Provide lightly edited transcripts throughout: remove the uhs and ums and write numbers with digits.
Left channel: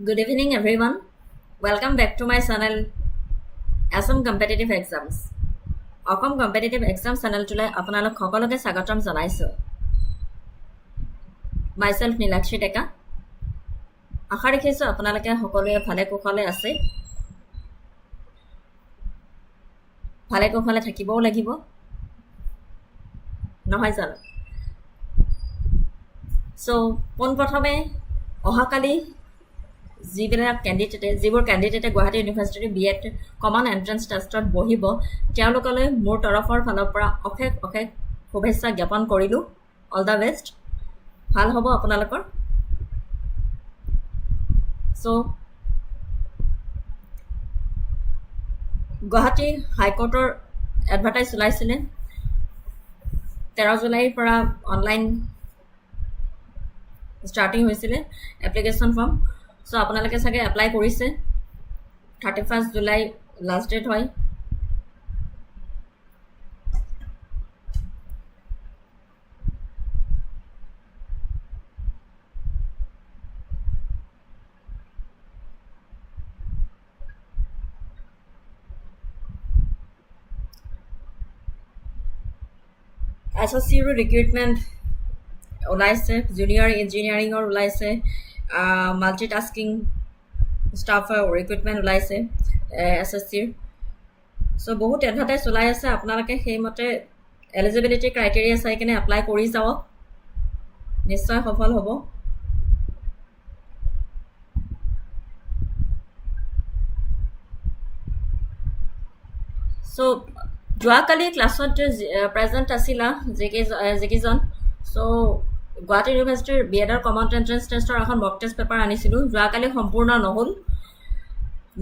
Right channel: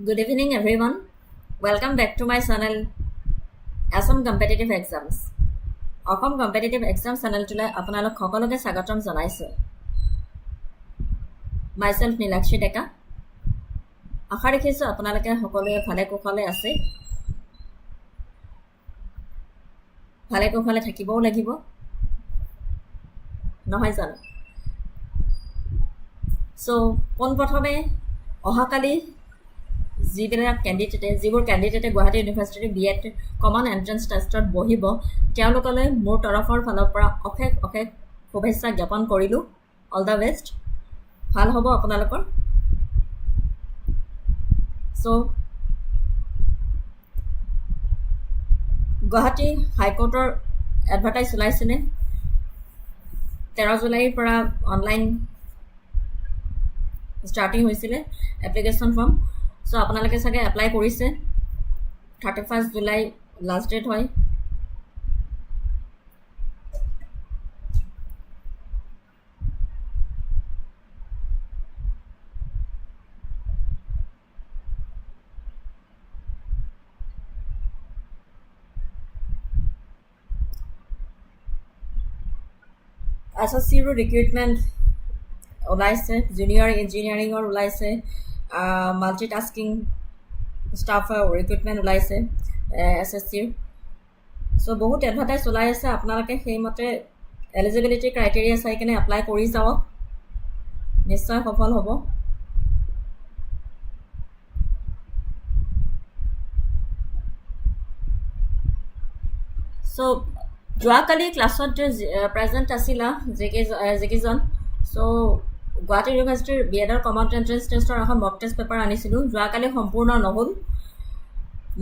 Good evening, everyone. Welcome back to my channel, Assam Competitive Exams. Assam Competitive Exams channel tule আপোনালোক সকলোকে স্বাগতম জনাইছো। Myself Nilakshi Deka. আশা ৰাখিছো আপোনালোকে সকলোৱে ভালে কুশলে আছে। ভালে কুশলে থাকিবও লাগিব। নহয় জানো? So, পোনপ্ৰথমে অহাকালি যিবোৰ কেণ্ডিডেটে গুৱাহাটী ইউনিভাৰ্চিটিৰ B.ED কমন এণ্ট্ৰেন্স টেষ্টত বহিব তেওঁলোকলৈ মোৰ তৰফৰ ফালৰ পৰা অশেষ শুভেচ্ছা জ্ঞাপন কৰিলোঁ। All the best. ভাল হ'ব আপোনালোকৰ। চ' গুৱাহাটী হাইকোৰ্টৰ এডভাৰটাইজ ওলাইছিলে 13 জুলাইৰ পৰা অনলাইন ষ্টাৰ্টিং হৈছিলে এপ্লিকেশ্যন ফৰ্ম। চ' আপোনালোকে চাগে এপ্লাই কৰিছে। 31 জুলাই লাষ্ট ডেট হয়। SSCৰো ৰিক্ৰুইটমেণ্ট ওলাইছে, জুনিয়ৰ ইঞ্জিনিয়াৰিঙৰ ওলাইছে, মাল্টিটাস্কিং ষ্টাফৰ ৰিক্ৰুইটমেণ্ট ওলাইছে SSCৰ। চ' বহুত এডভাৰটাইজ ওলাই আছে। আপোনালোকে সেইমতে এলিজিবিলিটি ক্ৰাইটেৰিয়া চাই কিনে এপ্লাই কৰি যাওক, নিশ্চয় সফল হ'ব। চ' যোৱাকালি ক্লাছত প্ৰেজেণ্ট আছিলা যিকেইজন। চ' গুৱাহাটী ইউনিভাৰ্চিটিৰ B.EDৰ কমন এণ্ট্ৰেন্স টেষ্টৰ এখন মক টেষ্ট পেপাৰ আনিছিলোঁ। যোৱাকালি সম্পূৰ্ণ নহ'ল।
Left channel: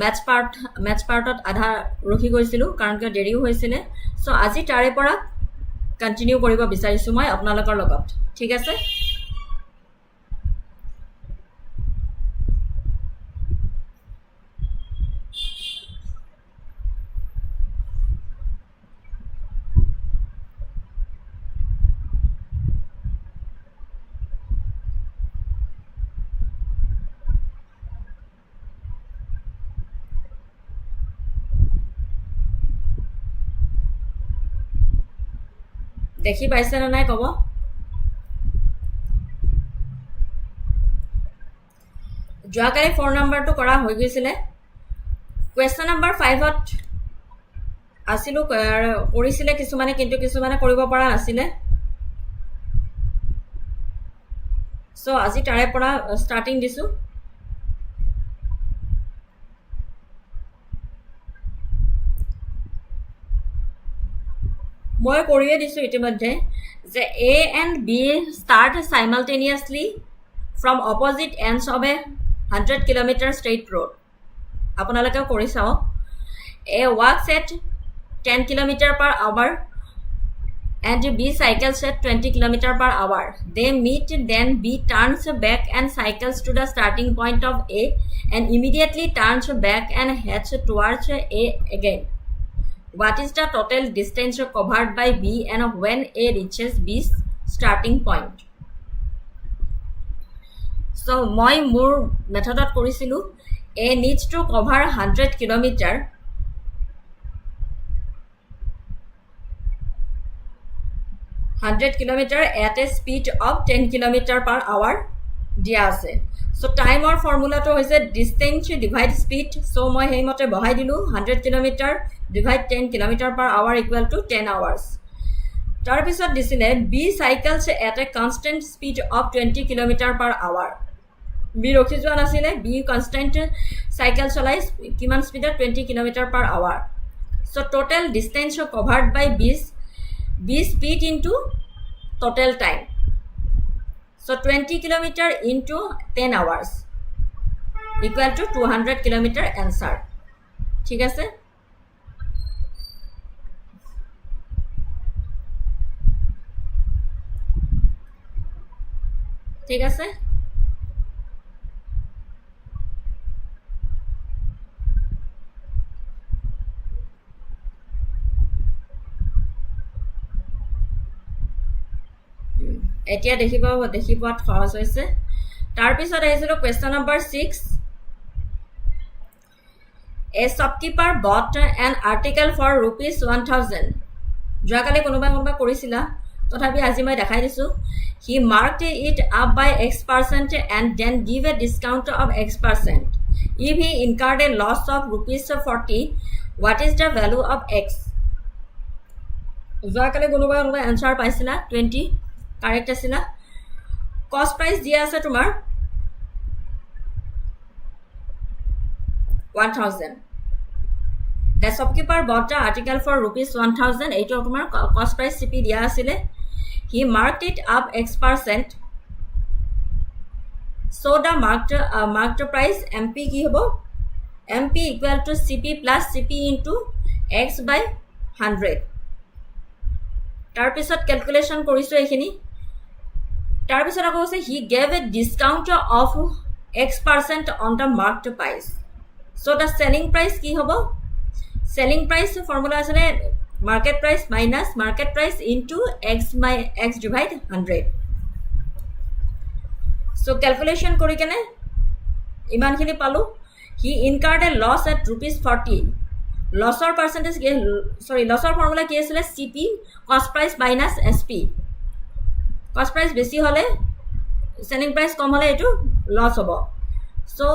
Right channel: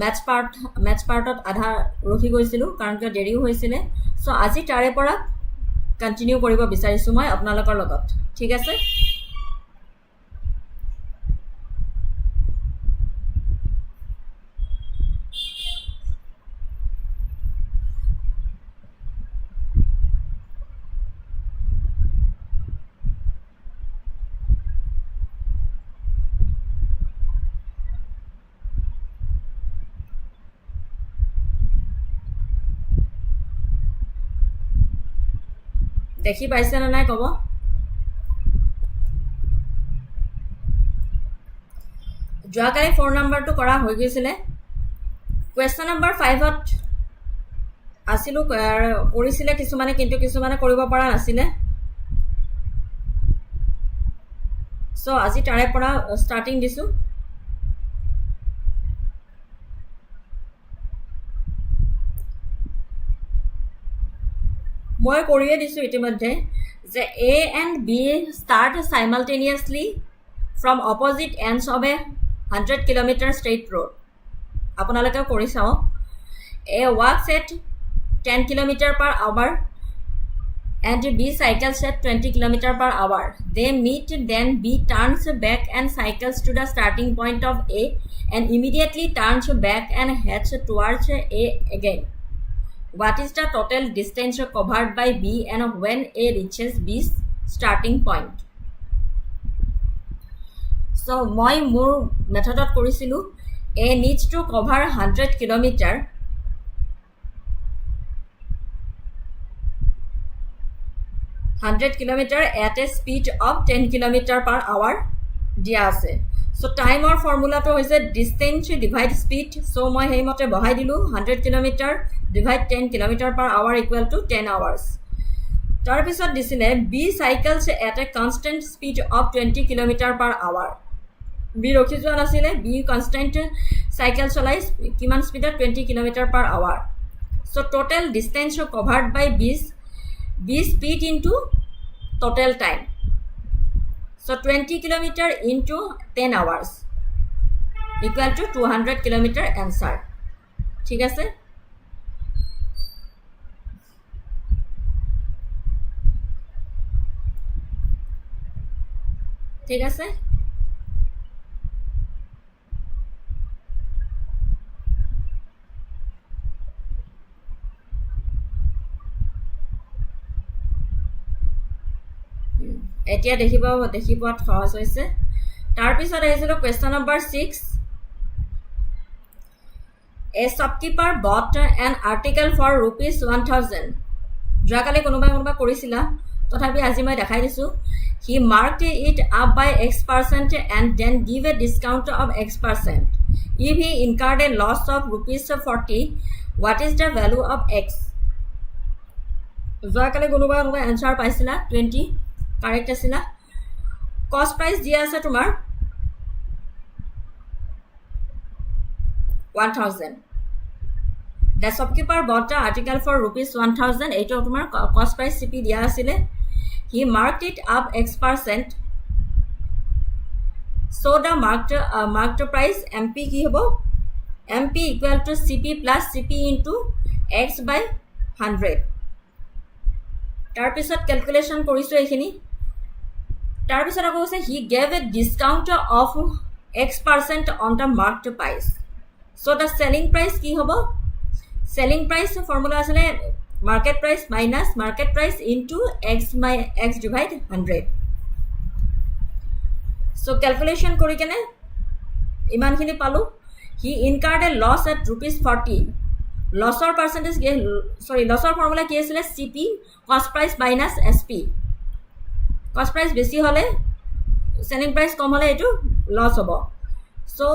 মেথছ পাৰ্টত আধা ৰখি গৈছিলোঁ কাৰণ কিয় দেৰিও হৈছিলে। চ' আজি তাৰে পৰা কণ্টিনিউ কৰিব বিচাৰিছোঁ মই আপোনালোকৰ লগত। ঠিক আছে? দেখি পাইছেনে নাই ক'ব। যোৱাকালি 4 নম্বৰটো কৰা হৈ গৈছিলে। কুৱেশ্যন নম্বৰ 5ত আছিলোঁ, কৰিছিলে কিছুমানে, কিন্তু কিছুমানে কৰিব পৰা নাছিলে। চ' আজি তাৰে পৰা ষ্টাৰ্টিং দিছোঁ। মই কৰিয়ে দিছোঁ ইতিমধ্যে যে A and B start simultaneously from opposite ends of a 100 kilometer straight road. আপোনালোকেও কৰি চাওক। A walks at 10 km/h and B cycles at 20 km/h. They meet, then B turns back and cycles to the starting point of A and immediately turns back and heads towards A again. What is the total distance covered by B and when A reaches B's starting point? So, মই মোৰ মেথডত কৰিছিলোঁ A needs to cover 100 kilometer at a speed of 10 km/h দিয়া আছে। চ' টাইমৰ ফৰ্মুলাটো হৈছে distance divide speed. চ' মই সেইমতে বহাই দিলোঁ 100 km divide 10 km/h equal to 10 hours। তাৰপিছত দিছিলে B cycles at a constant speed of 20 km/h। B ৰখি যোৱা নাছিলে, B কনষ্টেণ্ট চাইকেল চলাই কিমান স্পীডত 20 km/h। So' total distance covered by B speed into total time. So 20 km into 10 hours equal to 200 km answer. ঠিক আছে? ঠিক আছে? এতিয়া দেখি পোৱাত সহজ হৈছে। তাৰপিছত আহিছিলোঁ question number 6 A shopkeeper bought an article for rupees 1000. যোৱাকালি কোনোবা কৰিছিলা তথাপি আজি মই দেখাই দিছোঁ he marked it up by X% and then give a discount of X%. If he incurred a loss of rupees 40, what is the value of X? যোৱাকালি কোনোবা এনসাৰ পাইছিলা 20 কাৰেক্ট আছিলা কষ্ট প্ৰাইস দিয়া আছে তোমাৰ 1000. The shopkeeper bought the article for rupees 1000. এইটো তোমাৰ cost price CP দিয়া আছিলে he marked it up X%. So the marked price MP কি হ'ব MP equal to CP plus CP into X by 100. তাৰ পিছত ক্যালকুলেশন কৰিছো এইখিনি তাৰ পিছত আকৌ আছে he gave a discount of X% on the marked price. So the selling price কি হ'ব selling price formula আসলে market price minus market price into X divide 100. So calculation কৰি কেনে ইমানখিনি পালো he incurred a loss at rupees 40. Lossৰ percentage lossৰ formula কি আছিল CP cost price minus SP. cost price বেছি হলে selling price কম হলে এটো loss হ'ব. So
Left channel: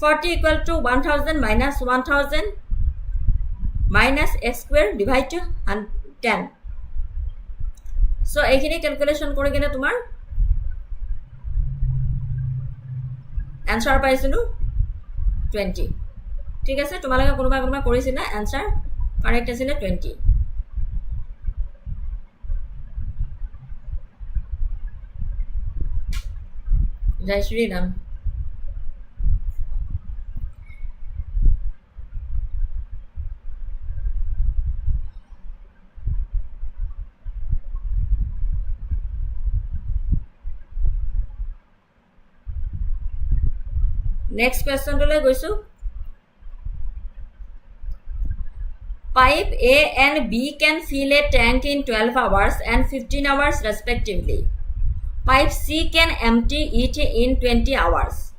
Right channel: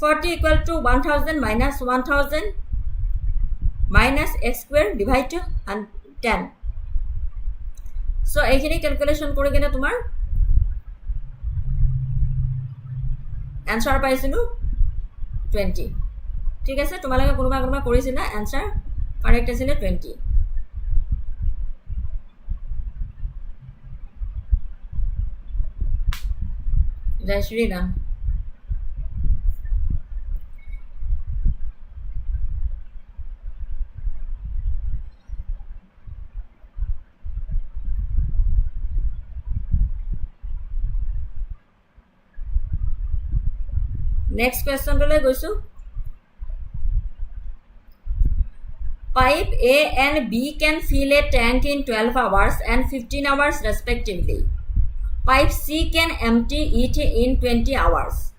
40 equal to 1000 minus 1000 minus x square divide 10. So এইখিনি ক্যালকুলেশন কৰি কেনে তোমাৰ आंसर পাইছিলো 20 ঠিক আছে তোমালোকে কোনোবা কৰিছিলা आंसर কারেক্ট আছিল 20 জয় Shri Ram Next question to le goisu. Pipe A and B can fill a tank in 12 hours and 15 hours respectively. Pipe C can empty it in 20 hours.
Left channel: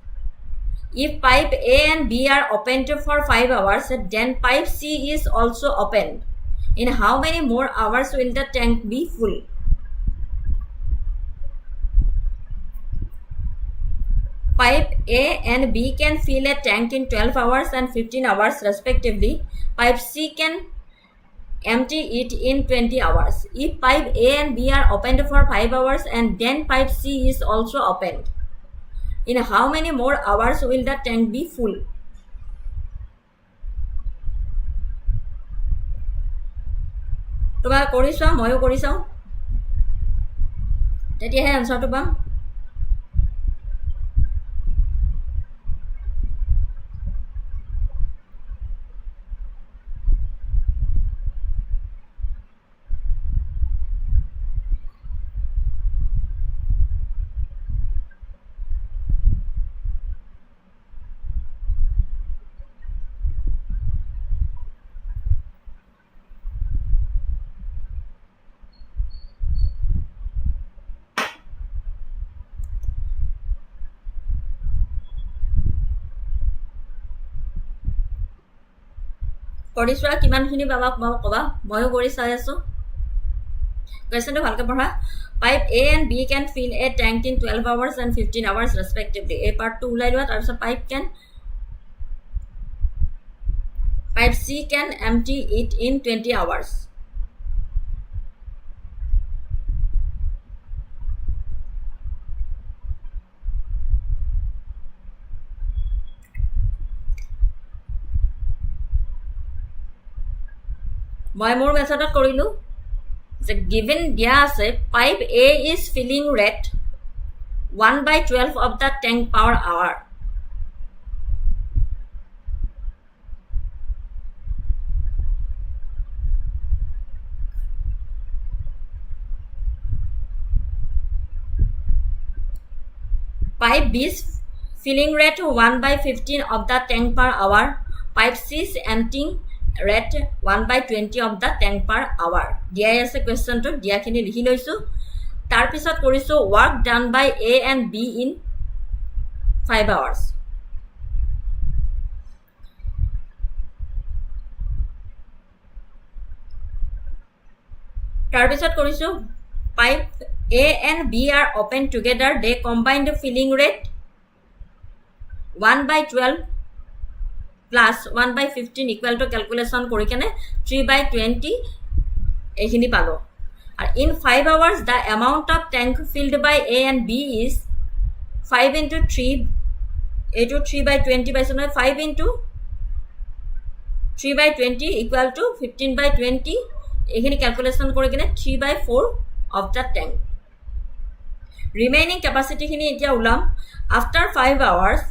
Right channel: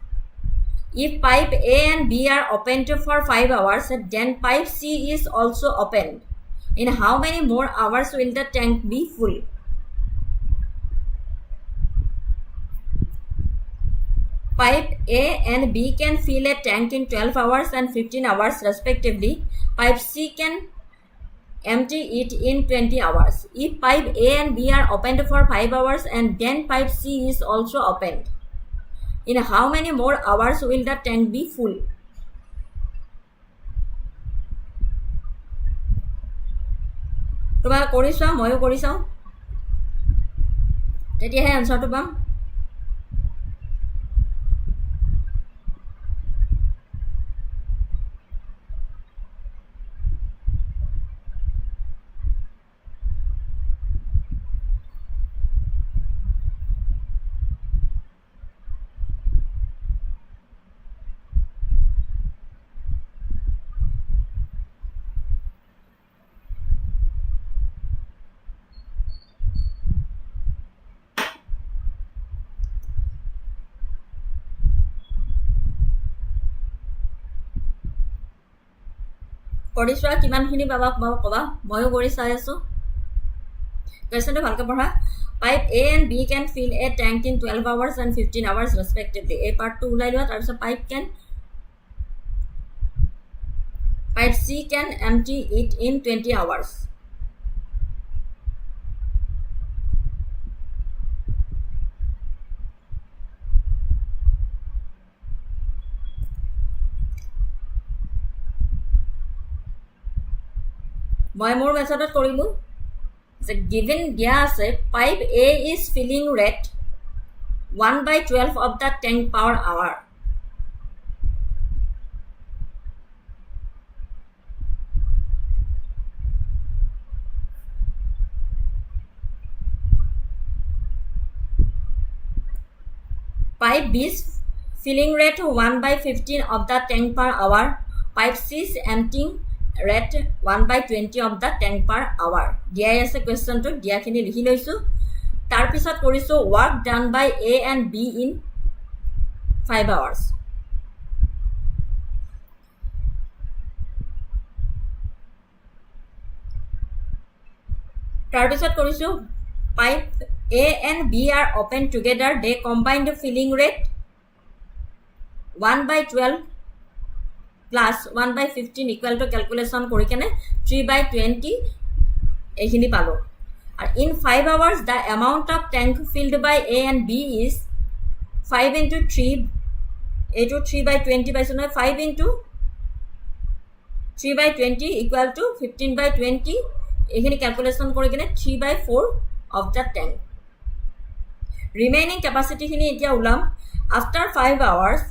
If pipe A and B are opened for 5 hours, then pipe C is also opened. In how many more hours will the tank be full? Pipe A and B can fill a tank in 12 hours and 15 hours respectively. Pipe C can empty it in 20 hours. If pipe A and B are opened for 5 hours and then pipe C is also opened, in how many more hours will the tank be full? তোমাক কৰিছা ময়ো কৰিছাও তেতিয়াহে আনসাৰটো পাম কৰিছোৱা কিমানখিনি পাবা কবা ময়ো কৰি চাই আছো কোৱেশ্চনটো ভালকৈ পঢ়া pipe A and B can fill a tank in 12 hours and 15 hours respectively এই পাৰ্টটো উলাই লোৱা তাৰ পিছত pipe C can empty it in 20 hours মই মোৰ মেথডত কৰিলো যে given দিয়া আছে pipe A is filling rate 1/12 of the tank per hour pipe B is filling rate 1/15 of the tank per hour pipe C is emptying rate 1/20 of the tank per hour দিয়া আছে কোৱেশ্চনটো দিয়াখিনি লিখি লৈছো তাৰ পিছত কৰিছো work done by A and B in 5 hours তাৰপিছত কৰিছোঁ pipe A and B are open together. They combined filling rate 1/12 plus 1/15 equal to calculation কৰি কেনে 3/20 এইখিনি পালো। আৰু in 5 hours the amount of tank filled by A and B is 5 into 3 এইটো 3/20 পাইছো নহয় 5 into 3/20 equal to 15/20 এইখিনি calculation কৰি কেনে 3/4 of the tank remaining capacity খিনি এতিয়া উলাম after 5 hours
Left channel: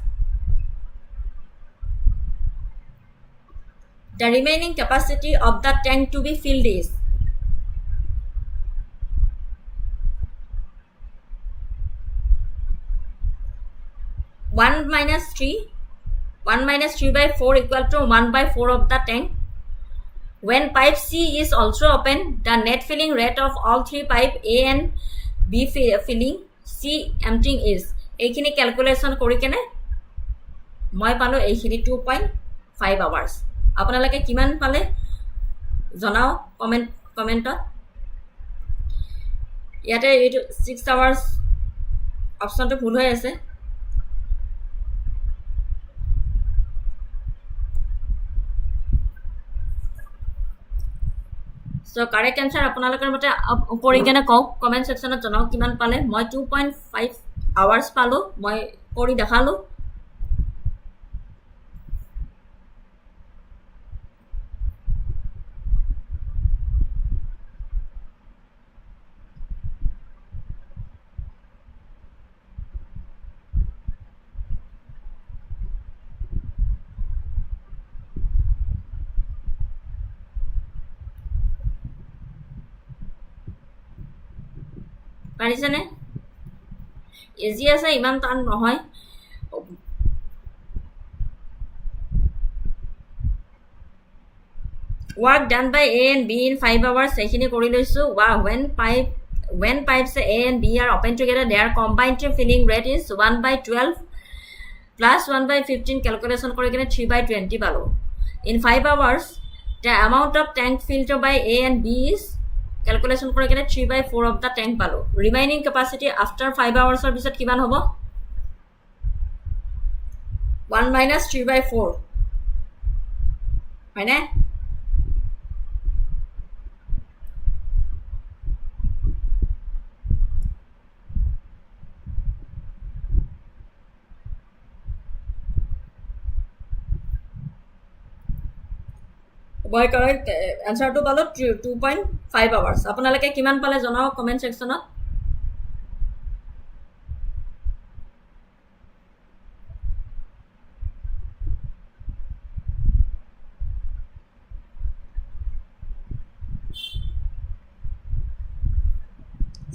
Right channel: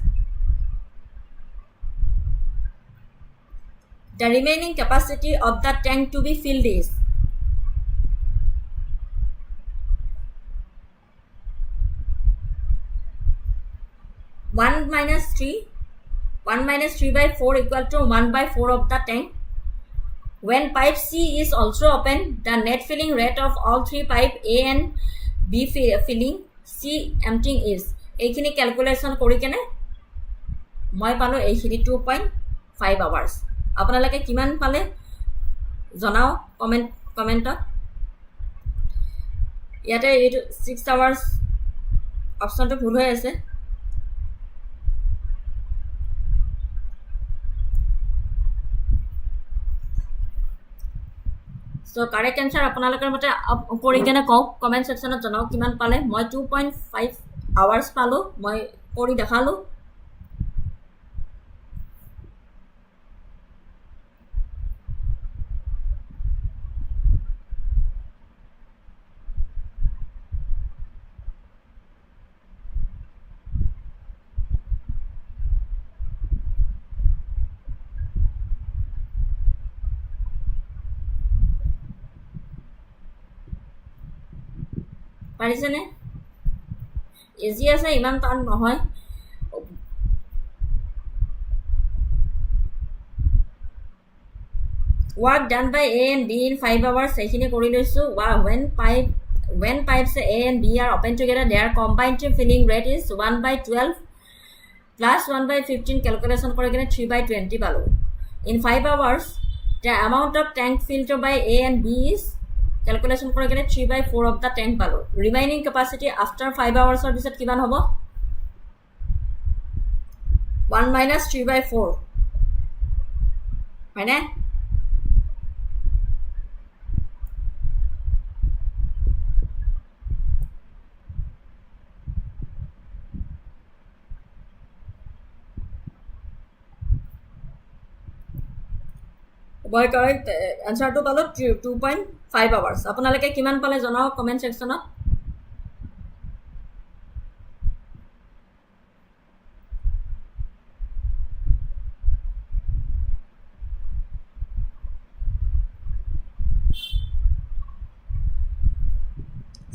the remaining capacity of the tank to be filled is 1 minus 3/4 equal to 1/4 of the tank. When pipe C is also open, the net filling rate of all three pipe A and B filling C emptying is এইখিনি calculation কৰি কেনে মই পালো এইখিনি 2.5 hours আপোনালোকে কিমান পালে জনাও কমেন্টত ইয়াতে এইটো 6 hours অপশনটো ভুল হৈ আছে So correct answer আপোনালোকৰ মতে কৰি কেনে কওক কমেন্ট সেকশনত জনাও কিমান পালে মই 2.5 hours পালো মই কৰি দেখালো পাৰিছেনে ইজি আছে ইমান টান নহয় work done by A and B in 5 hours এইখিনি কৰি লৈছো when pipes A and B are open together their combined filling rate is 1/12 plus 1/15 calculation কৰি কেনে 3/20 পালো in 5 hours the amount of tank filled by A and B is calculation কৰি কেনে 3/4 of the tank পালো remaining capacity after 5 hoursৰ পিছত কিমান হ'ব 1 minus 3/4 হয়নে মই কাৰেক্ট আনসাৰটো পালো 2.5 hours আপোনালোকে কিমান পালে জনাও comment সেকশনত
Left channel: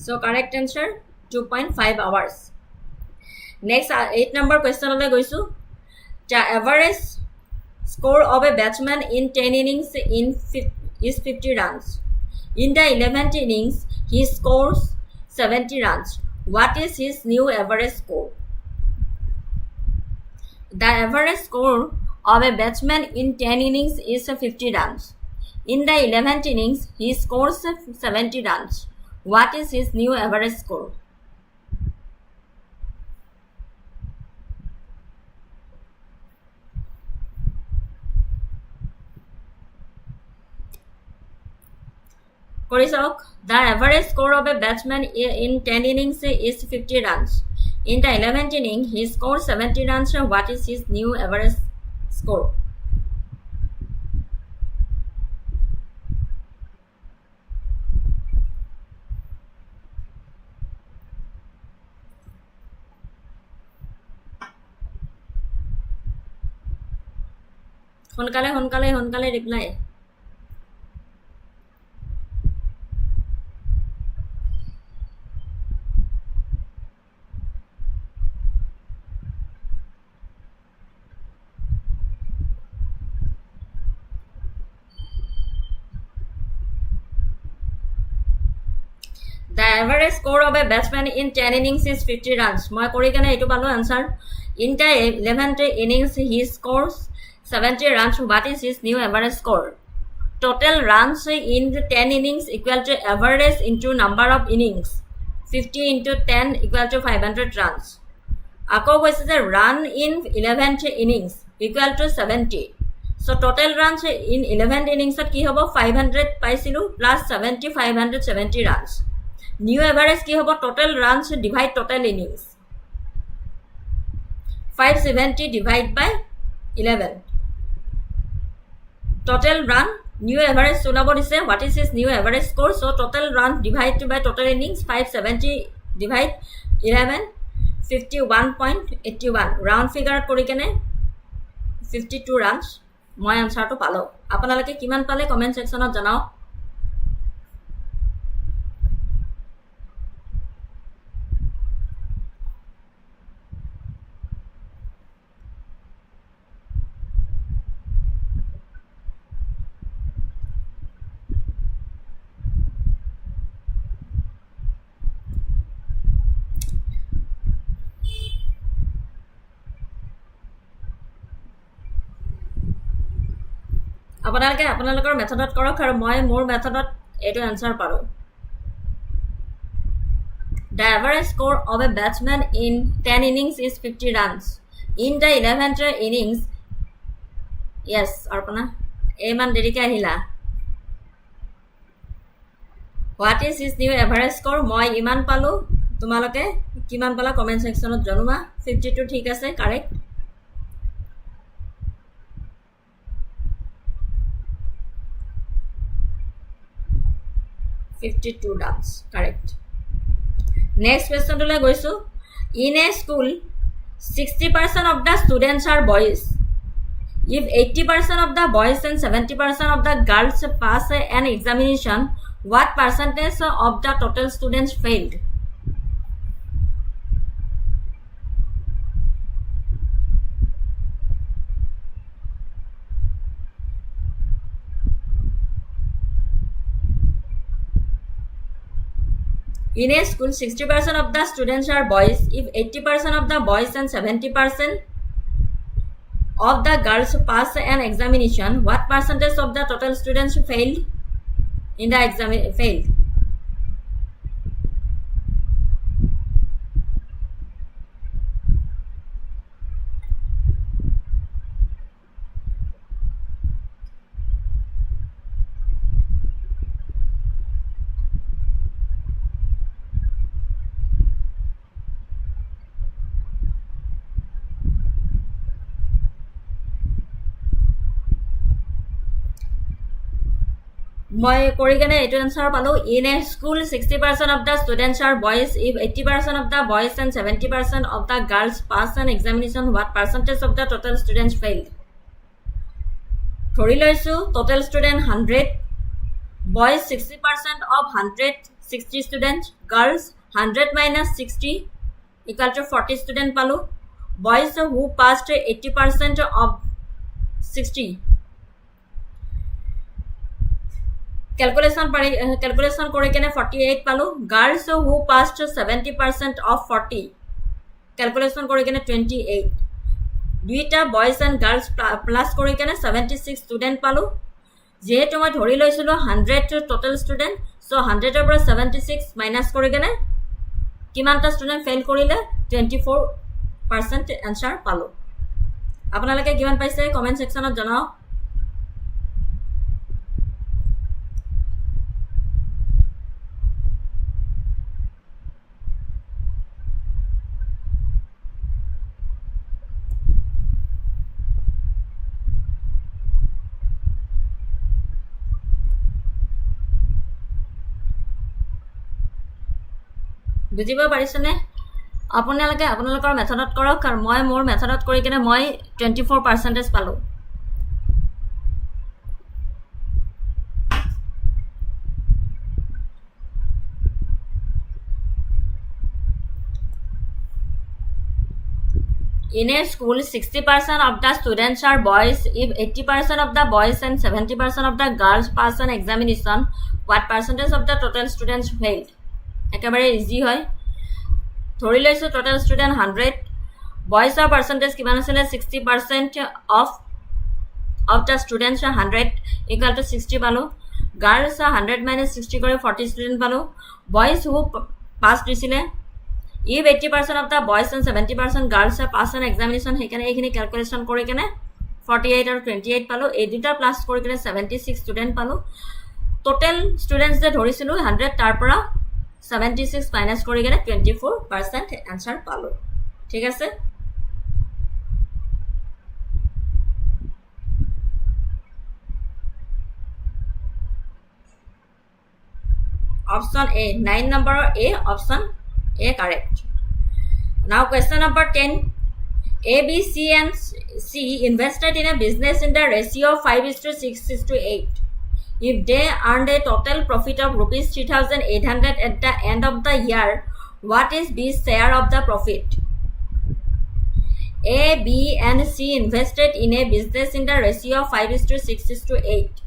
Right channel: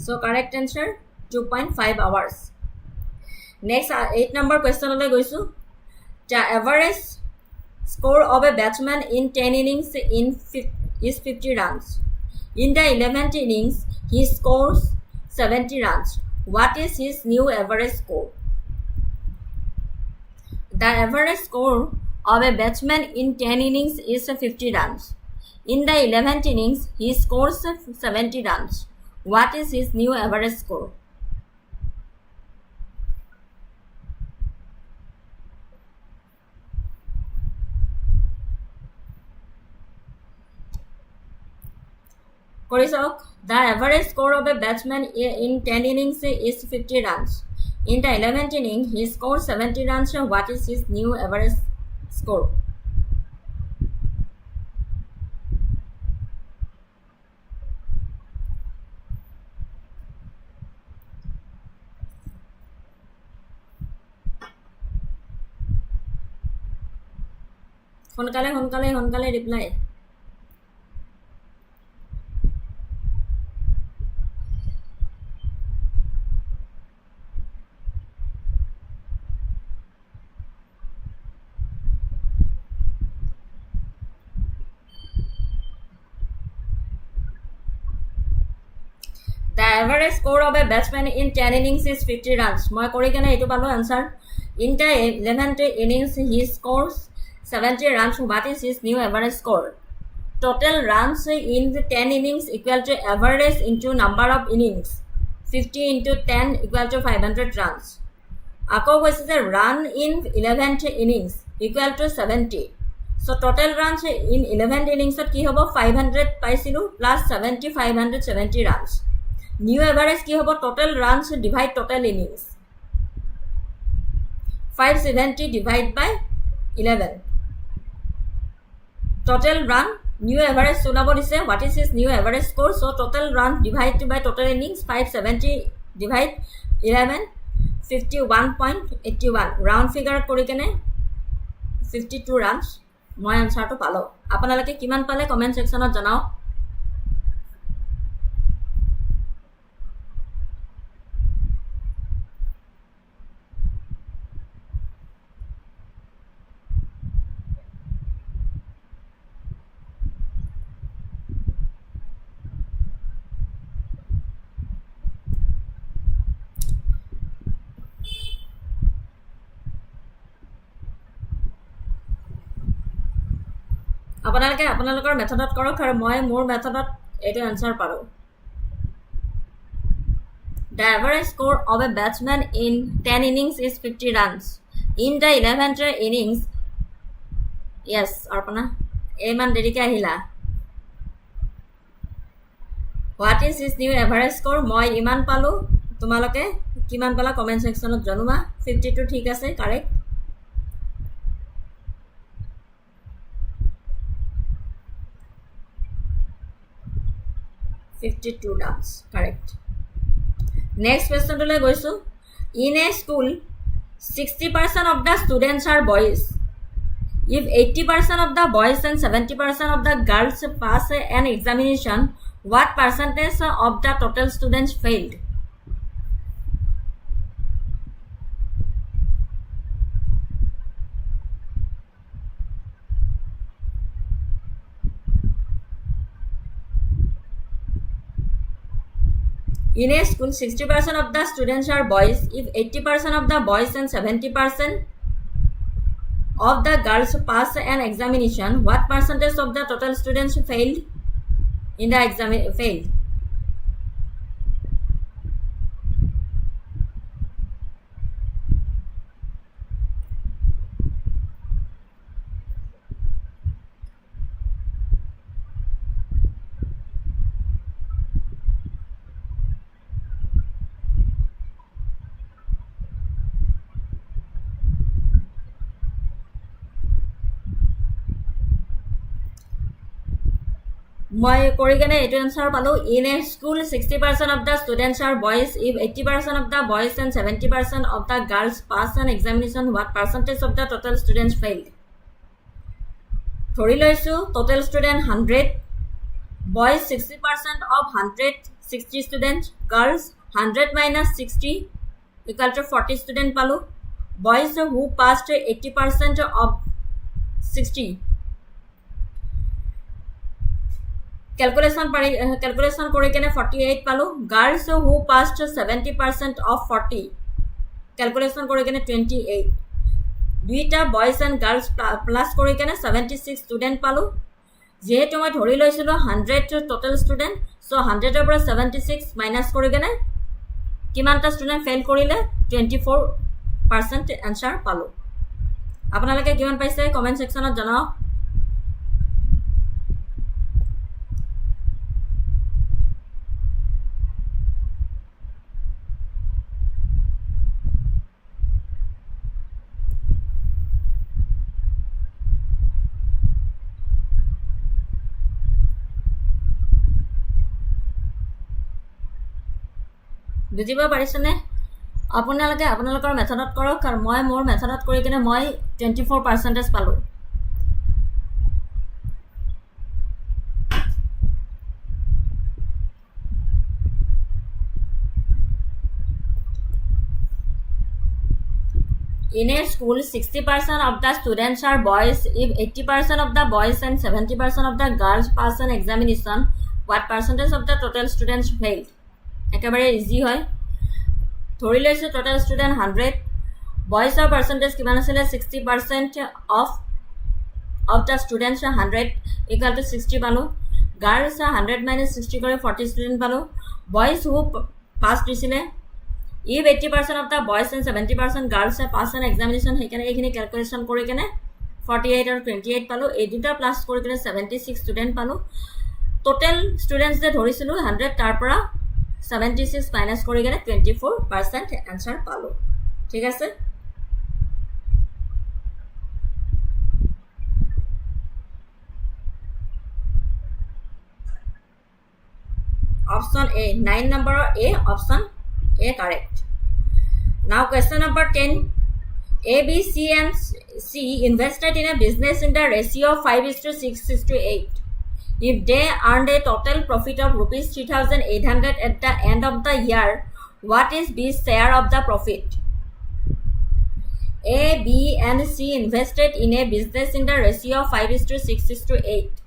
So correct answer 2.5 hours next 8 number question লৈ গৈছো the average score of a batsman in 10 innings is 50 runs. In the 11th innings, he scores 70 runs. What is his new average score? The average score of a batsman in 10 innings is 50 runs. In the 11th innings, he scores 70 runs. What is his new average score? The average score of a batsman in 10 innings is 50 runs. In the 11th inning, he scored 70 runs. What is his new average score? সোনকালে reply. The average score of a batsman in 10 innings is 50 runs. মই কৰি কেনে এইটো পালো answer. In the 11th innings, he scores 70 runs. What is his new average score? total runs in 10 innings equal to average into number of innings 50 into 10 equal to 500 runs আকৌ কৈছে যে run in 11th innings equal to 70 so total runs in 11th innings কি হ'ব 500 পাইছিলো plus 70 570 runs new average কি হ'ব total runs divide total innings 570 divide by 11 total run new average ওলাব দিছে what is his new average score so total run divided by total innings 570 divide 11 51.81 round figure কৰি কেনে 52 runs মই আনসাৰটো পালো আপোনালোকে কিমান পালে কমেন্ট সেকশনত জনাও আপোনালোকে আপোনালোকৰ মেথডত কৰক আৰু মই মোৰ মেথডত এটো আনসাৰ পাৰো The average score of a batsman in 10 innings is 50 runs in the 11th innings yes arpana eman derike ahila What is his new average score মই ইমান পালো তোমালোকে কিমান পালা কমেন্ট সেকশনত জনোৱা 52 ঠিক আছে correct 52 runs correct next question to goisu in a school 60% of the students are boys if 80% of the boys and 70% of the girls pass an examination what percentage of the total students failed In a school, 60% of the students are boys. If 80% of the boys and 70% of the girls pass an examination, what percentage of the total students failed in the exam? Failed. মই কৰি কেনে এটো answer পালো in a school 60% of the students are boys if 80% of the boys and 70% of the girls pass an examination what percentage of the total students failed ধৰি লৈছো total student 100 boys 60% of 100 60 students girls 100 minus 60 equal to 40 student পালো boys who passed 80% of 60 calculation করে কেনে 48 পালো girls who passed 70% of 40 calculation করে কেনে 28 দুইটা boys and girls plus করে কেনে 76 student পালো যেহেতু মই ধৰি লৈছিলো 100 total student so 100 এৰ পৰা 76 minus কৰি কেনে কিমানটা student fail কৰিলে 24% answer পালো আপোনালোকে কিমান পাইছে কমেন্ট সেকশনত জনাওক বুজিব পাৰিছনে আপোনালোকে আপোনালোকৰ মেথডত কৰক আৰু মই মোৰ মেথডত কৰি কেনে মই 24% পালো In a school, 60% of the students are boys. If 80% of the boys and 70% of the girls pass an examination, what percentage of the total students failed? একেবাৰে ইজি হয় ধৰি লৈছো total student 100 boys or percentage কিমান আছিল 60% of of the students 100 equal to 60 পালো girls 100 minus 60 করে 40 student পালো boys who pass দিছিলে if 80% of the boys and 70% girls pass an examination সেইকাৰণে এইখিনি calculation কৰি কেনে 48 আৰু 28 পালো এই দুটা প্লাস কৰি কেনে 76 student পালো total students যে ধৰিছিলো 100 তাৰ পৰা 76 minus কৰি কেনে 24% answer পালো ঠিক আছে option A 9 number A option A correct now question number 10 A B C and C invested in a business in the ratio of 5:6:8 if they earned a total profit of rupees 3,800 at the end of the year what is B's share of the profit A B and C invested in a business in the ratio of 5:6:8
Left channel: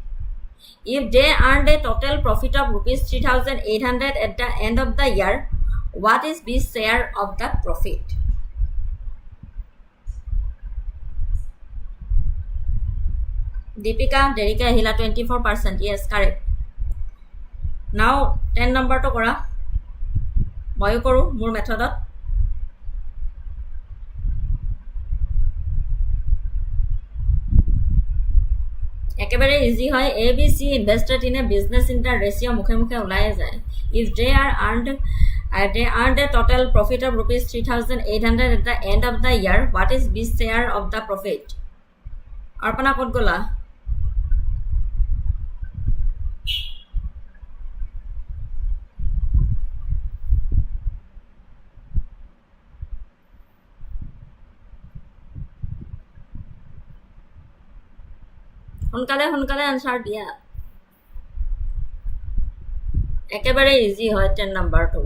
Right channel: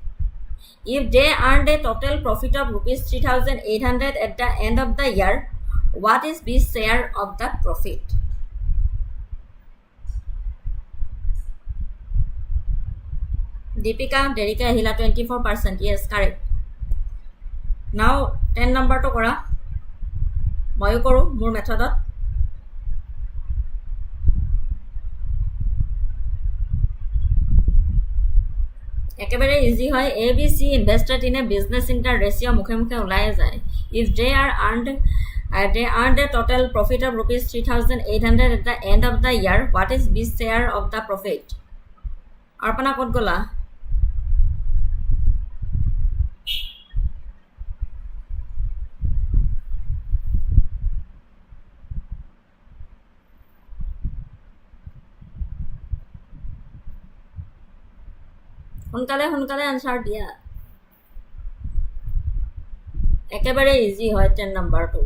if they earned a total profit of rupees 3,800 at the end of the year, what is B's share of the profit? Deepika, Derika, Hila 24%. Yes, correct. Now, 10 number to kora. Moyo koru, more method. একেবাৰে easy হয় A B C invested in a business in the ratio মুখে মুখে ওলাই যায় if they earned a total profit of rupees 3,800 at the end of the year what is B's share of the profit arpana kot gola সোনকালে answer দিয়া একেবারে easy হয় 10 নাম্বারটো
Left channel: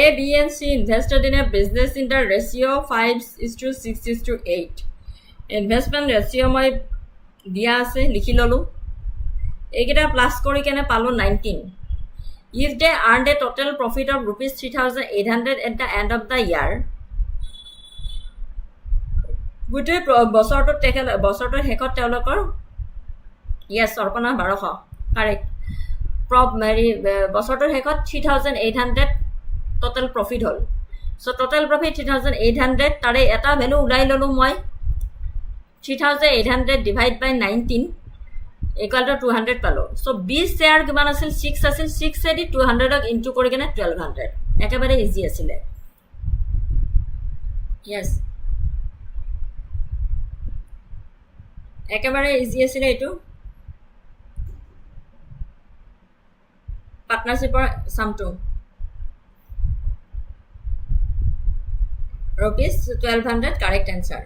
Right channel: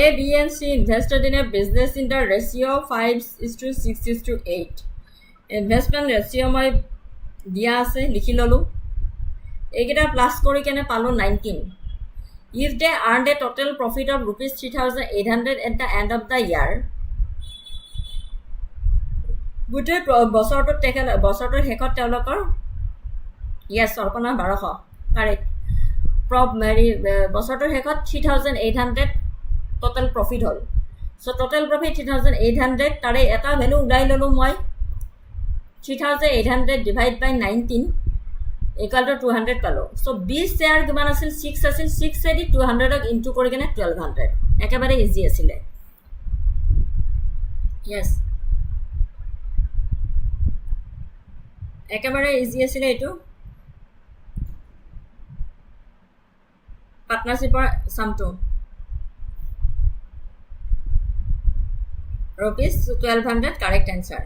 A, B and C invested in a business in the ratio 5:6:8 investment ratio মই দিয়া আছে লিখি ললো এইকেইটা প্লাস কৰি কেনে পালো 19 if they earned a total profit of rupees 3,800 at the end of the year গোটেই বছৰটোৰ শেষত তেওঁলোকৰ yes অৰ্পণা 1200 কাৰেক্ট বছৰটোৰ শেষত 3,800 total profit হল so total profit 3,800 তাৰে এটা ভ্যালু উলাই ললো মই 3,800 divide by 19 equal to 200 পালো so B share কিমান আছিল 6 আছিল 6 এদি 200 ক ইনটু কৰি কেনে 1200 একেবাৰে ইজি আছিল yes একেবাৰে ইজি আছিল এটো পার্টনারশিপৰ সামটো rupees 1200 correct answer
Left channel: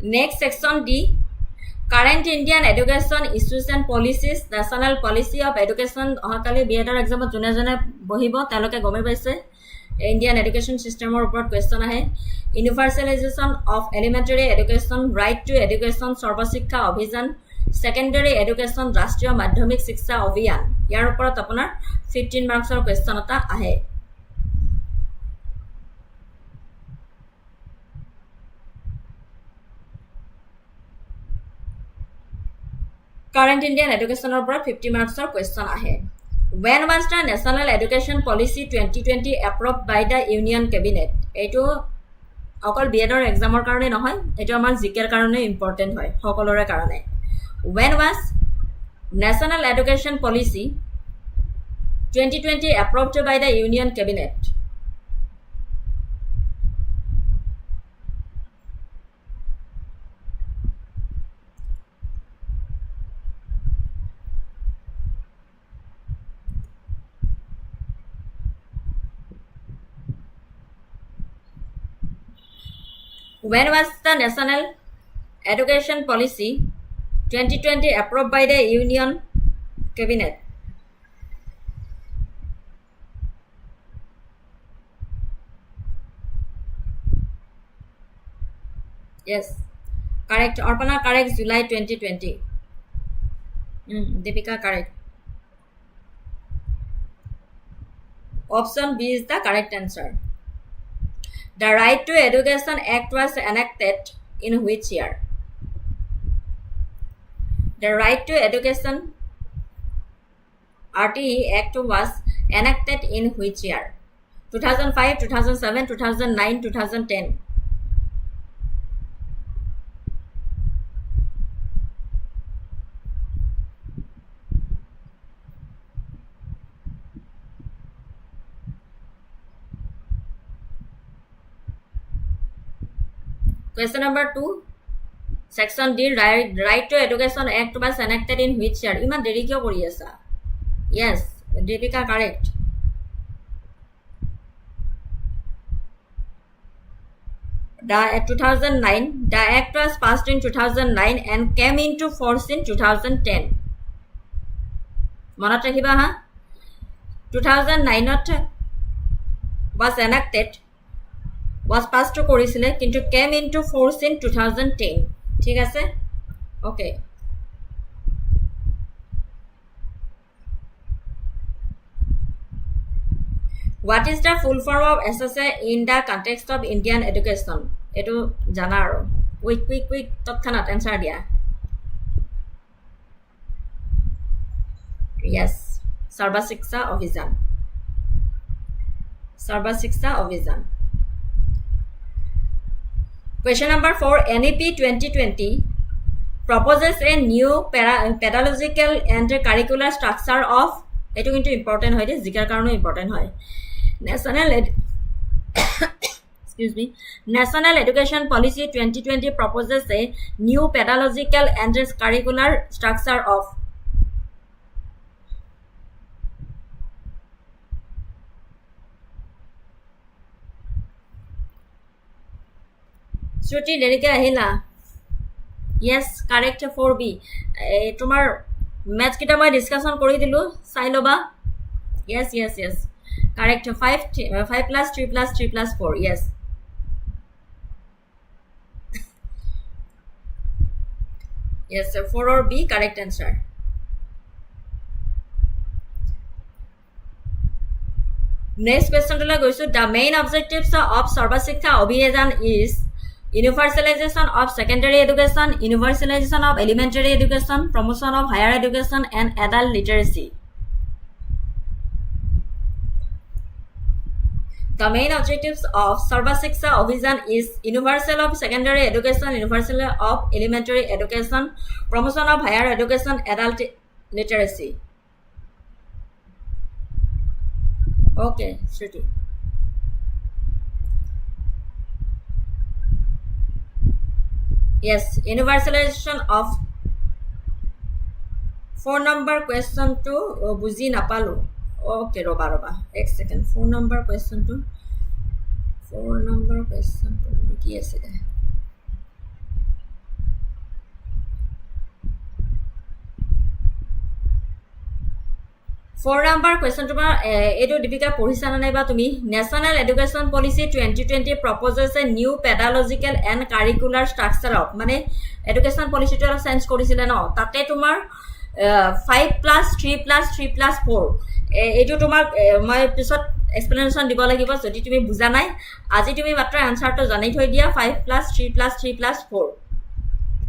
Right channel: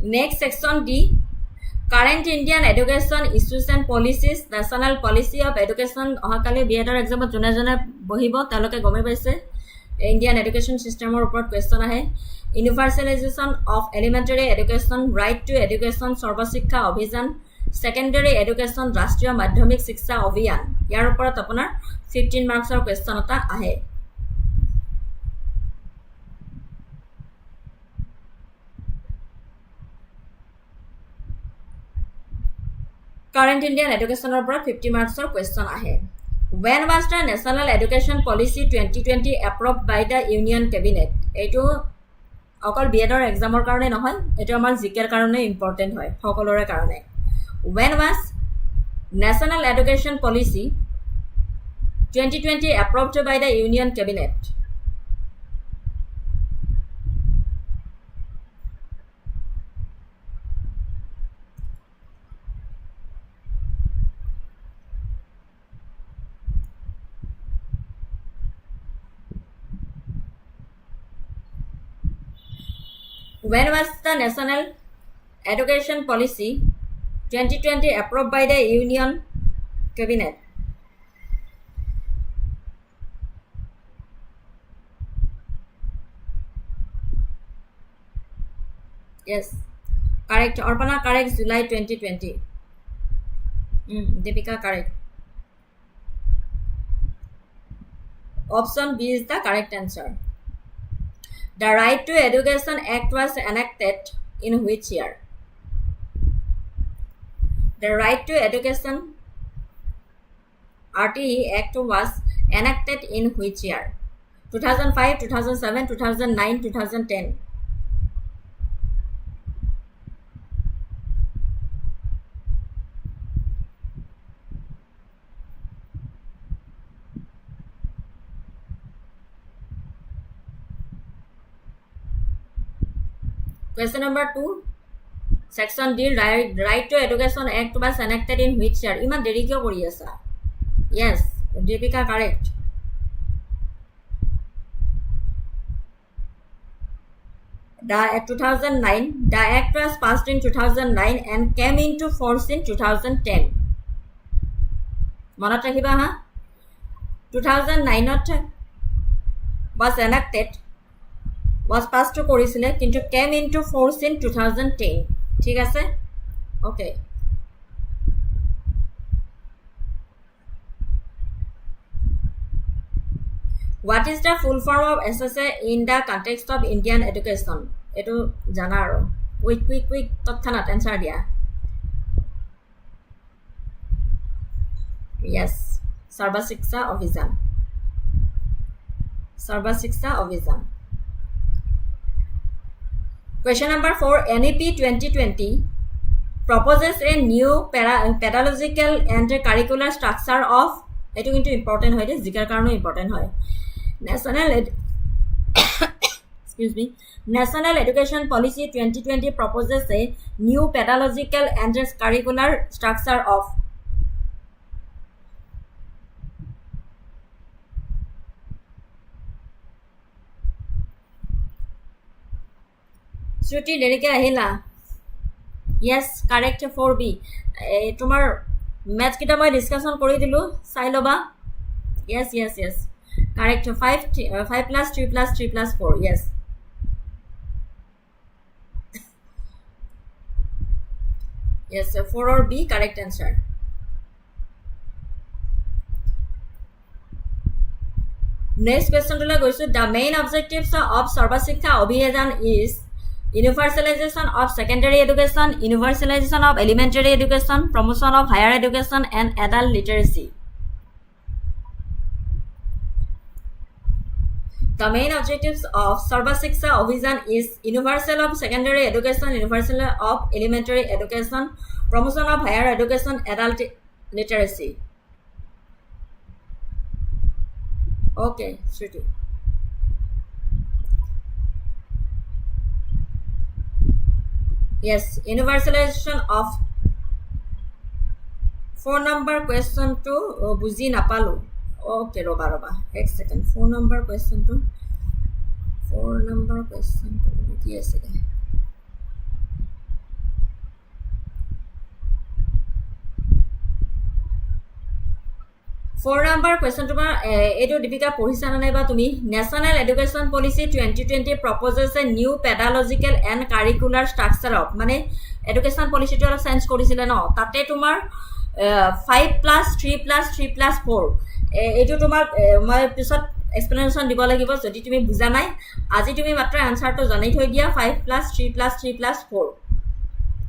next section D current Indian education issues and policies national policy of education অহাকালি B.ED exam জনে জনে বহিব তালকে গমে পাইছে Indian education system ওপৰত question আহে universalization of elementary education right to education Sarva Shiksha অভিযান secondary education ৰাষ্ট্ৰীয় মাধ্যমিক শিক্ষা অভিযান ইয়াৰ ওপৰত আপোনাৰ 15 মাৰ্কছৰ question এটা আহে current Indian education ওপৰত 50 মাৰ্কছৰ question আহে when was the national education policy 2020 approved by the union cabinet এটো অকল B.ED এক্সামৰ কাৰণে নহয় এটো আমাৰ জিকেৰ কাৰণে ইম্পৰ্টেন্ট হয় সকলোৰে কাৰণে when was national education policy 2020 approved by the union cabinet when was the national education policy 2020 approved by the union cabinet yes Correct. Arpana correct. July 2020. Deepika correct. Option B is the correct answer. The Right to Education Act was enacted in which year? The Right to Education RTE Act was enacted in which year? 2005, 2007, 2009, 2010. Question number 2. Section D, Right to Education Act was enacted in which year? Iman deri kyo kori asa? Yes, Deepika correct. The 2009, the act was passed in 2009 and came into force in 2010. Monat rakhiba ha? 2009 was enacted, was passed to korisile, kintu came into force in 2010. ঠিক আছে? Okay. What is the full form of SSA in the context of Indian education? Etu jana aro. Quick totkanat answer dia. Yes. Sarva Shiksha Abhijan. Sarva Shiksha Abhijan. Question number 4. NEP 2020 proposes a new pedagogical and curricular structure of, etu kintu important hoy de, zikar karone important hoy. National Education Policy 2020 proposes a new pedagogical and curricular structure of. Shruti derike ahila. Yes, correct 4B. Tomar maths kita moi discussion kori dilu, sai loba. Yes. Correct. 5 plus 3 plus 3 plus 4. Yes. Yes, 4 or B correct answer. Next question to la goisu. The main objectives of Sarva Shiksha Abhijan is universalization of secondary education, universalization of elementary education, promotion of higher education, and adult literacy. The main objectives of Sarva Shiksha Abhijan is universal of secondary education, universal of elementary education, promotion of higher education, adult literacy. Okay, Shruti. Yes, universalization of 4 number question to buji napalu. Okay, roba. Ek second. 4 number question to ki ase de. 4 number question to edu Deepika pohisa na nai ba tumi. National Education Policy 2020 proposes a new pedagogical and curricular structure of, mane education policy to change korisile no, tate tumar 5 plus 3 plus 3 plus 4 etu tumar moi pisot explanation dibo lagibo jodi tumi buja nai, aji tumi matra answer to janai thoi dia 5 plus 3 plus 3 plus 4.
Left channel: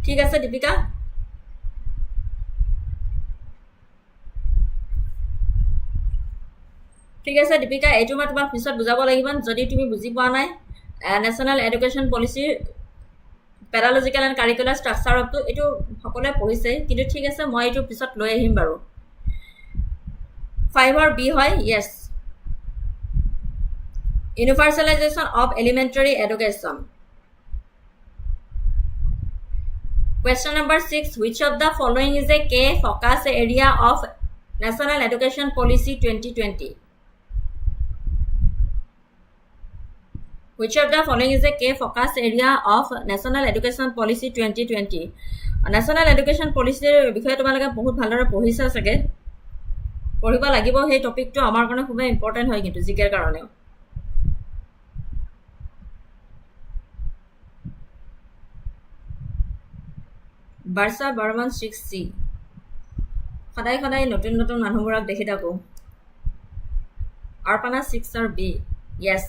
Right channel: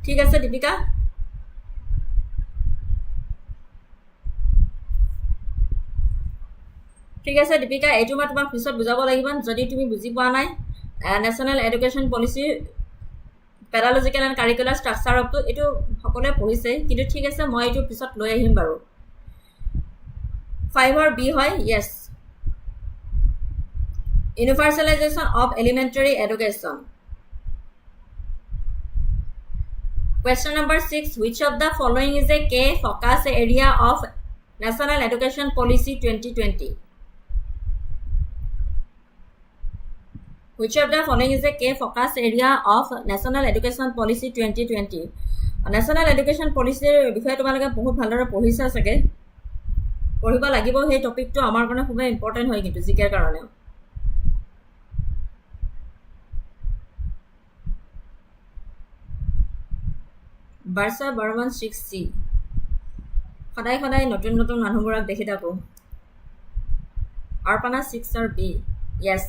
ঠিক আছে Deepika? ঠিক আছে Deepika, এইটো মই তোমাক পিছত বুজাব লাগিব যদি তুমি বুজি পোৱা নাই। National education policy pedagogical and curricular structure of, এইটো সকলে পঢ়িছে কিন্তু ঠিক আছে মই এইটো পিছত লৈ আহিম বাৰু। 5 or B হয়। yes, universalization of elementary education. Question number 6. Which of the following is a key focus area of National Education Policy 2020? Which of the following is a key focus area of National Education Policy 2020? National Education Policy বিষয়ে তোমালোকে বহুত ভালদৰে পঢ়িছা চাগে, পঢ়িব লাগিব। সেই টপিকটো আমাৰ কাৰণে খুব ইম্পৰ্টেন্ট হয় কিন্তু জিকেৰ কাৰণে। বাৰ্ষা বৰ্মন 6C সদায় নতুন নতুন মানুহবোৰক দেখি থাকো Arpana 6 or B yes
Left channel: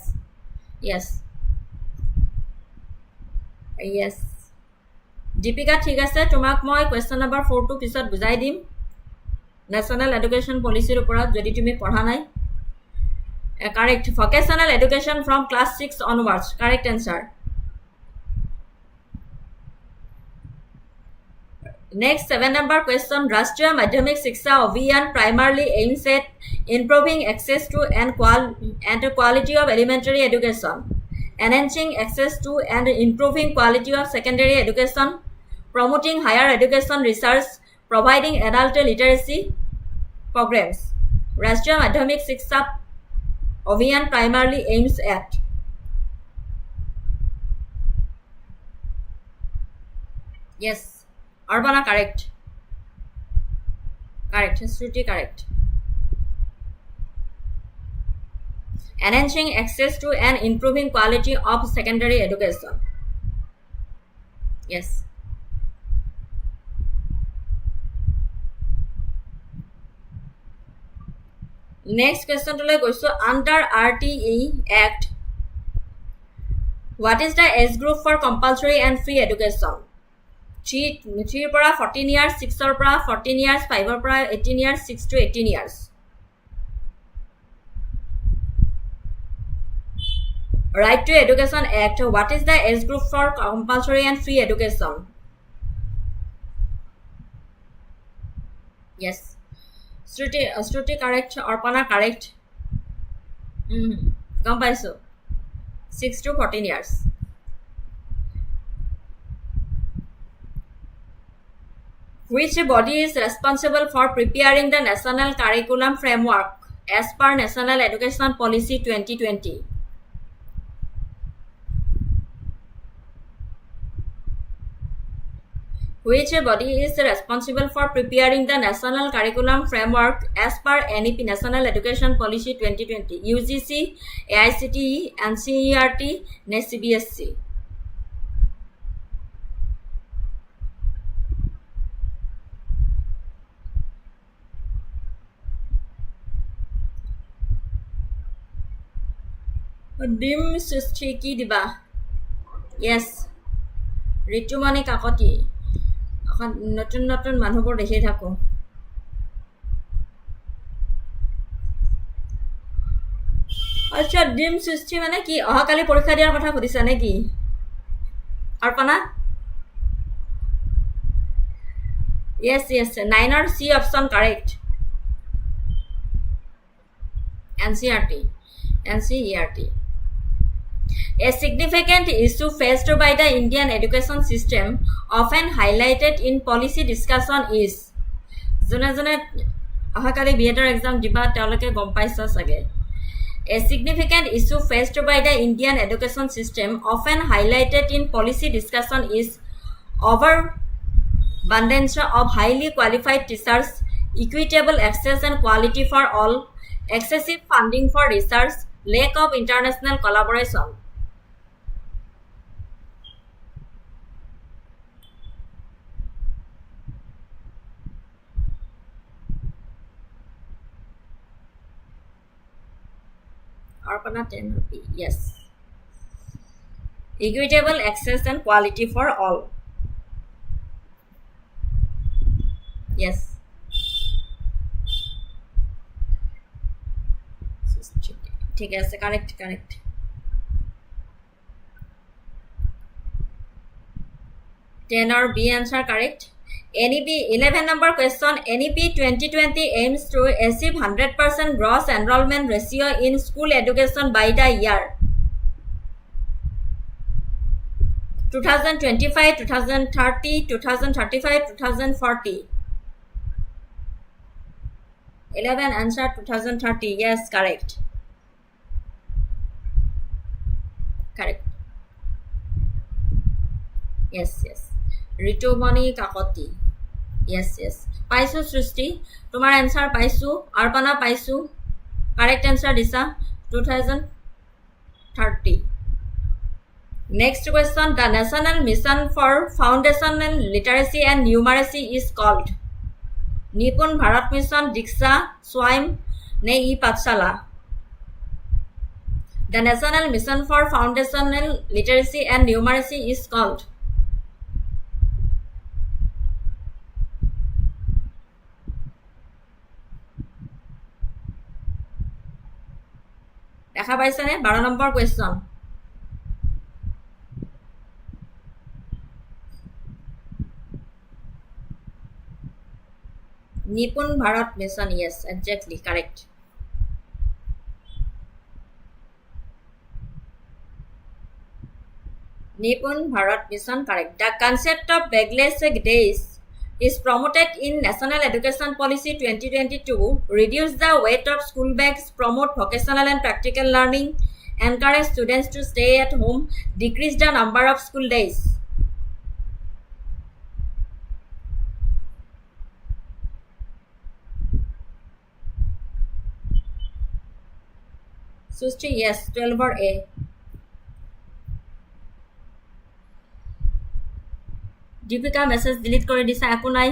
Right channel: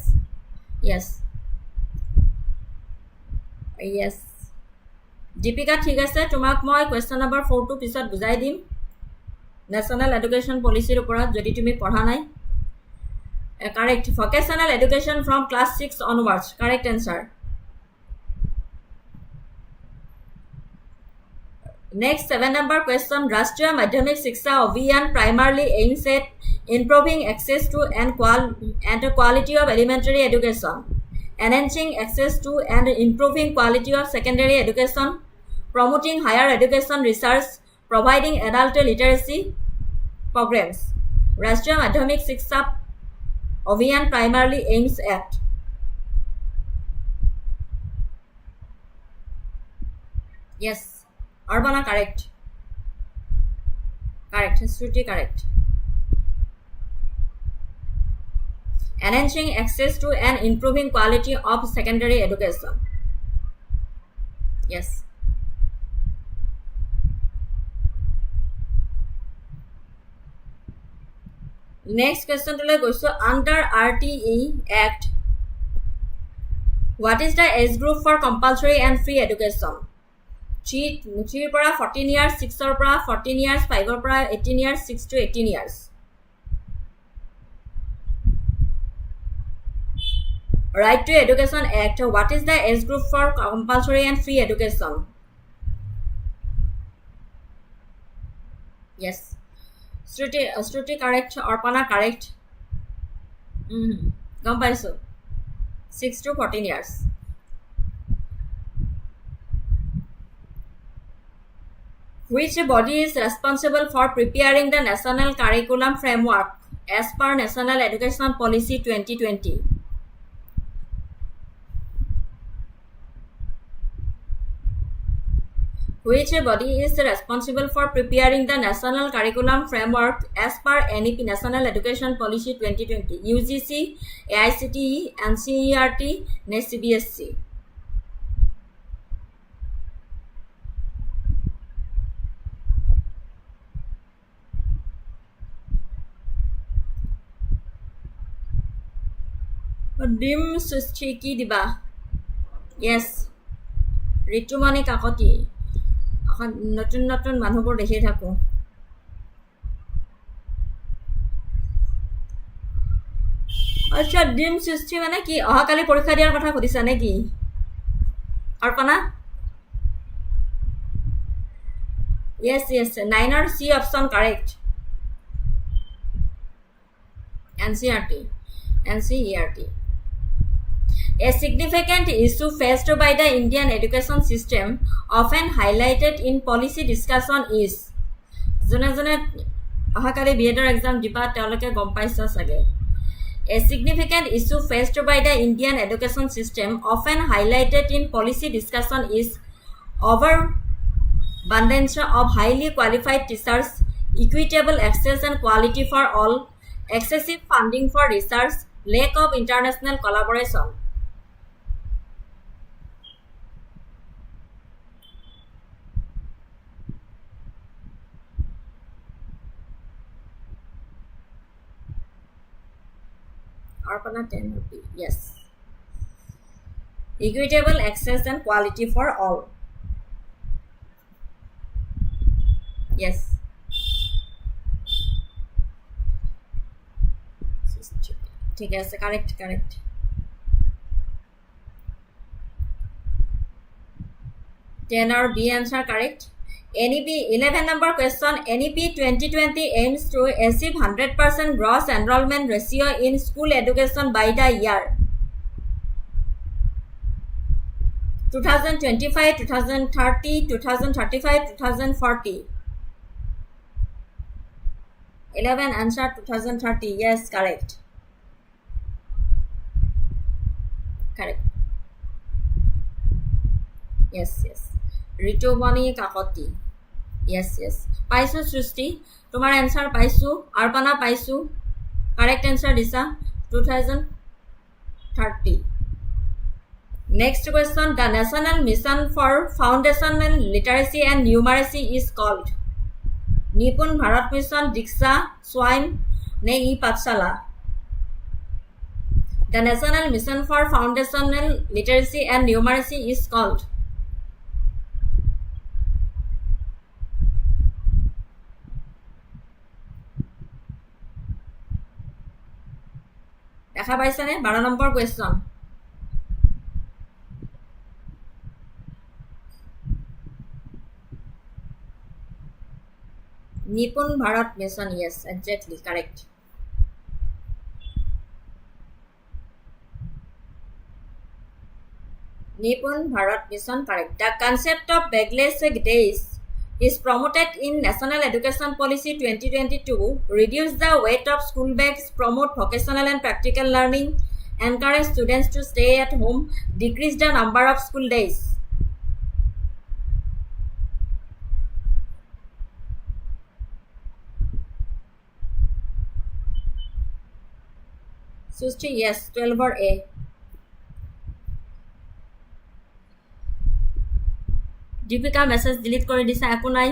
Deepika ঠিক আছে তোমাক মই কোৱেশ্চন নম্বৰ 4 টো পিছত বুজাই দিম নেশ্যনেল এডুকেশ্যন পলিচিৰ ওপৰত যদি তুমি পঢ়া নাই correct vocational education from class 6 onwards correct answer next 7 number question Rashtriya Madhyamik Shiksha Abhiyan primarily aims at improving access to and quality of elementary education enhancing access to and improving quality of secondary education promoting higher education research providing adult literacy programs Rashtriya Madhyamik Shiksha Abhiyan primarily aims at yes Arbana correct Shruti correct enhancing access to and improving quality of secondary education yes next question to like also under RTE Act what is the age group for compulsory and free education 3 পৰা 14 years 6 ৰ পৰা 14 years 5 ৰ পৰা 18 years 6 to 18 years right to education act what is the age group for compulsory and free education yes Shruti correct Arpana correct গম পাইছো 6 to 14 years which body is responsible for preparing the national curriculum framework as per National Education Policy 2020 which body is responsible for preparing the national curriculum framework as per NEP National Education Policy 2020 UGC AICTE NCERT CBSC ডিম সৃষ্টি কি দিবা yes Ritumoni Kakati নতুন নতুন মানুহবোৰ দেখি থাকো আচ্ছা ডিম সৃষ্টি মানে কি অহাকালি পৰীক্ষা দিয়াৰ কথা সুধিছা নেকি Arpana yes 9 or C option correct NCERT A significant issue faced by the Indian education system, often highlighted in policy discussion, is jone ahakali B.ED exam diba teoloke gom paisa sage. A significant issue faced by the Indian education system, often highlighted in policy discussion, is overabundance of highly qualified teachers, equitable access and quality for all, excessive funding for research, lack of international collaboration. Arpana 10 or B. Yes. Equitable access and quality for all. Yes. ঠিক আছে correct 10 or B answer correct NEP 11 number question NEP 2020 aims to achieve 100% gross enrollment ratio in school education by the year 2025 2030 2035 2040 11 answer 2030 yes correct yes Ritumoni Kakati yes পাইছো সৃষ্টি তোমাৰ answer পাইছো অৰ্পণা পাইছো correct answer দিছা 2030 Next question, the National Mission for Foundational Literacy and Numeracy is called Nipun Bharat Mission, Diksha, Swayam, Ne Pathshala. The National Mission for Foundational Literacy and Numeracy is called দেখা পাইছানে 12 number question Nipun Bharat Mission, yes, exactly correct. Nipun Bharat Mission, correct. The concept of bagless days is promoted in National Education Policy 2022, reduce the weight of school bags, promote vocational and practical learning, encourage students to stay at home, decrease the number of school days. Sushti, yes, 12 or A. Deepika message delete কৰি দিছা একো নাই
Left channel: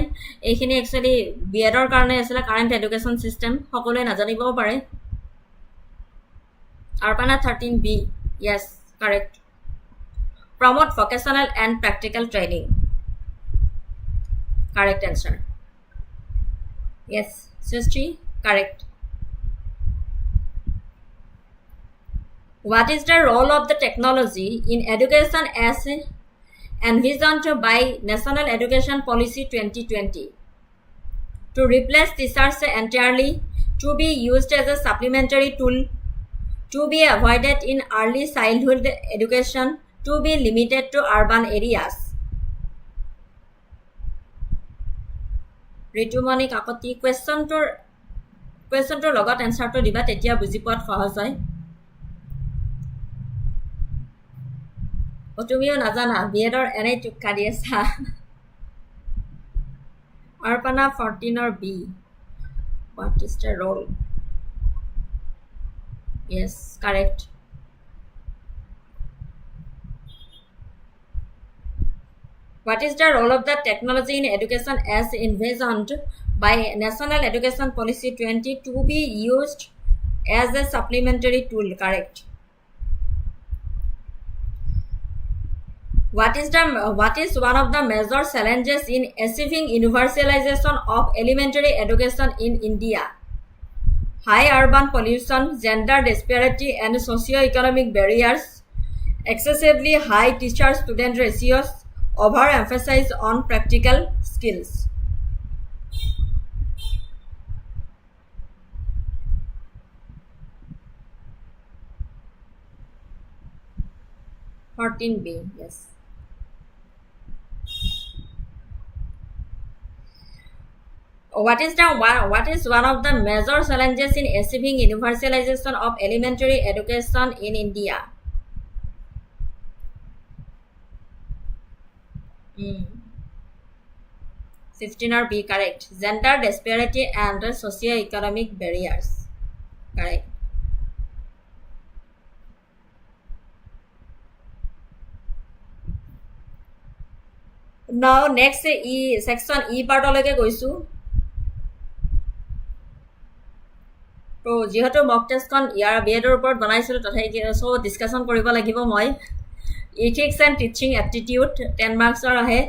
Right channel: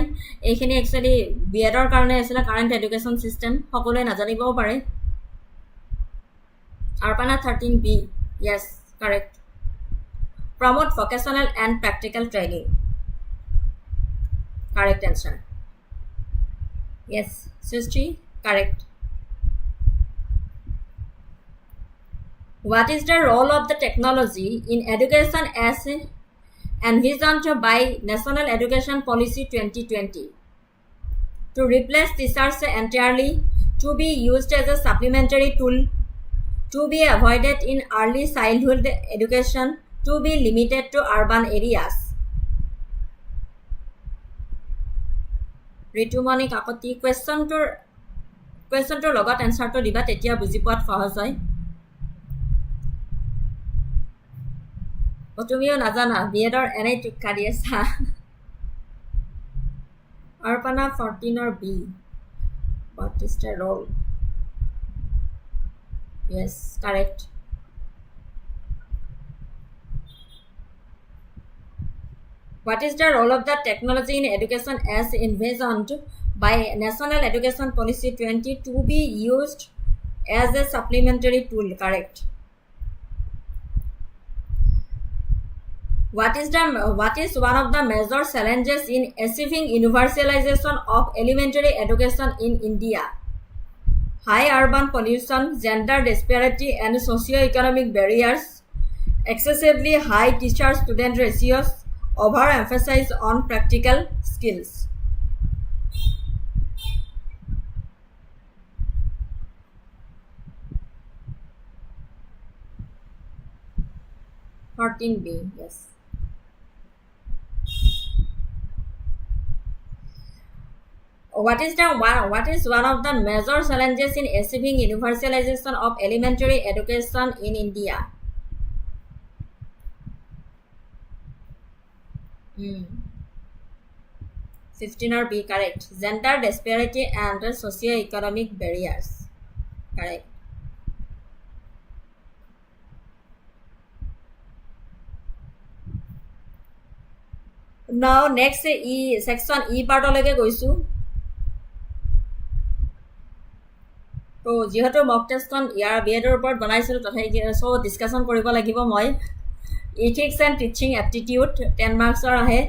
এইখিনি actually বিএডৰ কাৰণে আছিল current education system সকলোৱে নাজানিবও পাৰে Arpana 13B, yes, correct. Promote vocational and practical training, correct answer. Yes, Sushti, correct. What is the role of the technology in education as envisioned by National Education Policy 2020? To replace teachers entirely, to be used as a supplementary tool, to be avoided in early childhood education, to be limited to urban areas. Ritumani Kakoti, question to logot answer to diba tetia buji poat সহজ হয় তুমিও নাজানা বিএডৰ এনেই টুকা দি আছা Arpana 14 or B. What is the role? Yes, correct. What is the role of the technology in education as envisioned by National Education Policy 20 to be used as a supplementary tool? Correct. What is one of the major challenges in achieving universalization of elementary education in India? High urban pollution, gender disparity and socio-economic barriers, excessively high teacher-student ratios, overemphasis on practical skills. B, yes. What is one of the major challenges in achieving universalization of elementary education in India? 16 or B, correct. Gender disparity and socio-economic barriers, correct. Now next section E part oleke goisu তো যেহেতু mock টেষ্টখন ইয়াৰ বিএডৰ ওপৰত বনাইছিলো তথাপি so discussion কৰিব লাগিব মই ethics and teaching aptitude 10 marks or ahe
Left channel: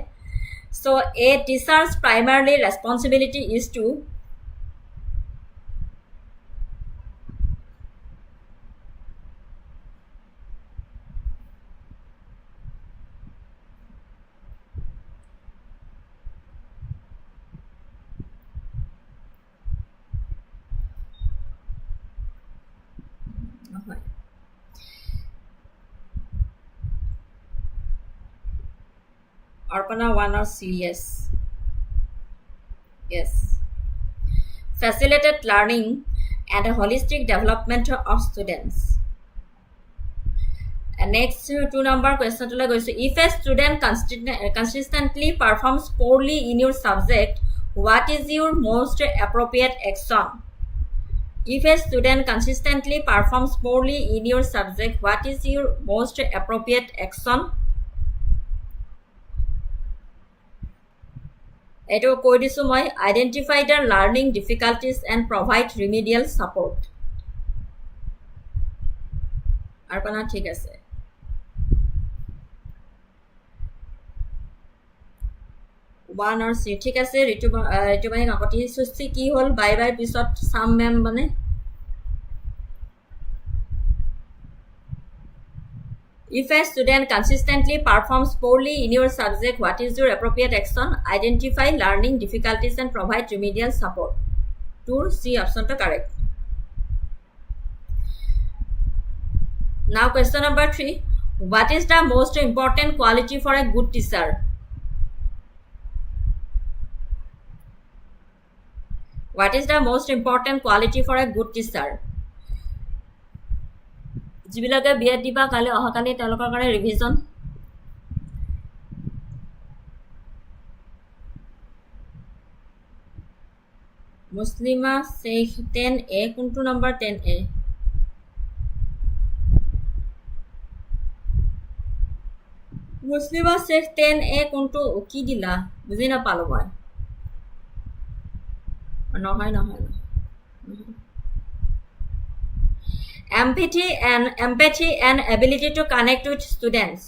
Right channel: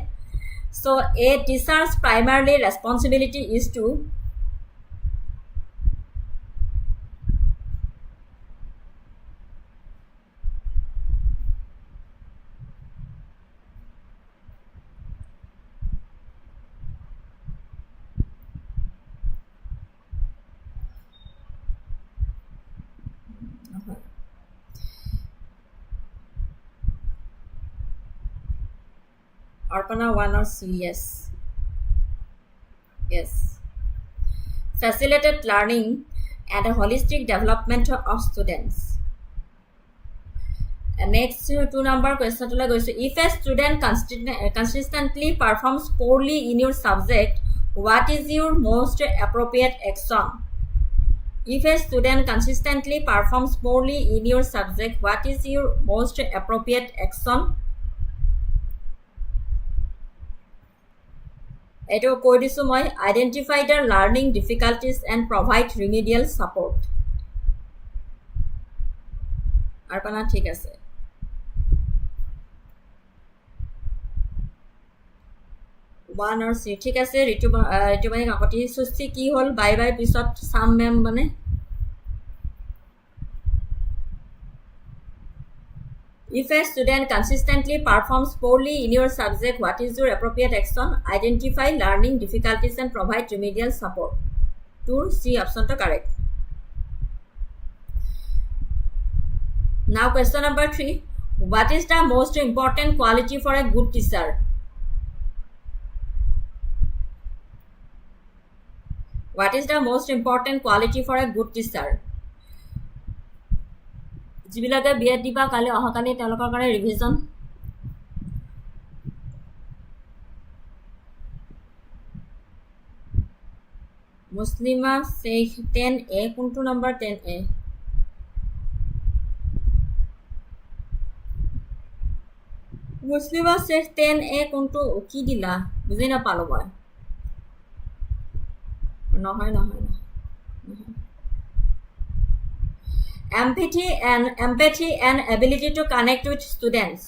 so a teacher's primarily responsibility is to Arpana 1 or C, yes. Yes. Facilitate learning and a holistic development of students. And next 2 number question to like if a student consistently performs poorly in your subject, what is your most appropriate action? If a student consistently performs poorly in your subject, what is your most appropriate action? Eto koi disu moi, identify the learning difficulties and provide remedial support. Arpana thik ase. One or C thik ase ritubani kakoti susti ki hol bye bye pisot sam mem bane. If a student consistently performs poorly in your subject, what is your appropriate action? Identify learning difficulties and provide remedial support. 2 C option to correct. Now question number 3. What is the most important quality for a good teacher? What is the most important quality for a good teacher? যিবিলাকে B.ED দিবা কালি অহাকালি তেওঁলোকৰ কাৰণে revision মুছলিমা Sheikh 10A কোনটো number 10A মুছলিমা Sheikh 10A কোনটো কি দিলা বুজি নাপালো মই নহয় নহয় নহয় empathy and ability to connect with students.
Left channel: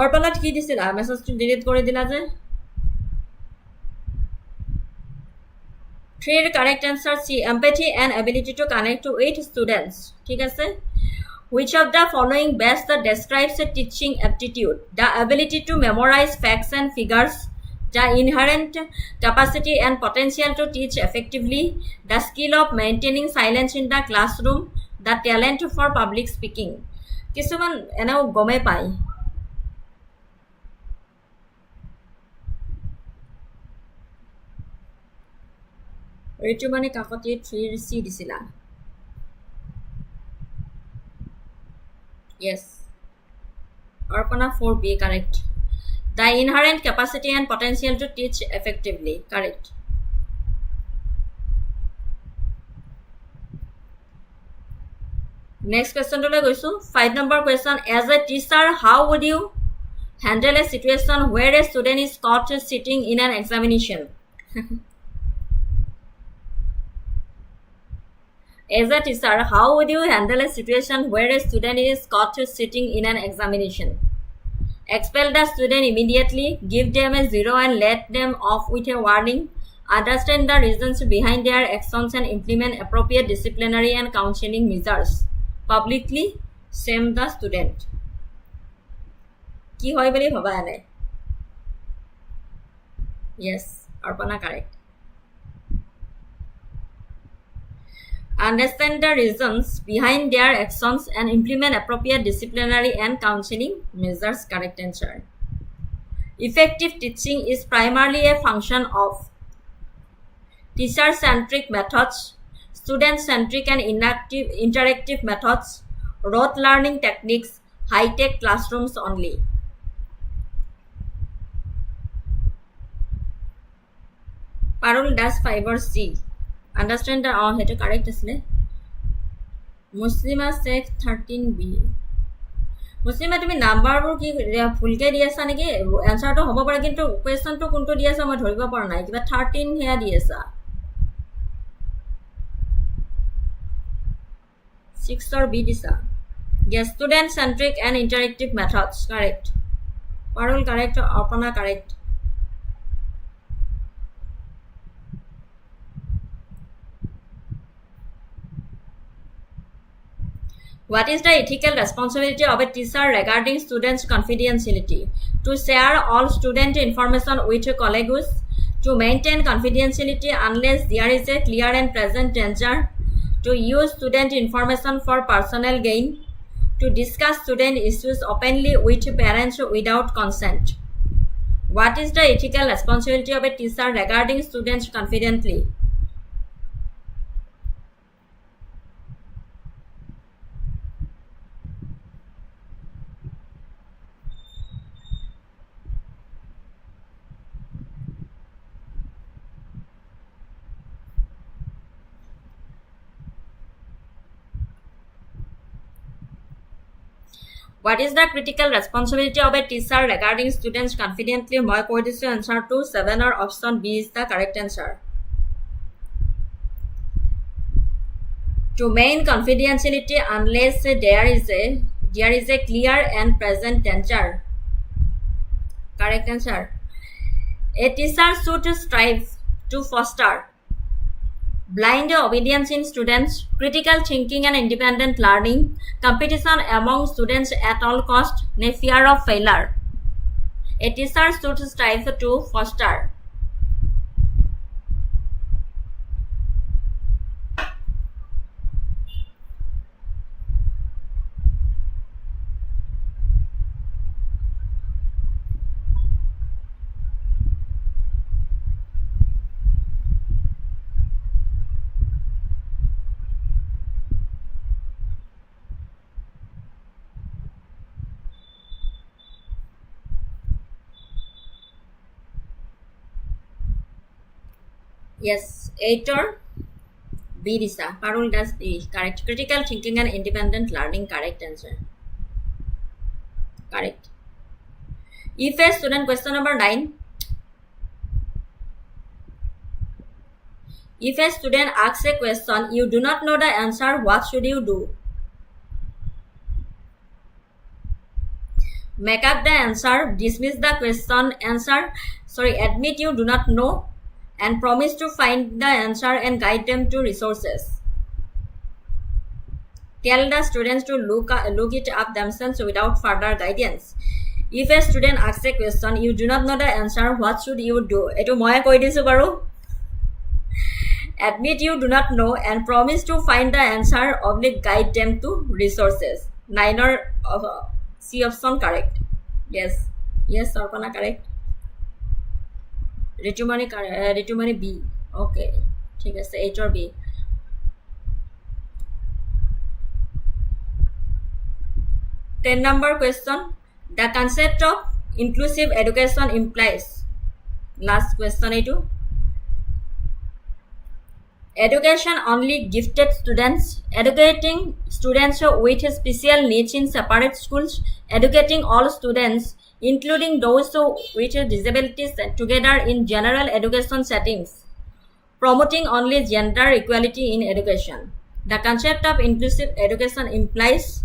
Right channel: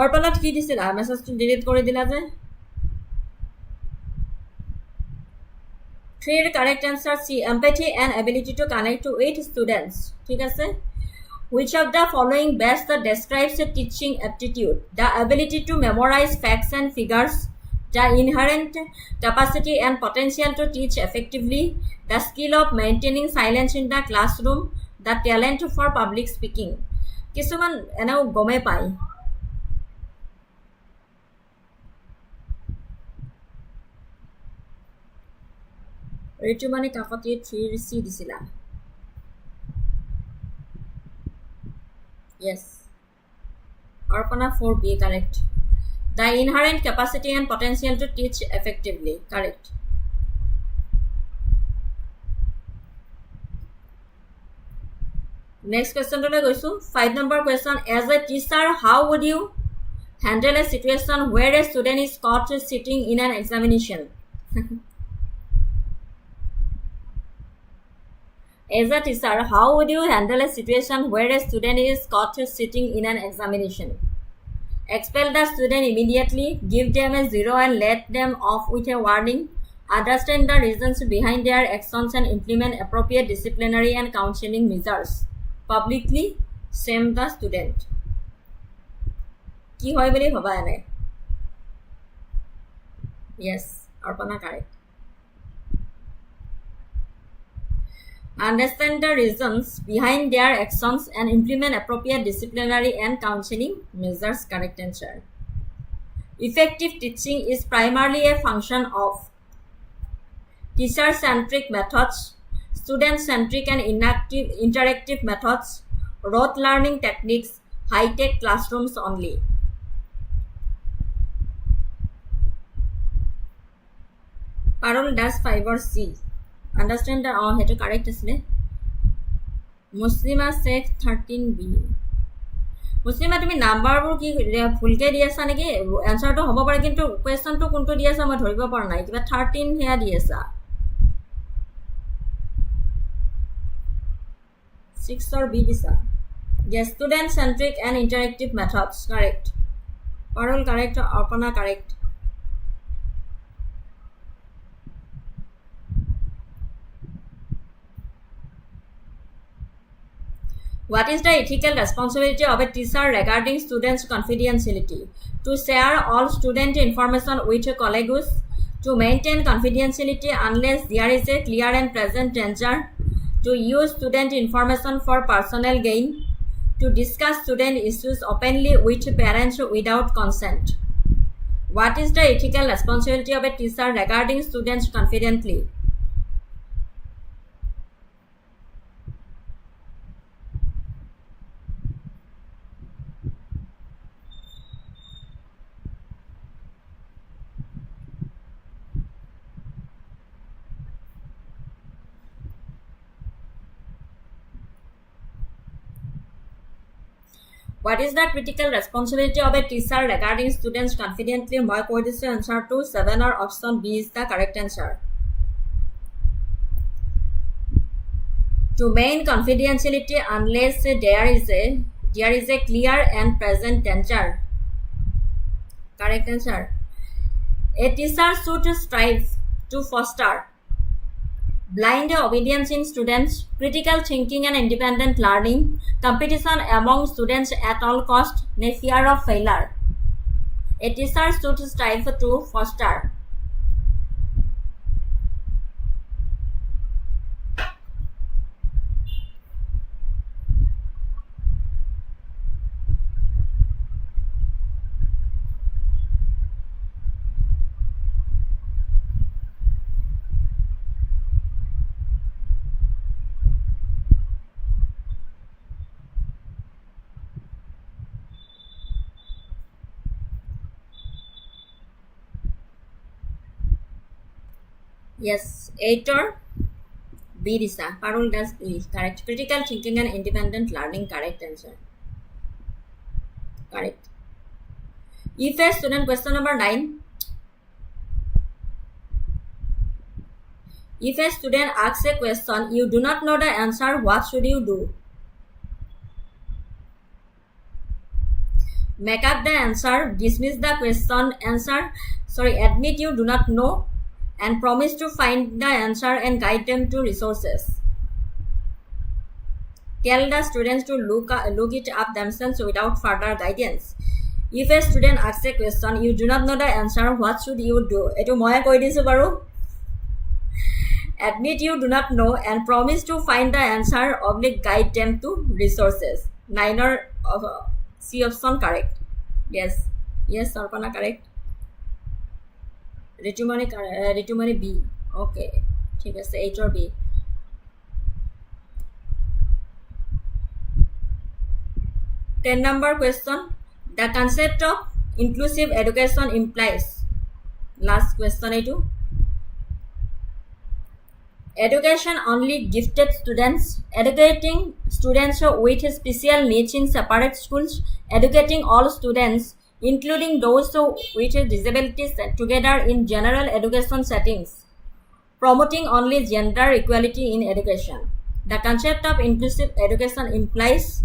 অর্পণাত কি দিছিলা মেসেজটো ডিলিট কৰি দিলা যে 3 correct answer C empathy and ability to connect with students ঠিক আছে which of the following best describes a teaching aptitude the ability to memorize facts and figures the inherent capacity and potential to teach effectively, the skill of maintaining silence in the classroom, the talent for public speaking. Kisuman enao gome pai. Ritumani kakoti 3C disila. Yes. Arpana 4B correct. The inherent capacity and potential to teach effectively. Correct. Next question to le goisu 5 number question as a teacher how would you handle a situation where a student is caught sitting in an examination As a teacher how would you handle a situation where a student is caught sitting in an examination Expel the student immediately, give them a 0 and let them off with a warning. Understand the reasons behind their actions and implement appropriate disciplinary and counseling measures. Publicly, shame the student. Ki hoy boli bhaba ane? Yes, Arpana correct. Understand the reasons behind their actions and implement appropriate disciplinary and counseling measures. Correct answer. Effective teaching is primarily a function of teacher-centric methods, student-centric and interactive methods, rote learning techniques, high-tech classrooms only. Parul does 5 or C. Understand the hetu correct asle Muslima Sheikh 13B Muslima তুমি নাম্বাৰবোৰ কি ফুলকে দি আছা নেকি এনসাৰটো হ'ব পাৰে কিন্তু কোৱেশ্চনটো কোনটো দি আছা মই ধৰিব পৰা নাই কিবা 13 হেয়া দি আছা 6 or B দিছা yes student centric and interactive methods correct Parul correct Arpana correct What is the ethical responsibility of a teacher regarding students' confidentiality? To share all student information with colleagues, to maintain confidentiality unless there is a clear and present danger, to use student information for personal gain, to discuss student issues openly with parents without consent. What is the ethical responsibility of a teacher regarding students confidentially? What is the critical responsibility of a teacher regarding students confidently? My question answer to 7 or option B is the correct answer. To maintain confidentiality unless there is a clear and present danger. Correct answer. A teacher should strive to foster blind obedience in students, critical thinking and independent learning, competition among students at all cost, fear of failure. A teacher should strive to foster yes, 8 or B Disa. Parul does B. Correct. Critical thinking and independent learning. Correct answer. Correct. If a student, question number 9. If a student asks a question, you do not know the answer, what should you do? Make up the answer, dismiss the question, admit you do not know, and promise to find the answer and guide them to resources. Tell the students to look it up themselves without further guidance. If a student asks a question, you do not know the answer, what should you do? Eto moye koi disu baru. Admit you do not know and promise to find the answer, guide them to resources. 9 or C option correct. Yes. Yes, Sarpana correct. Ritumani B. Okay. ठीक है, H or B. Ten number question. The concept of inclusive education implies. Last question A2. Education only gifted students, educating students with special needs in separate schools, educating all students, including those with disabilities, together in general education settings, promoting only gender equality in education. The concept of inclusive education implies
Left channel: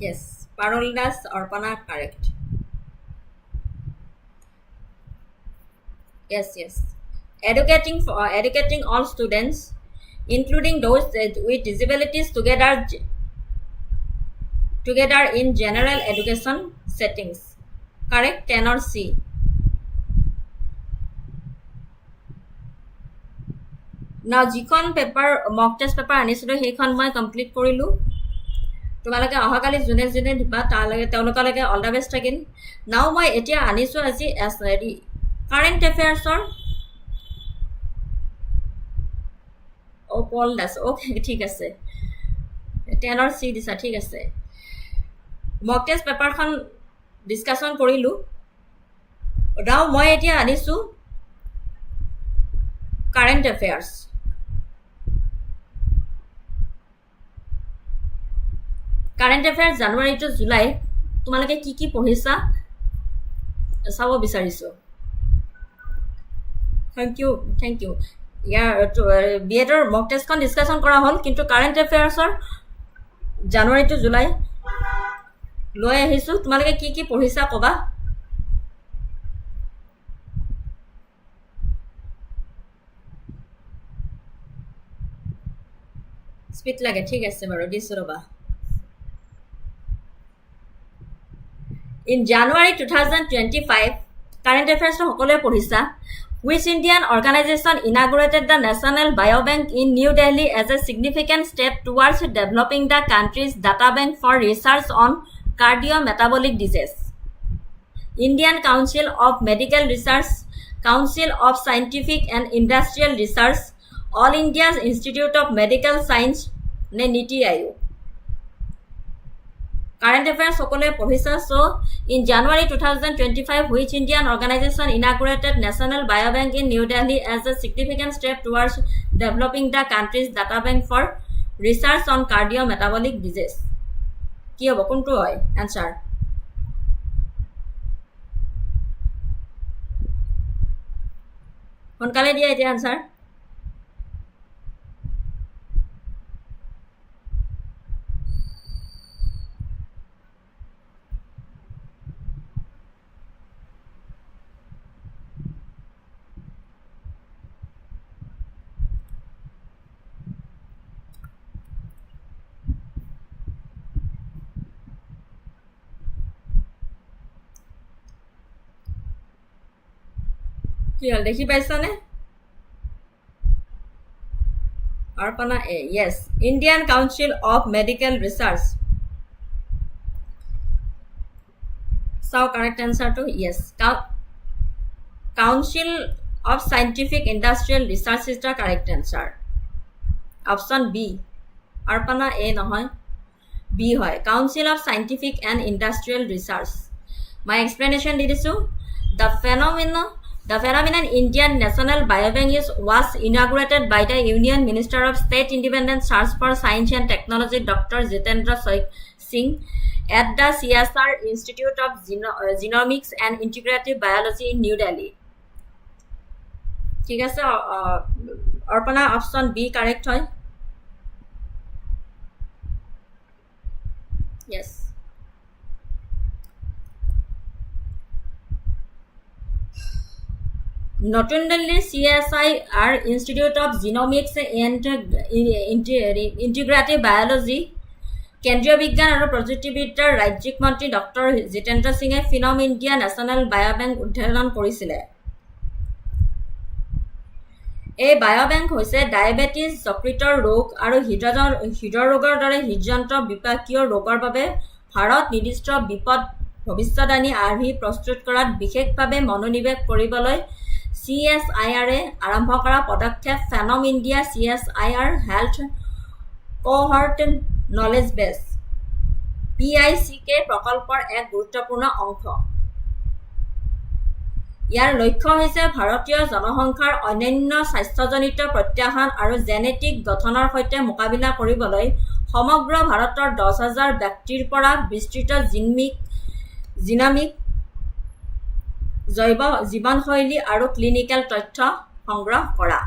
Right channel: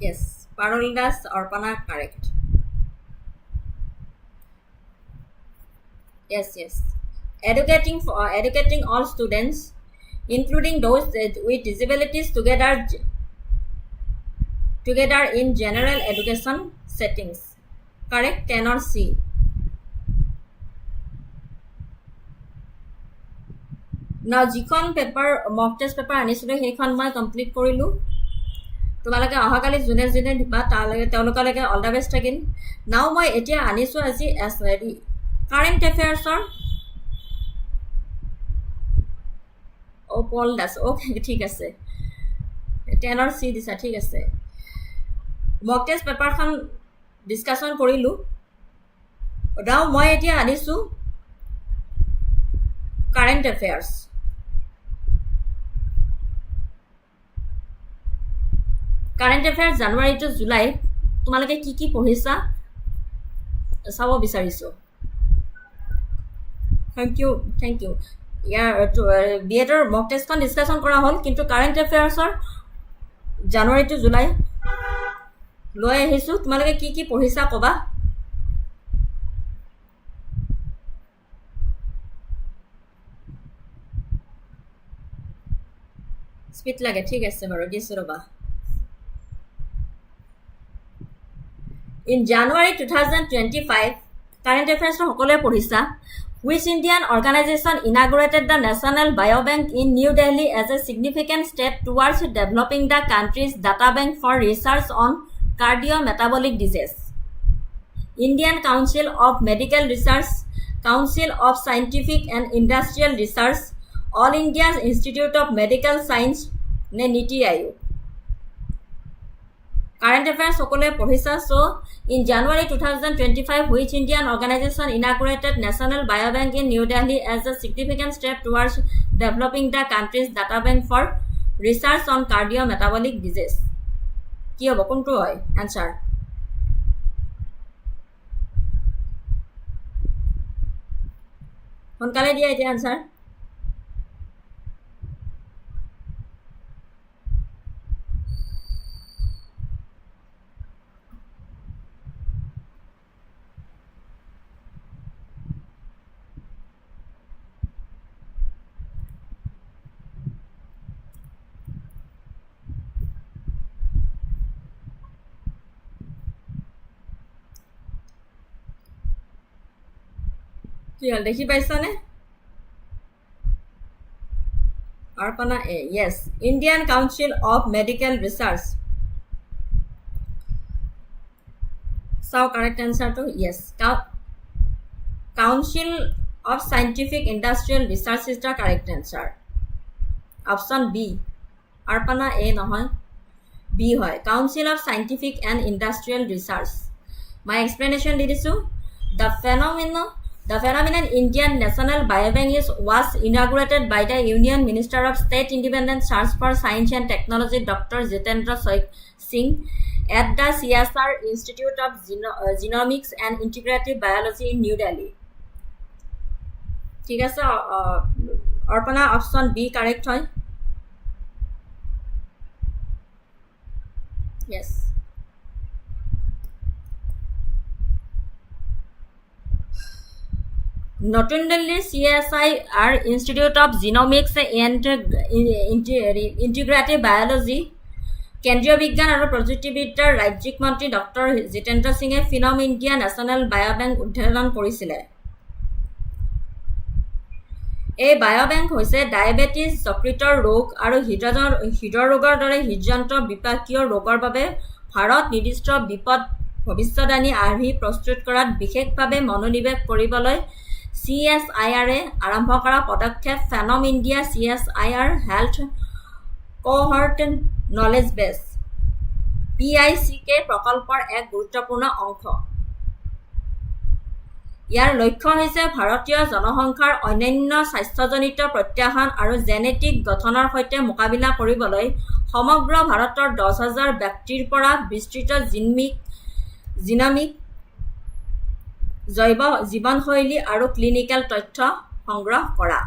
yes, Paroldas Arpana correct. Yes. Educating all students, including those with disabilities, together in general education settings. Correct, 10 or C. Now, jikhon paper mock test paper anisilo heikon moi complete korilu. তোমালোকে অহাকালি যোনে যোনে দিবা তেওঁলোকলৈকে all the best থাকিল। নাও মই এতিয়া আনিছোঁ আজি কাৰেণ্ট এফেয়াৰ্ছৰ পল দাস। অ'কে, ঠিক আছে, 10 or C দিছা, ঠিক আছে। মক টেষ্ট পেপাৰখন ডিছকাশ্যন কৰিলোঁ। নাও মই এতিয়া আনিছোঁ current affairs. Current affairs January to July তোমালোকে কি কি পঢ়িছা চাব বিচাৰিছোঁ। Thank you. ইয়াৰ B.EDৰ মক টেষ্টখন ডিছকাশ্যন কৰা হ'ল, কিন্তু কাৰেণ্ট এফেয়াৰ্ছৰ জানুৱাৰী টু জুলাই লৈ আহিছোঁ। তোমালোকে কি কি পঢ়িছা ক'বা। স্পীড লাগে, ঠিক আছে বাৰু, দিছোঁ ৰ'বা। In January 2025, current affairs সকলোৱে পঢ়িছা। Which Indian organization inaugurated the National Biobank in New Delhi as a significant step towards developing the country's data bank for research on cardiometabolic disease? Indian Council of Medical Research, Council of Scientific and Industrial Research, All India Institute of Medical Science, NITI Aayog. Current affairs সকলে পঢ়িছা so in January 2025 which Indian organization inaugurated National Biobank in New Delhi as a significant step towards developing the country's data bank for research on cardiometabolic disease কি হ'ব কোনটো হয় answer সোনকালে দিয়া এতিয়া answer কি হল দেখি পাইছানে Arpana A yes Indian Council of Medical Research so correct answer to yes Council of Scientific Industrial Research is the correct answer option B Arpana A নহয় B হয় Council of Scientific and Industrial Research my explanation di disu the phenomenon Indian National Biobank was inaugurated by the Union Minister of State Independent Search for Science and Technology Dr. Jitendra Singh at the CSR Institute of Genomics and Integrative Biology in New Delhi. ঠিক আছে Arpana option B correct হয় yes নতুন দিল্লীৰ CSIR Institute of Genomics and Integrative Biology কেন্দ্ৰীয় বিজ্ঞান আৰু প্ৰযুক্তিবিদ্যাৰ ৰাজ্যিক মন্ত্ৰী ডক্টৰ জিতেন্দ্ৰ সিঙে ফিনম ইণ্ডিয়া নেশ্যনেল বায়োবেংক উদ্বোধন কৰিছিলে এই বায়োবেংক হৈছে ডায়েবেটিছ যকৃতৰ ৰোগ আৰু হৃদৰোগৰ দৰে হৃদযন্ত্ৰ বিপাকীয় ৰোগৰ বাবে ভাৰত নিৰ্দিষ্ট বিপদ ভৱিষ্যদানী আৰ্হি প্ৰস্তুত কৰাত বিশেষভাৱে মনোনিৱেশ কৰিবলৈ CSIR আৰম্ভ কৰা পদক্ষেপ phenome India CSIR health cohort knowledge base PICK প্ৰকল্পৰ এক গুৰুত্বপূৰ্ণ অংশ ইয়াৰ লক্ষ্য হৈছে ভাৰতীয় জনসংখ্যাৰ অন্যান্য স্বাস্থ্যজনিত প্ৰত্যাহ্বান আৰু জেনেটিক গঠনৰ সৈতে মোকাবিলা কৰিবলৈ সমগ্ৰ ভাৰতৰ 10,000 ব্যক্তিৰ পৰা বিস্তৃত জিনমিক জৈৱ জীৱনশৈলী আৰু ক্লিনিকেল তথ্য সংগ্ৰহ কৰা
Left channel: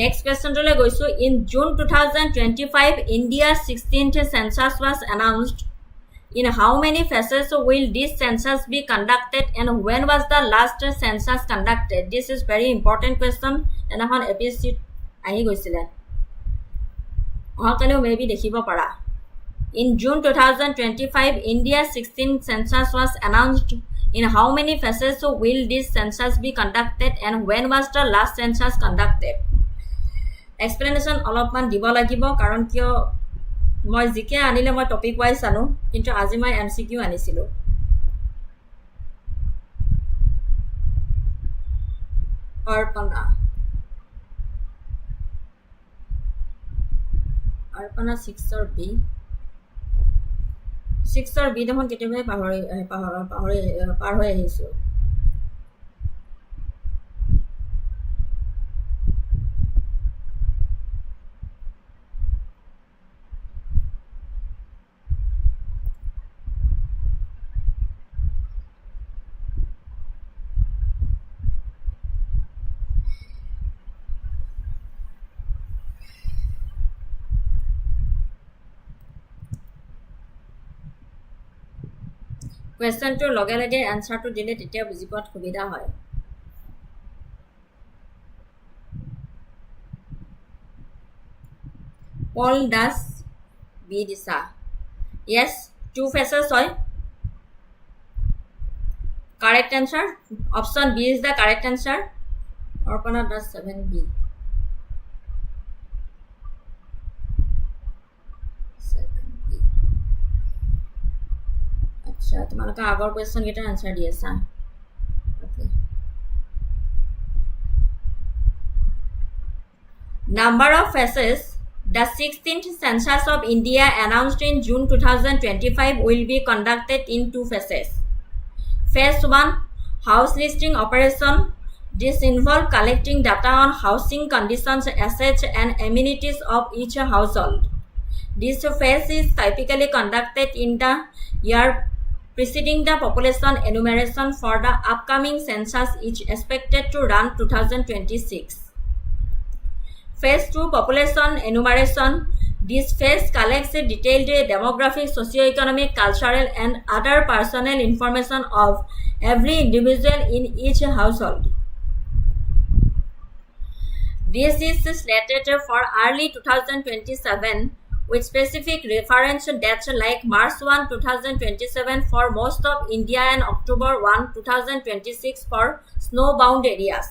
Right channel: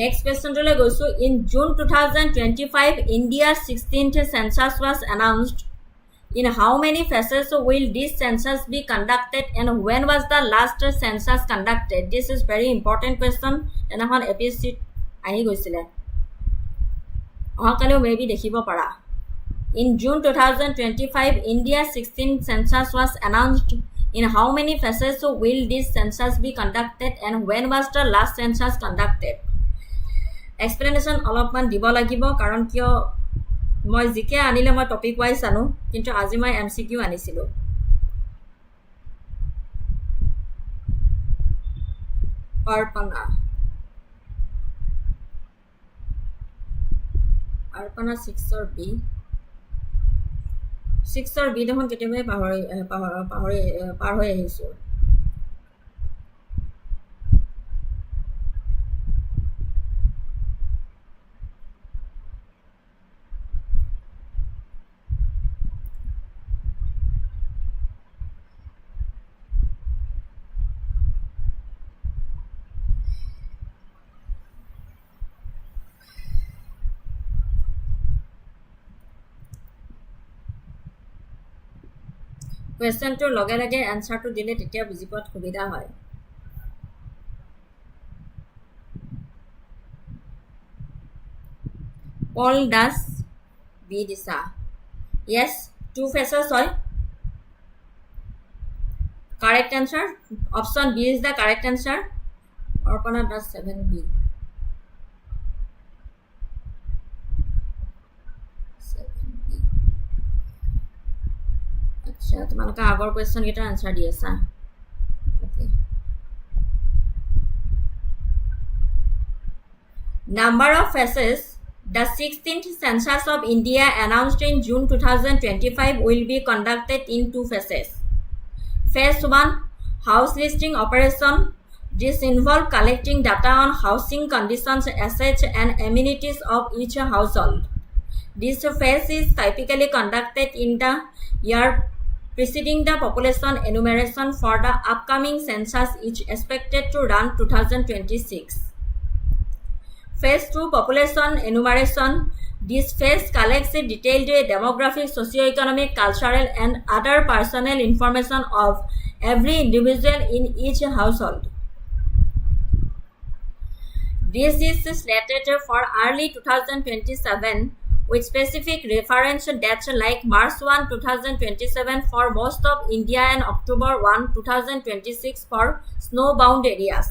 Next question tole goisu in June 2025 India's 16th census was announced in how many phases will this census be conducted and when was the last census conducted this is very important question enakhon APSC ahi goisile ahakale maybe dekhibo para in June 2025 India's 16th census was announced in how many phases will this census be conducted and when was the last census conducted explanation অলপমান দিব লাগিব কাৰণ কিয় মই GK আনিলে মই topic wise আনো কিন্তু আজি মই MCQ আনিছিলো অৰ্পণা 6 or B দেখোন কেতিয়াবা পাৰ হৈ আহিছো question to লগে লগে answer to দিলে তেতিয়া বুজি পোৱাত সুবিধা হয় Paul does B disa yes two phases hoy correct answer option B is the correct answer Arpana does 7B আচ্ছা তোমালোকে আগৰ কোৱেশ্চন কেইটা আনসাৰ দি আছা ওকে number of phases The 16th census of India announced in June 2025 will be conducted in 2 phases. Phase 1, house listing operation. This involves collecting data on housing conditions, assets, and amenities of each household. This phase is typically conducted in the year preceding the population enumeration for the upcoming census, which is expected to run 2026. Phase 2, population enumeration. This phase collects detailed demographic, socioeconomic, cultural, and other personal information of every individual in each household. This is slated for early 2027 with specific reference dates like March 1, 2027 for most of India and October 1, 2026 for snow-bound areas.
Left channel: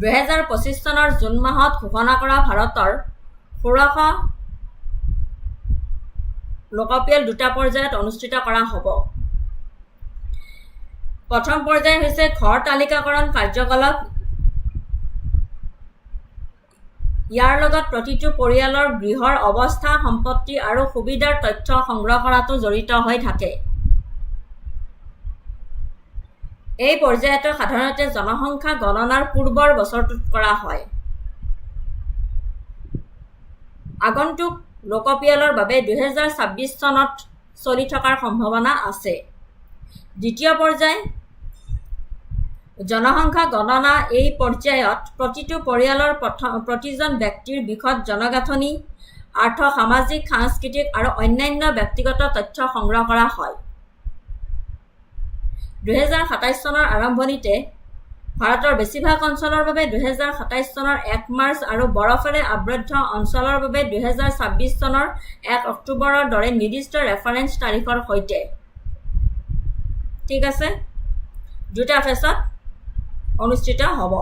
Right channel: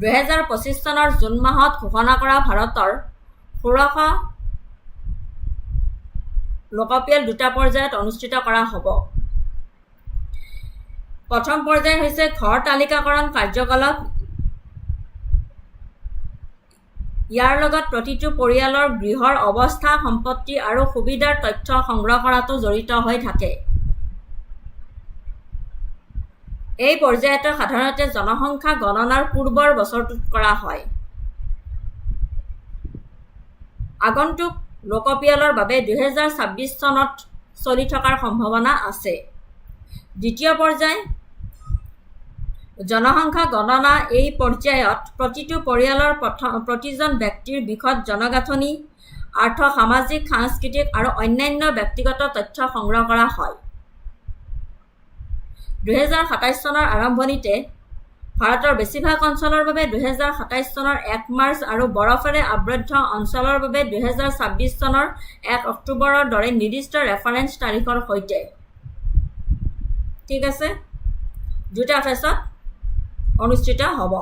দুহেজাৰ ২৫ চনৰ June মাহত ঘোষণা কৰা ভাৰতৰ ১৬শ লোকপিয়ল ২টা পৰ্যায়ত অনুষ্ঠিত কৰা হ'ব। প্ৰথম পৰ্যায় হৈছে ঘৰ তালিকাকৰণ কাৰ্যকলাপ। ইয়াৰ লগত প্ৰতিটো পৰিয়ালৰ গৃহৰ অৱস্থা, সম্পত্তি আৰু সুবিধাৰ তথ্য সংগ্ৰহ কৰাটো জড়িত হৈ থাকে। এই পৰ্যায়টো সাধাৰণতে জনসংখ্যা গণনাৰ পূৰ্বৰ বছৰটোত কৰা হয়। আগন্তুক লোকপিয়লৰ বাবে ২০২৬ চনত চলি থকাৰ সম্ভাৱনা আছে। দ্বিতীয় পৰ্যায় জনসংখ্যা গণনা। এই পৰ্যায়ত প্ৰতিটো পৰিয়ালৰ প্ৰতিজন ব্যক্তিৰ বিশদ জনগাঁথনি, আৰ্থ, সামাজিক, সাংস্কৃতিক আৰু অন্যান্য ব্যক্তিগত তথ্য সংগ্ৰহ কৰা হয়। ২০২৭ চনৰ আৰম্ভণিতে ভাৰতৰ বেছিভাগ অঞ্চলৰ বাবে ২০২৭ চনৰ ১ মাৰ্চ আৰু বৰফেৰে আবৃত অঞ্চলৰ বাবে ২০২৬ চনৰ ১ অক্টোবৰৰ দৰে নিৰ্দিষ্ট ৰেফাৰেন্স তাৰিখৰ সৈতে। ঠিক আছে, 2টা ফেজত অনুষ্ঠিত হ'ব।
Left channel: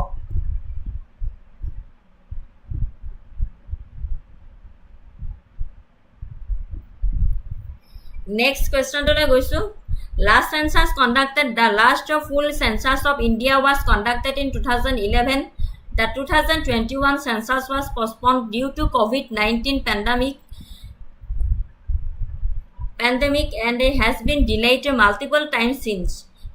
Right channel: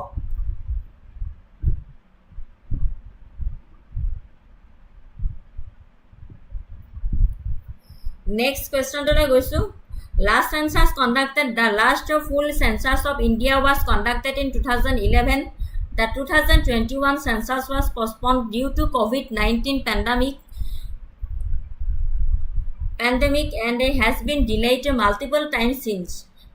নেক্সট কুৱেশ্যনটোলৈ গৈছোঁ। Last census conducted, the last full census of India was conducted in 2011. The 2021 census was postponed due to COVID-19 pandemic and has been delayed multiple times since.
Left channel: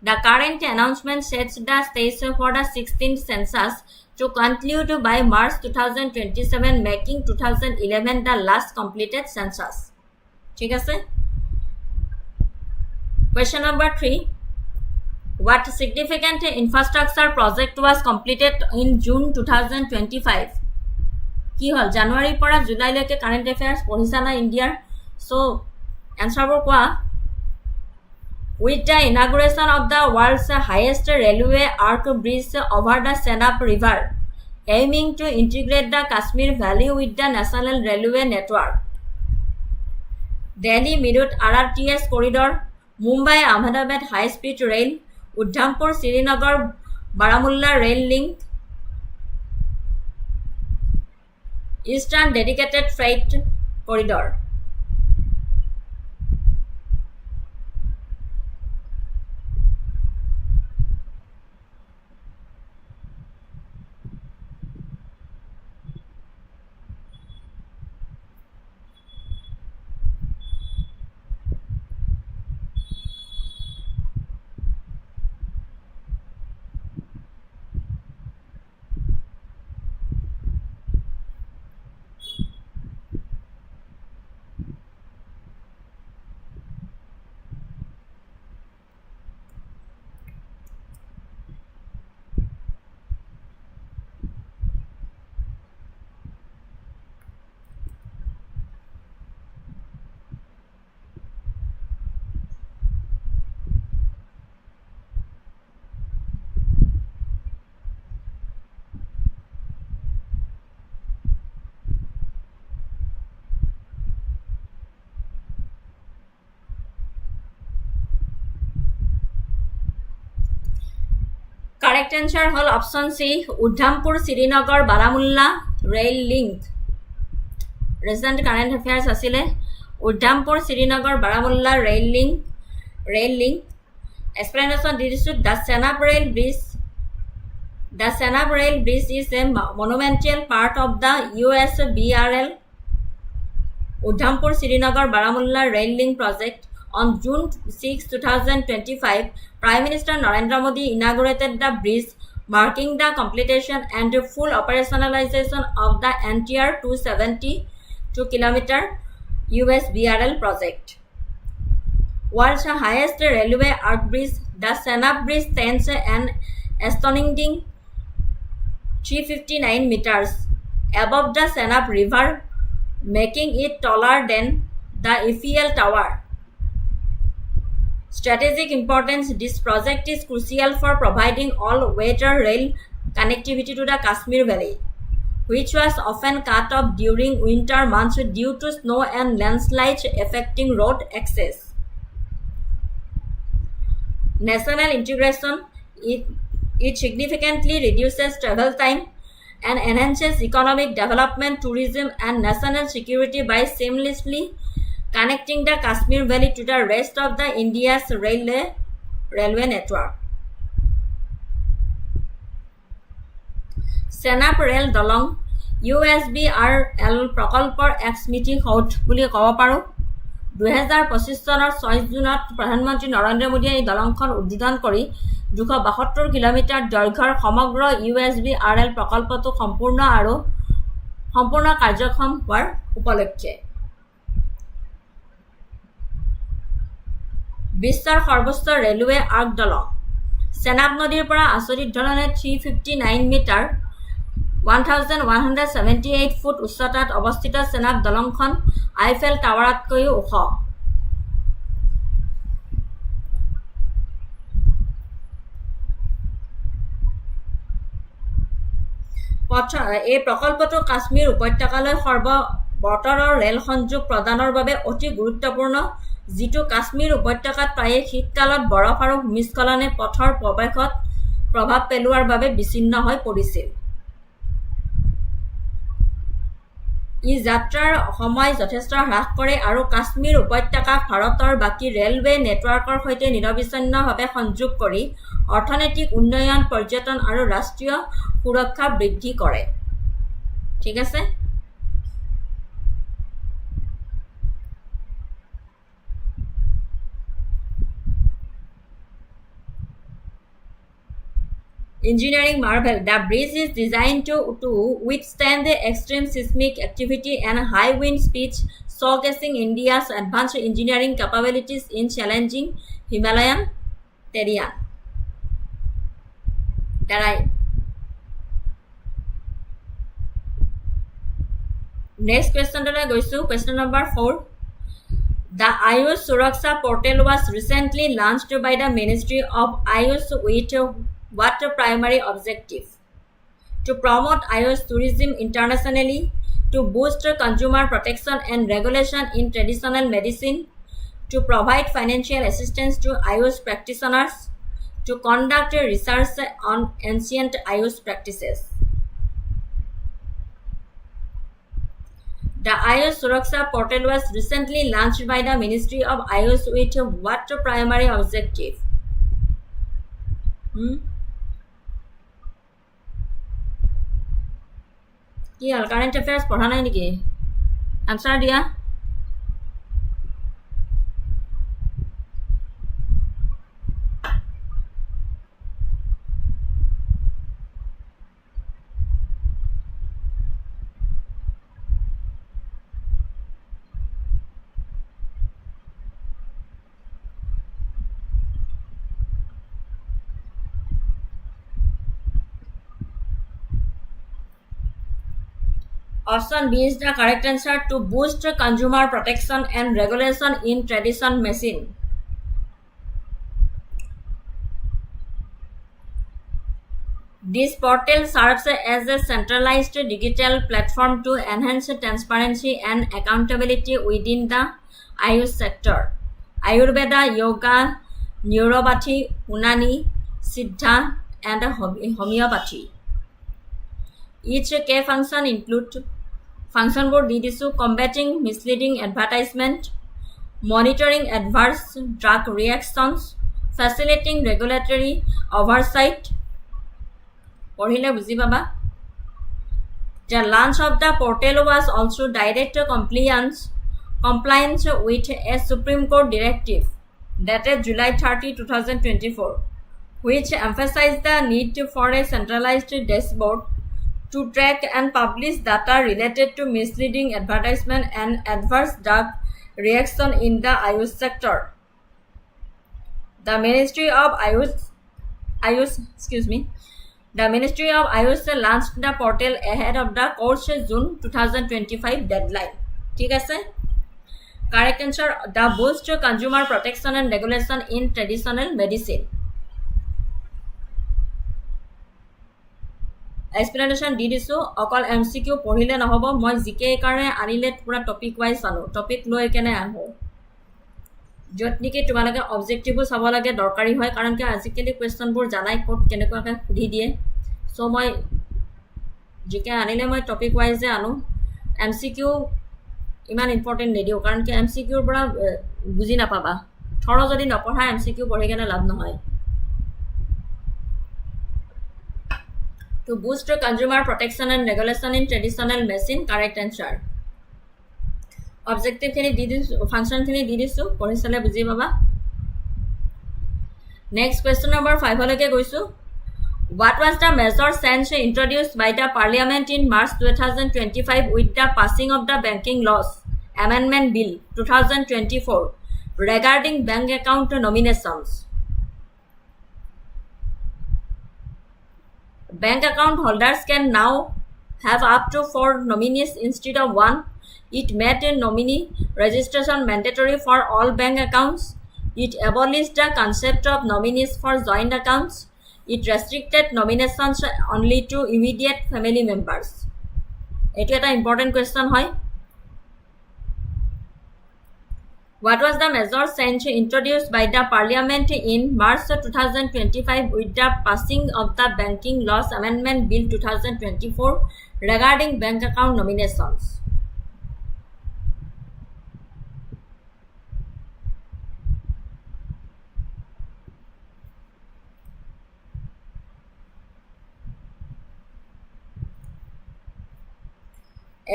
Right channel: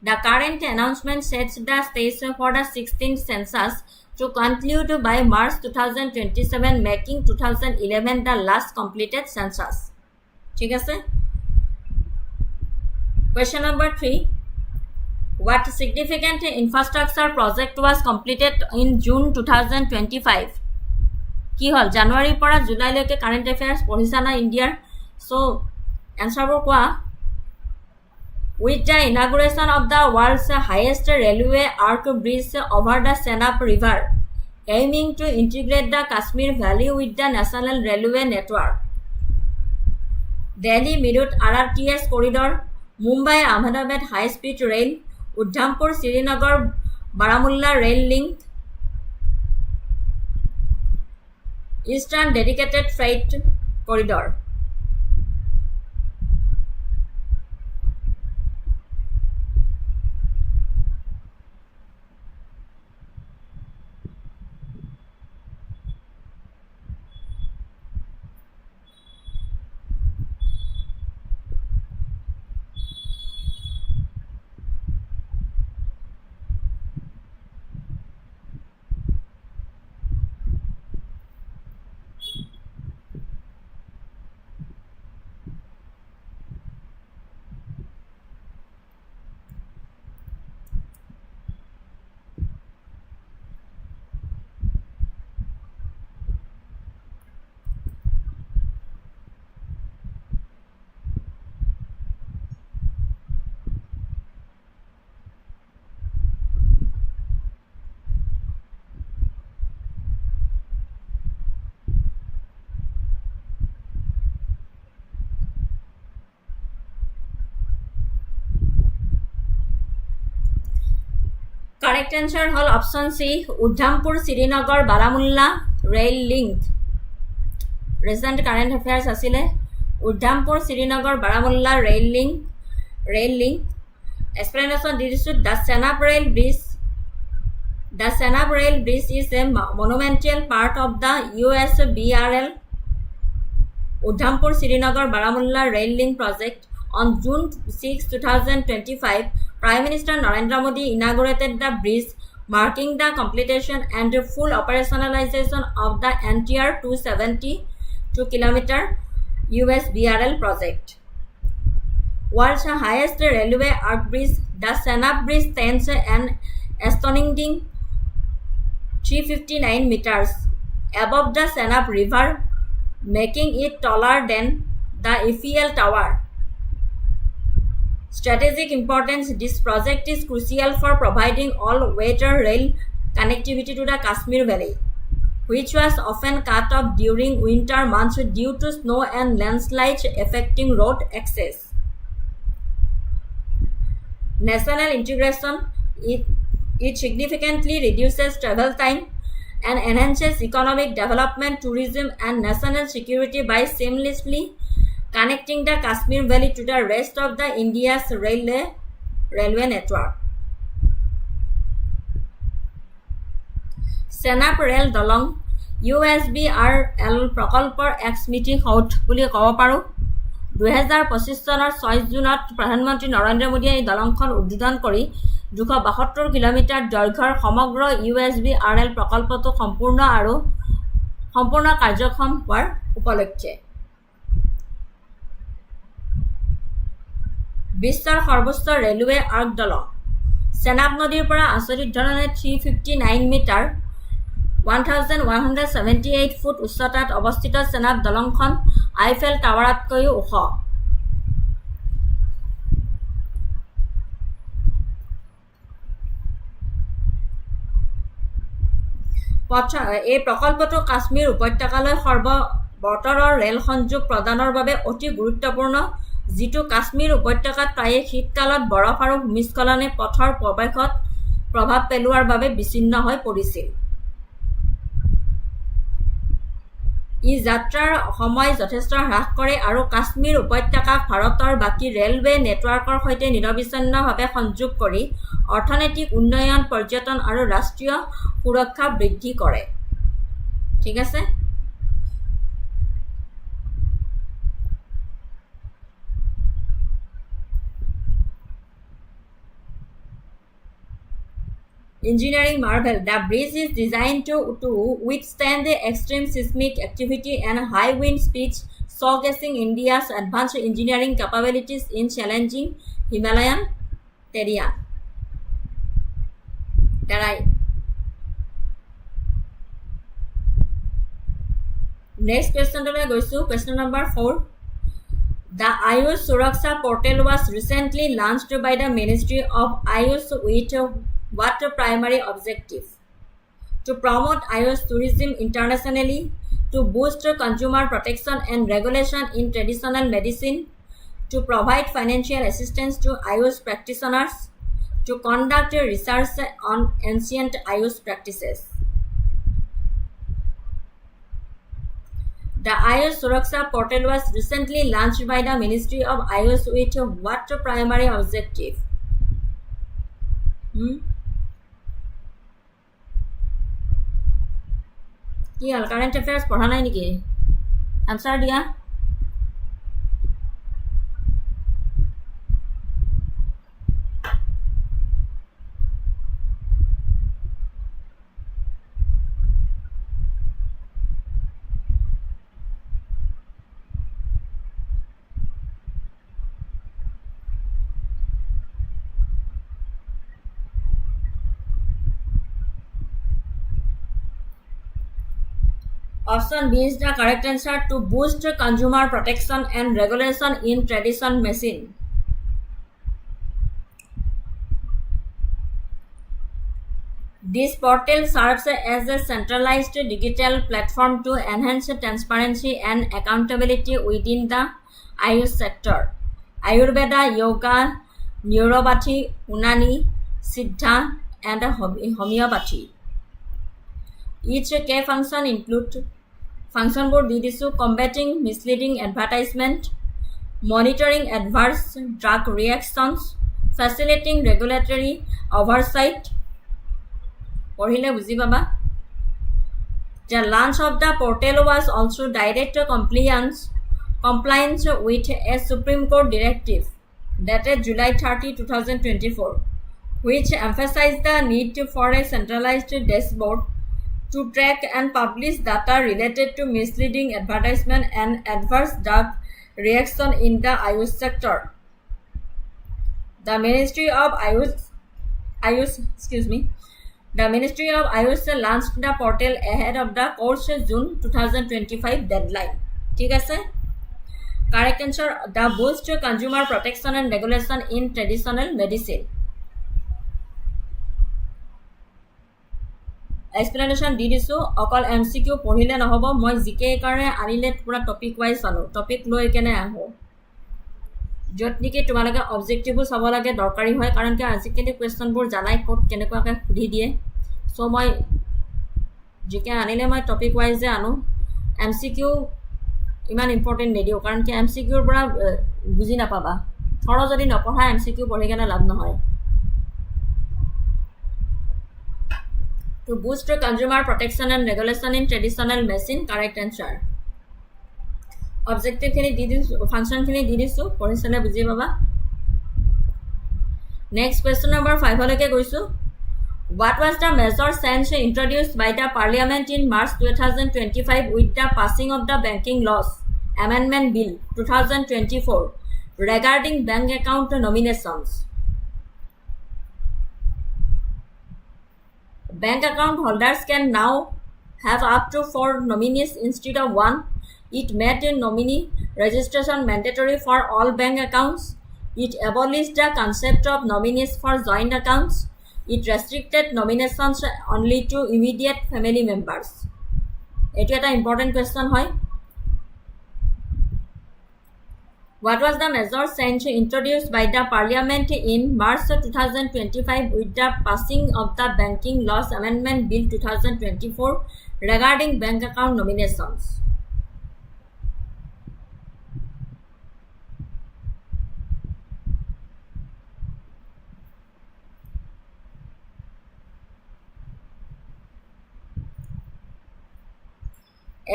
The current announcement sets the stage for the 16th census to conclude by March 2027, making 2011 the last completed census. ঠিক আছে? Question number 3. What significant infrastructure project was completed in June 2025? কি হল? জানুৱাৰীৰ পৰা জুলাইলৈকে current affairs পঢ়িছা না ইণ্ডিয়াৰ? So এনসাৰবোৰ কোৱা। With the inauguration of the world's highest railway arch bridge over the Chenab River, aiming to integrate the Kashmir Valley with the National Railway Network. Delhi Meerut RRTS corridor, Mumbai Ahmedabad high speed rail, Udhampur Srinagar Baramulla rail link, Eastern dedicated freight corridor. Correct answer hol option C, Udhampur Srinagar Baramulla rail link. Recent current affairs asile Udhampur Srinagar Baramulla rail link. Explanation didisu, the Chenab rail bridge The Senab Rail Bridge is a monumental part of the US BRL Udhampur Srinagar Baramulla Rail Link project. On June 6, 2025, Prime Minister Narendra Modi inaugurated the bridge, marking the completion and full operationalization of the entire 272-kilometer US BRL project. World's highest railway arch bridge, the Senab Bridge stands an astonishing 359 meters above the Senab River, making it taller than the Eiffel Tower. Strategic importance: this project is crucial for providing all-weather rail connectivity to the Kashmir Valley, which was often cut off during winter months due to snow and landslides affecting road access. National integration: it significantly reduces travel time and enhances economic development, tourism, and national security by seamlessly connecting the Kashmir Valley to the rest of the India's railway network. Senab Rail Dolong USBRL প্ৰকল্পৰ এক স্মৃতি সৌধ বুলি ক'ব পাৰোঁ। 2025 চনৰ 6 জুনত প্ৰধানমন্ত্ৰী নৰেন্দ্ৰ মোদীয়ে এই দলংখন উদ্বোধন কৰি 272 কিলোমিটাৰ দৈৰ্ঘ্যৰ সমগ্ৰ USBRL প্ৰকল্পটো সম্পূৰ্ণ কাৰ্যক্ষম হোৱাৰ উপলক্ষে বিশ্বৰ সৰ্বোচ্চ ৰেলৱে আৰ্ক দলং চেনাব নদীৰ পৰা আচৰিত ধৰণে 359 মিটাৰ 1178 ফুট উচ্চতাত অৱস্থিত চেনাব দলংখন আইফেল টাৱাৰতকৈও ওখ। এই প্ৰকল্পটো কাশ্মীৰ উপত্যকালৈ সৰ্ববতৰৰ ৰেল সংযোগ প্ৰদানৰ বাবে অতি গুৰুত্বপূৰ্ণ, যিটো কাশ্মীৰ উপত্যকাত প্ৰায়ে শীতকালত বৰফ আৰু ভূমিস্খলনে পথৰ প্ৰৱেশত প্ৰভাৱ পেলোৱাৰ বাবে বিচ্ছিন্ন হৈ পৰিছিল। ই যাত্ৰাৰ সময় যথেষ্ট হ্ৰাস কৰে আৰু কাশ্মীৰ উপত্যকাক ভাৰতৰ বাকী ৰেলৱে নেটৱৰ্কৰ সৈতে নিৰবিচ্ছিন্নভাৱে সংযোগ কৰি অৰ্থনৈতিক উন্নয়ন, পৰ্যটন আৰু ৰাষ্ট্ৰীয় সুৰক্ষা বৃদ্ধি কৰে। ঠিক আছে। Engineering marvel: the bridge is designed to withstand the extreme seismic activity and high wind speeds, showcasing India's advanced engineering capabilities in challenging Himalayan terrain. Next question to question number 4. The Ayush Suraksha portal was recently launched by the Ministry of Ayush with what primary objective? To promote Ayush tourism internationally, to boost consumer protection and regulation in traditional medicine, to provide financial assistance to Ayush practitioners, to conduct research on ancient Ayush practices. The Ayush Suraksha portal was recently launched by the Ministry of Ayush with what primary objective? কি হল current affairs পঢ়া নাই নেকি? Answer দিয়া। Option B is the correct answer, to boost consumer protection and regulation in tradition medicine. This portal serves as a centralized digital platform to enhance transparency and accountability within the Ayush sector. Ayurveda, yoga, neuropathy, Unani, Siddha, and homeopathy. Each key function include function-বোৰ দি দিছো: combating misleading advertisement, monitoring adverse drug reactions, facilitating regulatory oversight, পঢ়িলে বুজি পাবা The launch of the portal was also direct compliance with a Supreme Court directive dated July 30, 2024, which emphasized the need for a centralized dashboard to track and publish data related to misleading advertisement and adverse drug reaction in the Ayush sector. The Ministry of Ayush launched the portal ahead of the court's June 2025 deadline. ঠিক আছে? Correct answer, the boost consumer protection and regulation in traditional medicine. Explanation দি দিছো অকল MCQ পঢ়িলে নহব মই GK কাৰণে আনিলে পুৰা টপিক ওয়াইজ আনো টপিক লৈ কেনে আহো যত নেকি তোমালোকে অবজেক্টিভো চাব লাগে দৰকাৰী হয় কাৰণ কি আজিকালি কোৱেশ্চনবোৰ জানাই কোড কেনেকুৱাকৈ সুধি দিয়ে সো মই জিকে আনিলে মই টপিক ওয়াইজে আনো MCQ ইমান ইম্পৰ্টেন্ট নিদিও কাৰণ কি MCQ ৰ পৰা বুজি নাপাবা থৰ যদি নপঢ়া MCQ পঢ়ি কেনে লাভ নহয় To boost consumer protection and regulation in traditional medicine, correct answer. Objective khini di disu, function khini di disu, porisale buji baba. Next question number 5 hoke goisu. What was the measure change introduced by the Parliament in March 2025 with the passing of the Banking Laws Amendment Bill 2024 regarding bank account nominations? Bank account holders can now have up to 4 nominees instead of 1. It made nominee registration mandatory for all bank accounts. It abolished the concept of nominees for joint accounts. It restricted nominations only to immediate family members. It is an important question. What was the measure change introduced by the Parliament in March 2025 with the passing of the Banking Laws Amendment Bill 2024 regarding bank account nominations?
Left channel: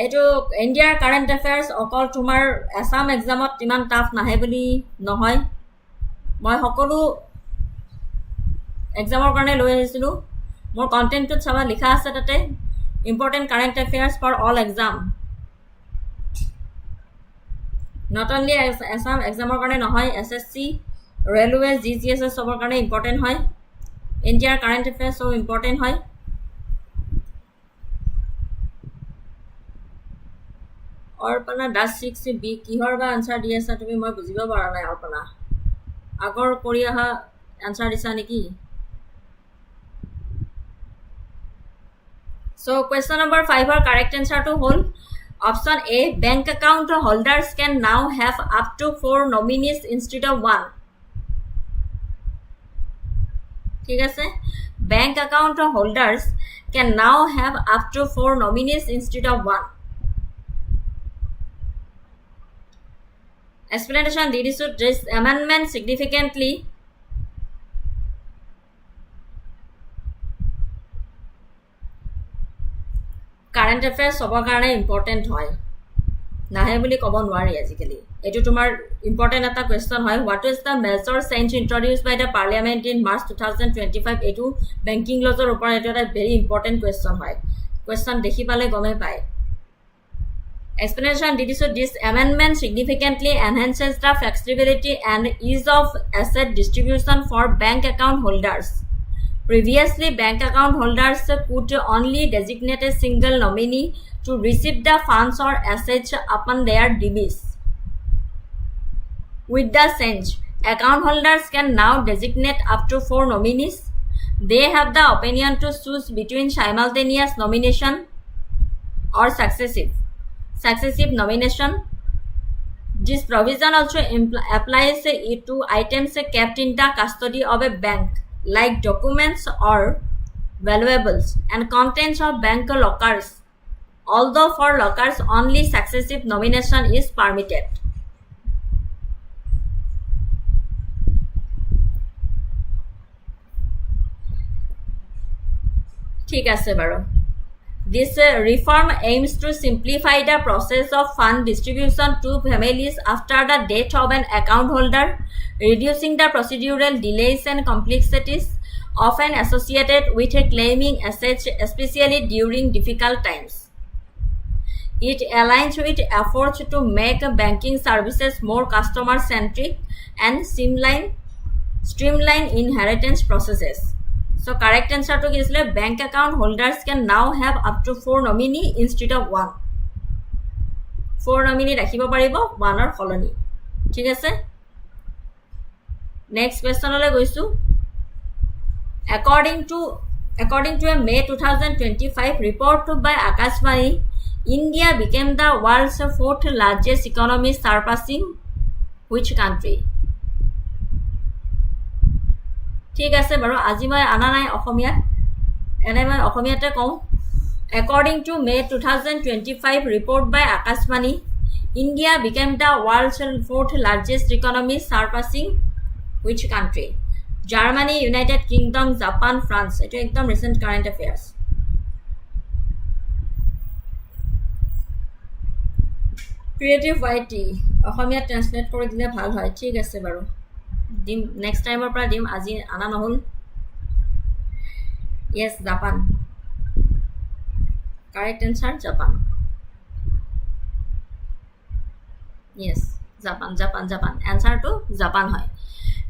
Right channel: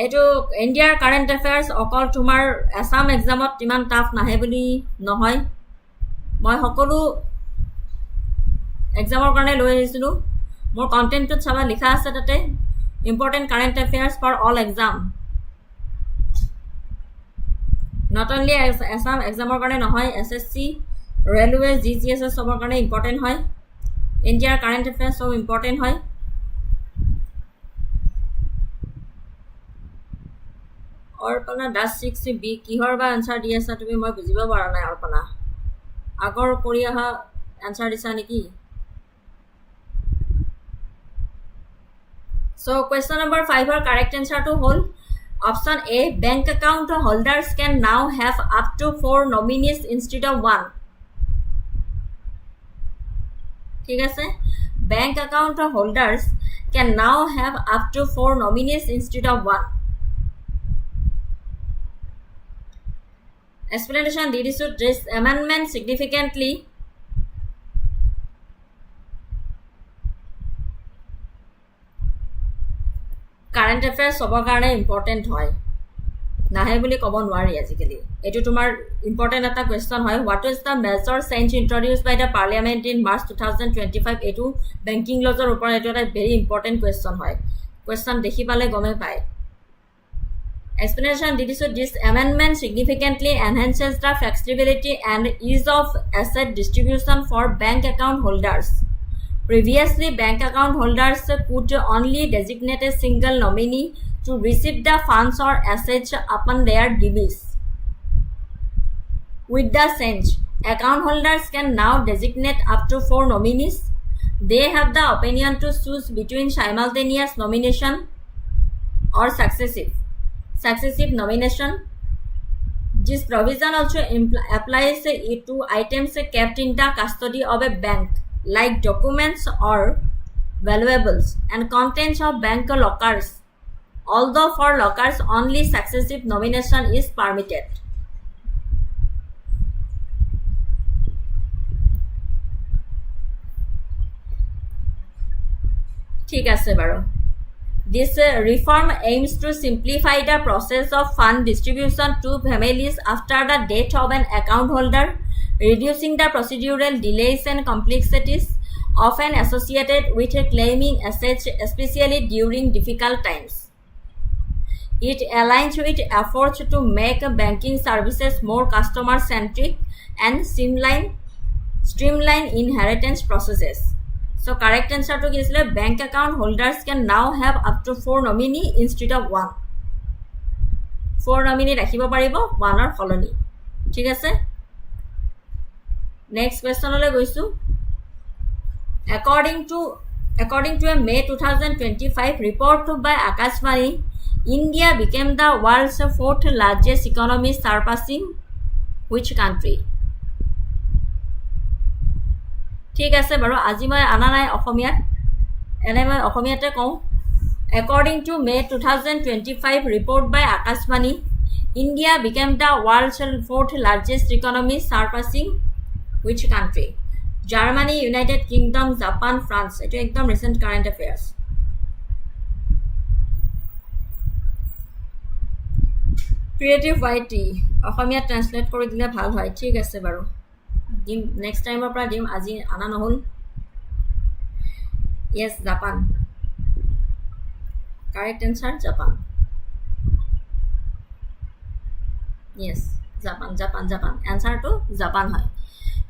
এইটো ইণ্ডিয়াৰ current এফেয়াৰ্স অকল তোমাৰ আসাম এক্সামত ইমান tough নাহে বুলি নহয় মই সকলো এক্সামৰ কাৰণে লৈ আহিছিলো মোৰ কন্টেন্টত চাবা লিখা আছে তাতে important current affairs for all exam not only Assam এক্সামৰ কাৰণে নহয় SSC ৰেলৱে GCS সবৰ কাৰণে ইম্পৰ্টেন্ট হয় ইণ্ডিয়াৰ কাৰেণ্ট এফেয়াৰ্স সব ইম্পৰ্টেন্ট হয় অৰ্পণা দাস 6B কিহৰ বা আনসাৰ দি আছা তুমি মই বুজিব পৰা নাই অৰ্পণা আগৰ কৰি আহা আনসাৰ দিছা নেকি So question number 5 or correct answer to whole option A bank account holders can now have up to 4 nominees instead of 1 ঠিক আছে bank account holders can now have up to 4 nominees instead of 1 Explanation did is this amendment significantly current affairs সবৰ কাৰণে important হয় নাহে বুলি ক'ব নোৱাৰি আজিকালি এটো তোমাৰ ইম্পৰ্টেন্ট এটা কোৱেশ্চন হয় what is the measure change introduced by the parliament in March 2025 এটো banking laws ৰ ওপৰত এটা very important question হয় কোৱেশ্চন দেখি পালে গমে পায় Explanation did so this amendment significantly enhances the flexibility and ease of asset distribution for bank account holders. Previously, bank account holders could only designate a single nominee to receive the funds or assets upon their decease. With the change, account holders can now designate up to 4 nominees. They have the opinion to choose between simultaneous nomination or successive nomination. This provision also applies to items kept in the custody of a bank, like documents or valuables and contents of bank lockers. Although for lockers, only successive nomination is permitted. ঠিক আছে বাৰু This reform aims to simplify the process of fund distribution to families after the death of an account holder, reducing the procedural delays and complexities often associated with claiming assets, especially during difficult times. It aligns with efforts to make banking services more customer-centric and streamline inheritance processes. So correct answer to is bank account holders can now have up to 4 nominee instead of 1. 4 nominee rakhibo paribo 1 or colony. ঠিক আছে Next question ole goisu According to a May 2025 report by Akashvani, India became the world's 4th largest economy, surpassing which country? ঠিক আছে বাৰু আজি মই আনা নাই অসমীয়াত এনে মই অসমীয়াতে কওঁ According to May 2025 report by Akashvani, India became the world's 4th largest economy, surpassing which country? Germany, United Kingdom, Japan, France. Eto ekdom recent current affairs. Creative YT Assamese translate কৰি দিলে ভাল হয় ঠিক আছে বাৰু দিম নেক্সট টাইমৰ পৰা দিম আজি আনা নহল Yes, Japan. Correct answer, Japan. Yes, Japan. Answer to Japan hoy.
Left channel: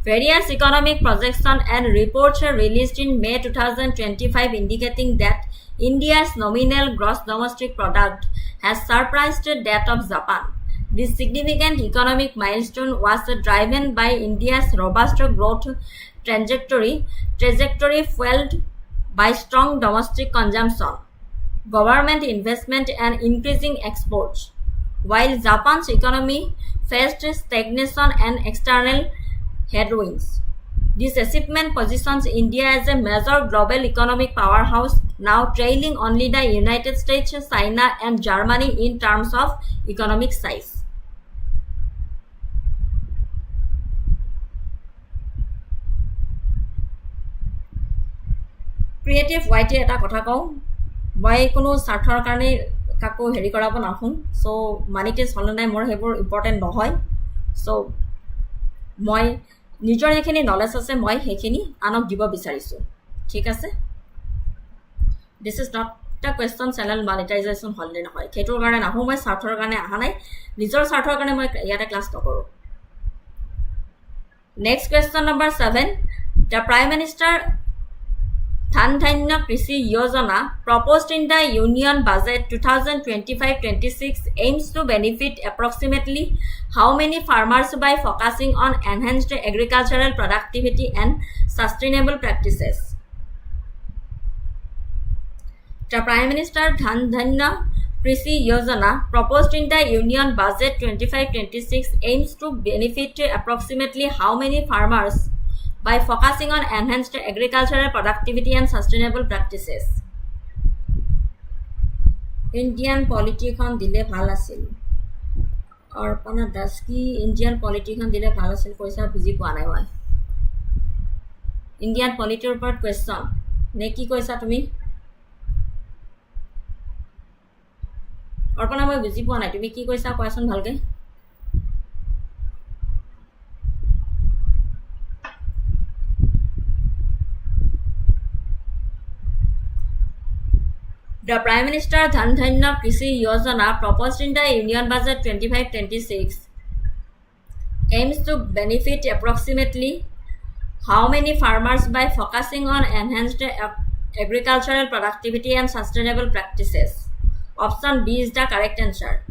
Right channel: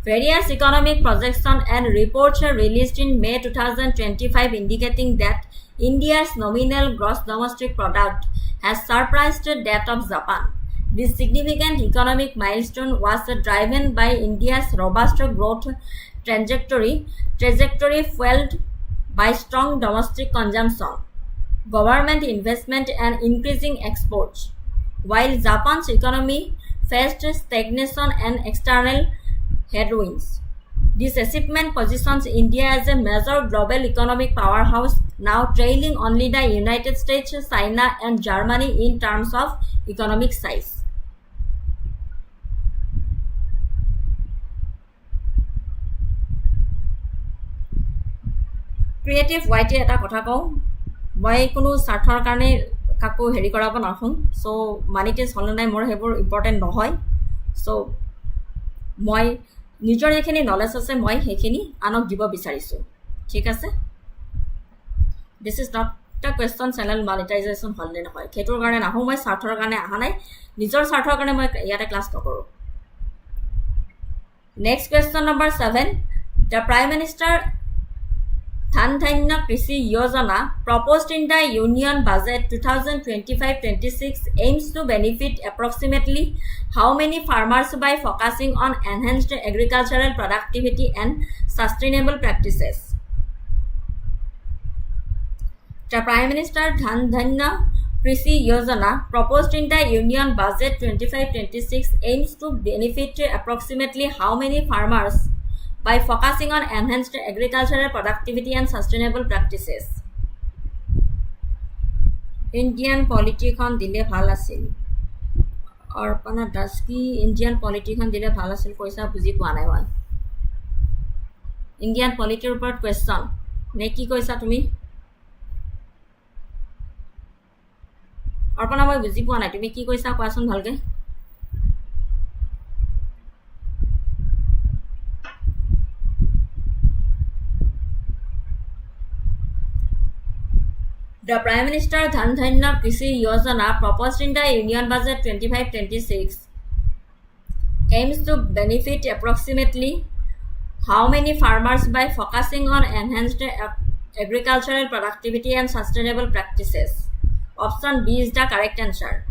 Various economic projections and reports released in May 2025 indicating that India's nominal gross domestic product has surpassed that of Japan. This significant economic milestone was driven by India's robust growth trajectory fueled by strong domestic consumption, government investment, and increasing exports, while Japan's economy faced stagnation and external headwinds. This achievement positions India as a major global economic powerhouse, now trailing only the United States, China, and Germany in terms of economic size. Creative YT এটা কথা কওঁ মই কোনো স্বাৰ্থৰ কাৰণে কাকো হেৰি কৰাব নাখোঁ সো মানিটাইজ হল নাই মোৰ হেবোৰ ইম্পৰ্টেন্ট নহয় সো মই নিজৰ যিখিনি নলেজ আছে মই সেইখিনি আনক দিব বিচাৰিছো ঠিক আছে This is not a question channel monetization হল নে নহয় খেটোৰ কাৰণে নাহো মই স্বাৰ্থৰ কাৰণে আহা নাই নিজৰ স্বাৰ্থৰ কাৰণে মই ইয়াতে ক্লাস নকৰো Next question number 7 The Prime Minister Dhan Krishi Yojana proposed in the Union Budget 2025-26 aims to benefit approximately how many farmers by focusing on enhanced agricultural productivity and sustainable practices? The Prime Minister Dhan Krishi Yojana proposed in the Union Budget 25-26 aims to benefit approximately how many farmers by focusing on enhanced agricultural productivity and sustainable practices. Indian politician dile bhal asil. Arpana Daski Indian politician dile bhal asil koisa buji poa nai moi. Indian polity report question. Ne ki koisa tumi? Arpana moi buji poa nai tumi ki koisa koason bhalke? The Prime Minister Dhan Krishi Yojana proposed in the Union Budget 25-26 aims to benefit approximately how many farmers by focusing on enhanced agricultural productivity and sustainable practices. Option B is the correct answer.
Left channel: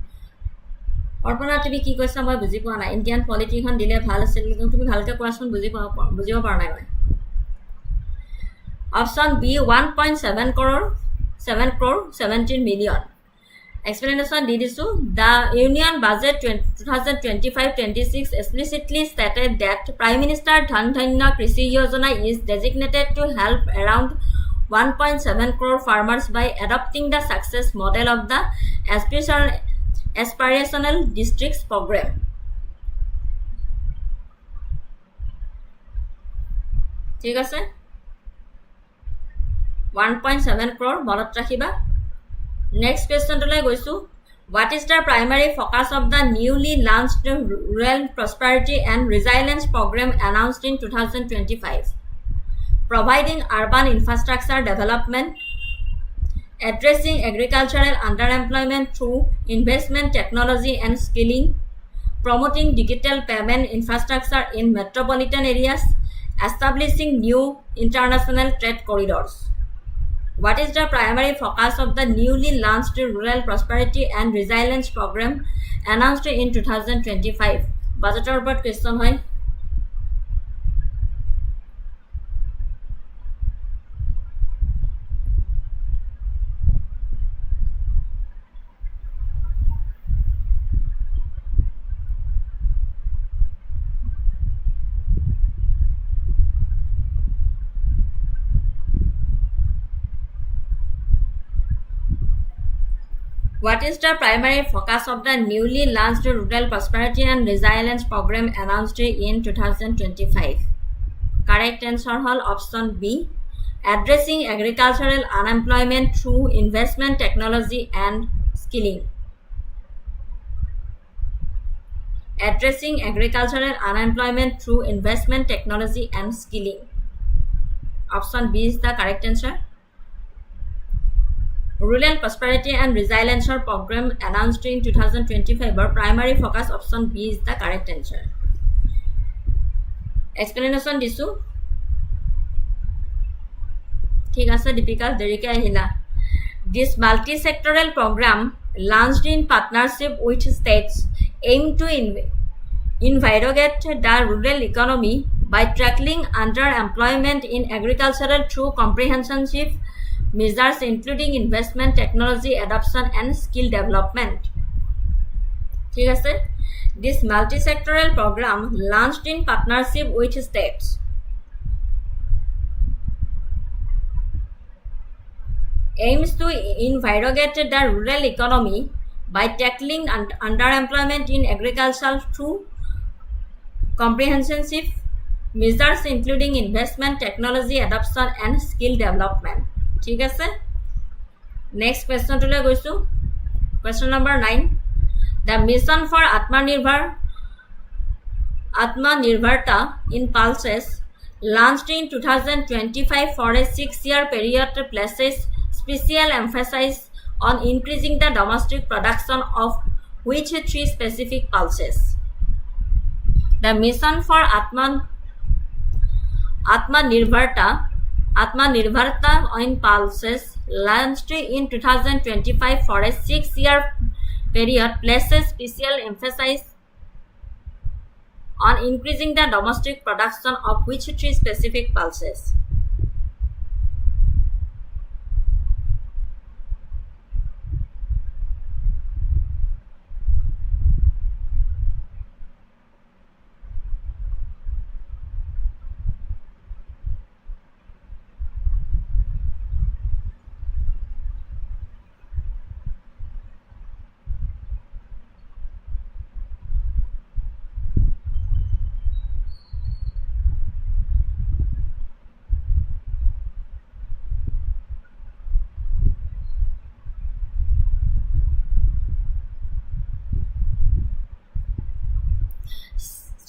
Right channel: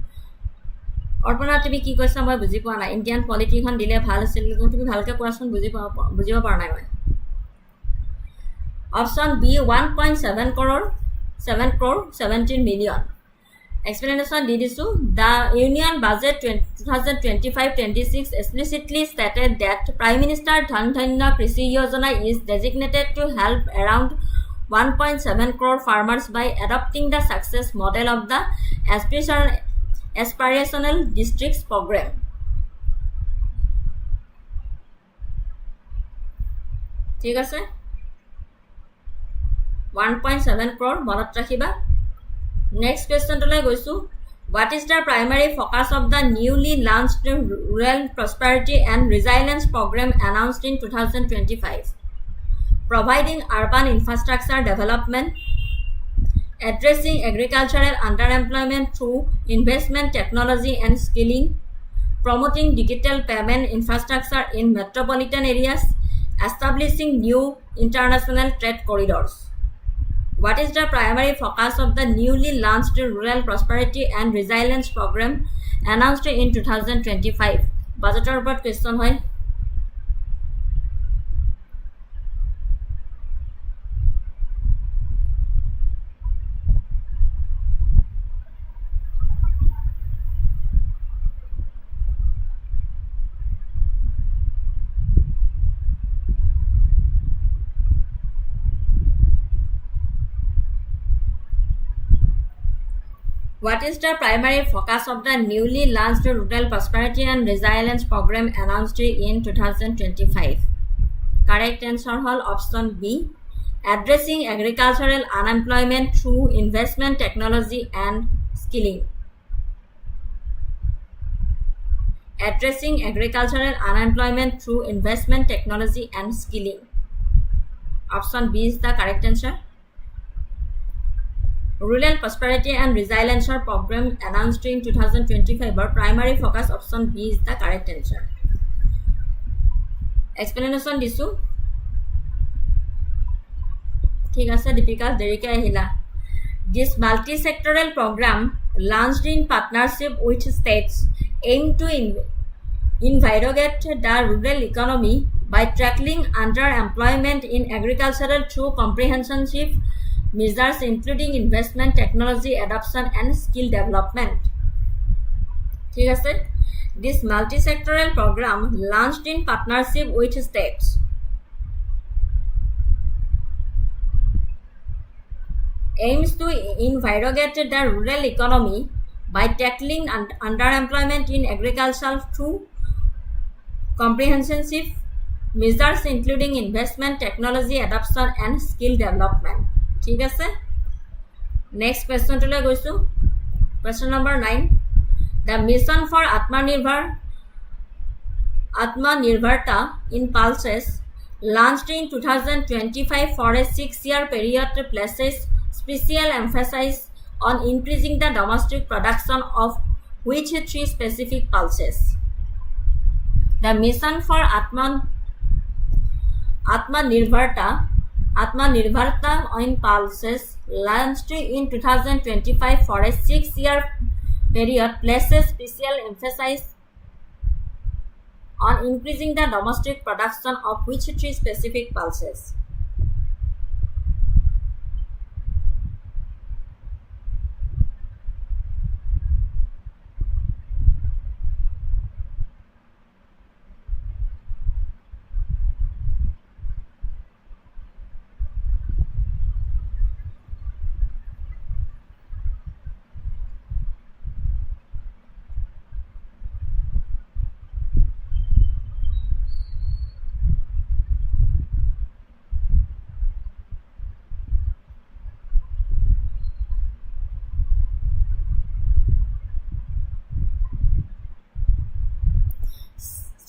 Arpana tumi ki koisa moi buji poa nai Indian politician dile bhal asil tumi bhalke koason bujibo par nai moi. Option B 1.7 crore 17 million. Explanation did so. The Union Budget 2025-26 explicitly stated that Prime Minister Dhan Krishi Yojana is designated to help around 1.7 crore farmers by adopting the success model of the aspirational districts program. ঠিক আছে 1.7 crore মনত ৰাখিবা next question to লৈ গৈছো what is the primary focus of the newly launched rural prosperity and resilience program announced in 2025 providing urban infrastructure development addressing agricultural underemployment through investment technology and skilling promoting digital payment infrastructure in metropolitan areas establishing new international trade corridors what is the primary focus of the newly launched rural prosperity and resilience program announced in 2025 budgetor upor question hoy What is the primary focus of the newly launched Rural Prosperity and Resilience Program announced in 2025? Correct answer hall option B. Addressing agricultural unemployment through investment technology and skilling. Addressing agricultural unemployment through investment technology and skilling. Option B is the correct answer. Rural Prosperity and Resilience Program announced in 2025 or primary focus option B is the correct answer. Explanation disu. ঠিক আছে দীপিকা দেৰিকে আহিলা This multi-sectoral program launched in partnership with states aim to invigorate the rural economy by tackling underemployment in agriculture through comprehensive measures including investment, technology adoption and skill development. ঠিক আছে This multi-sectoral program launched in partnership with states aims to invigorate the rural economy by tackling underemployment in agriculture through comprehensive measures including investment, technology adoption and skill development. ঠিক আছে next question to লৈ গৈছো question number 9 the mission for atmanirbharta in pulses launched in 2025 for a 6-year period places special emphasis on increasing the domestic production of which 3 specific pulses the mission for Atmanirbharta in pulses launched in 2025 for a 6-year period places special emphasis on increasing the domestic production of which 3 specific pulses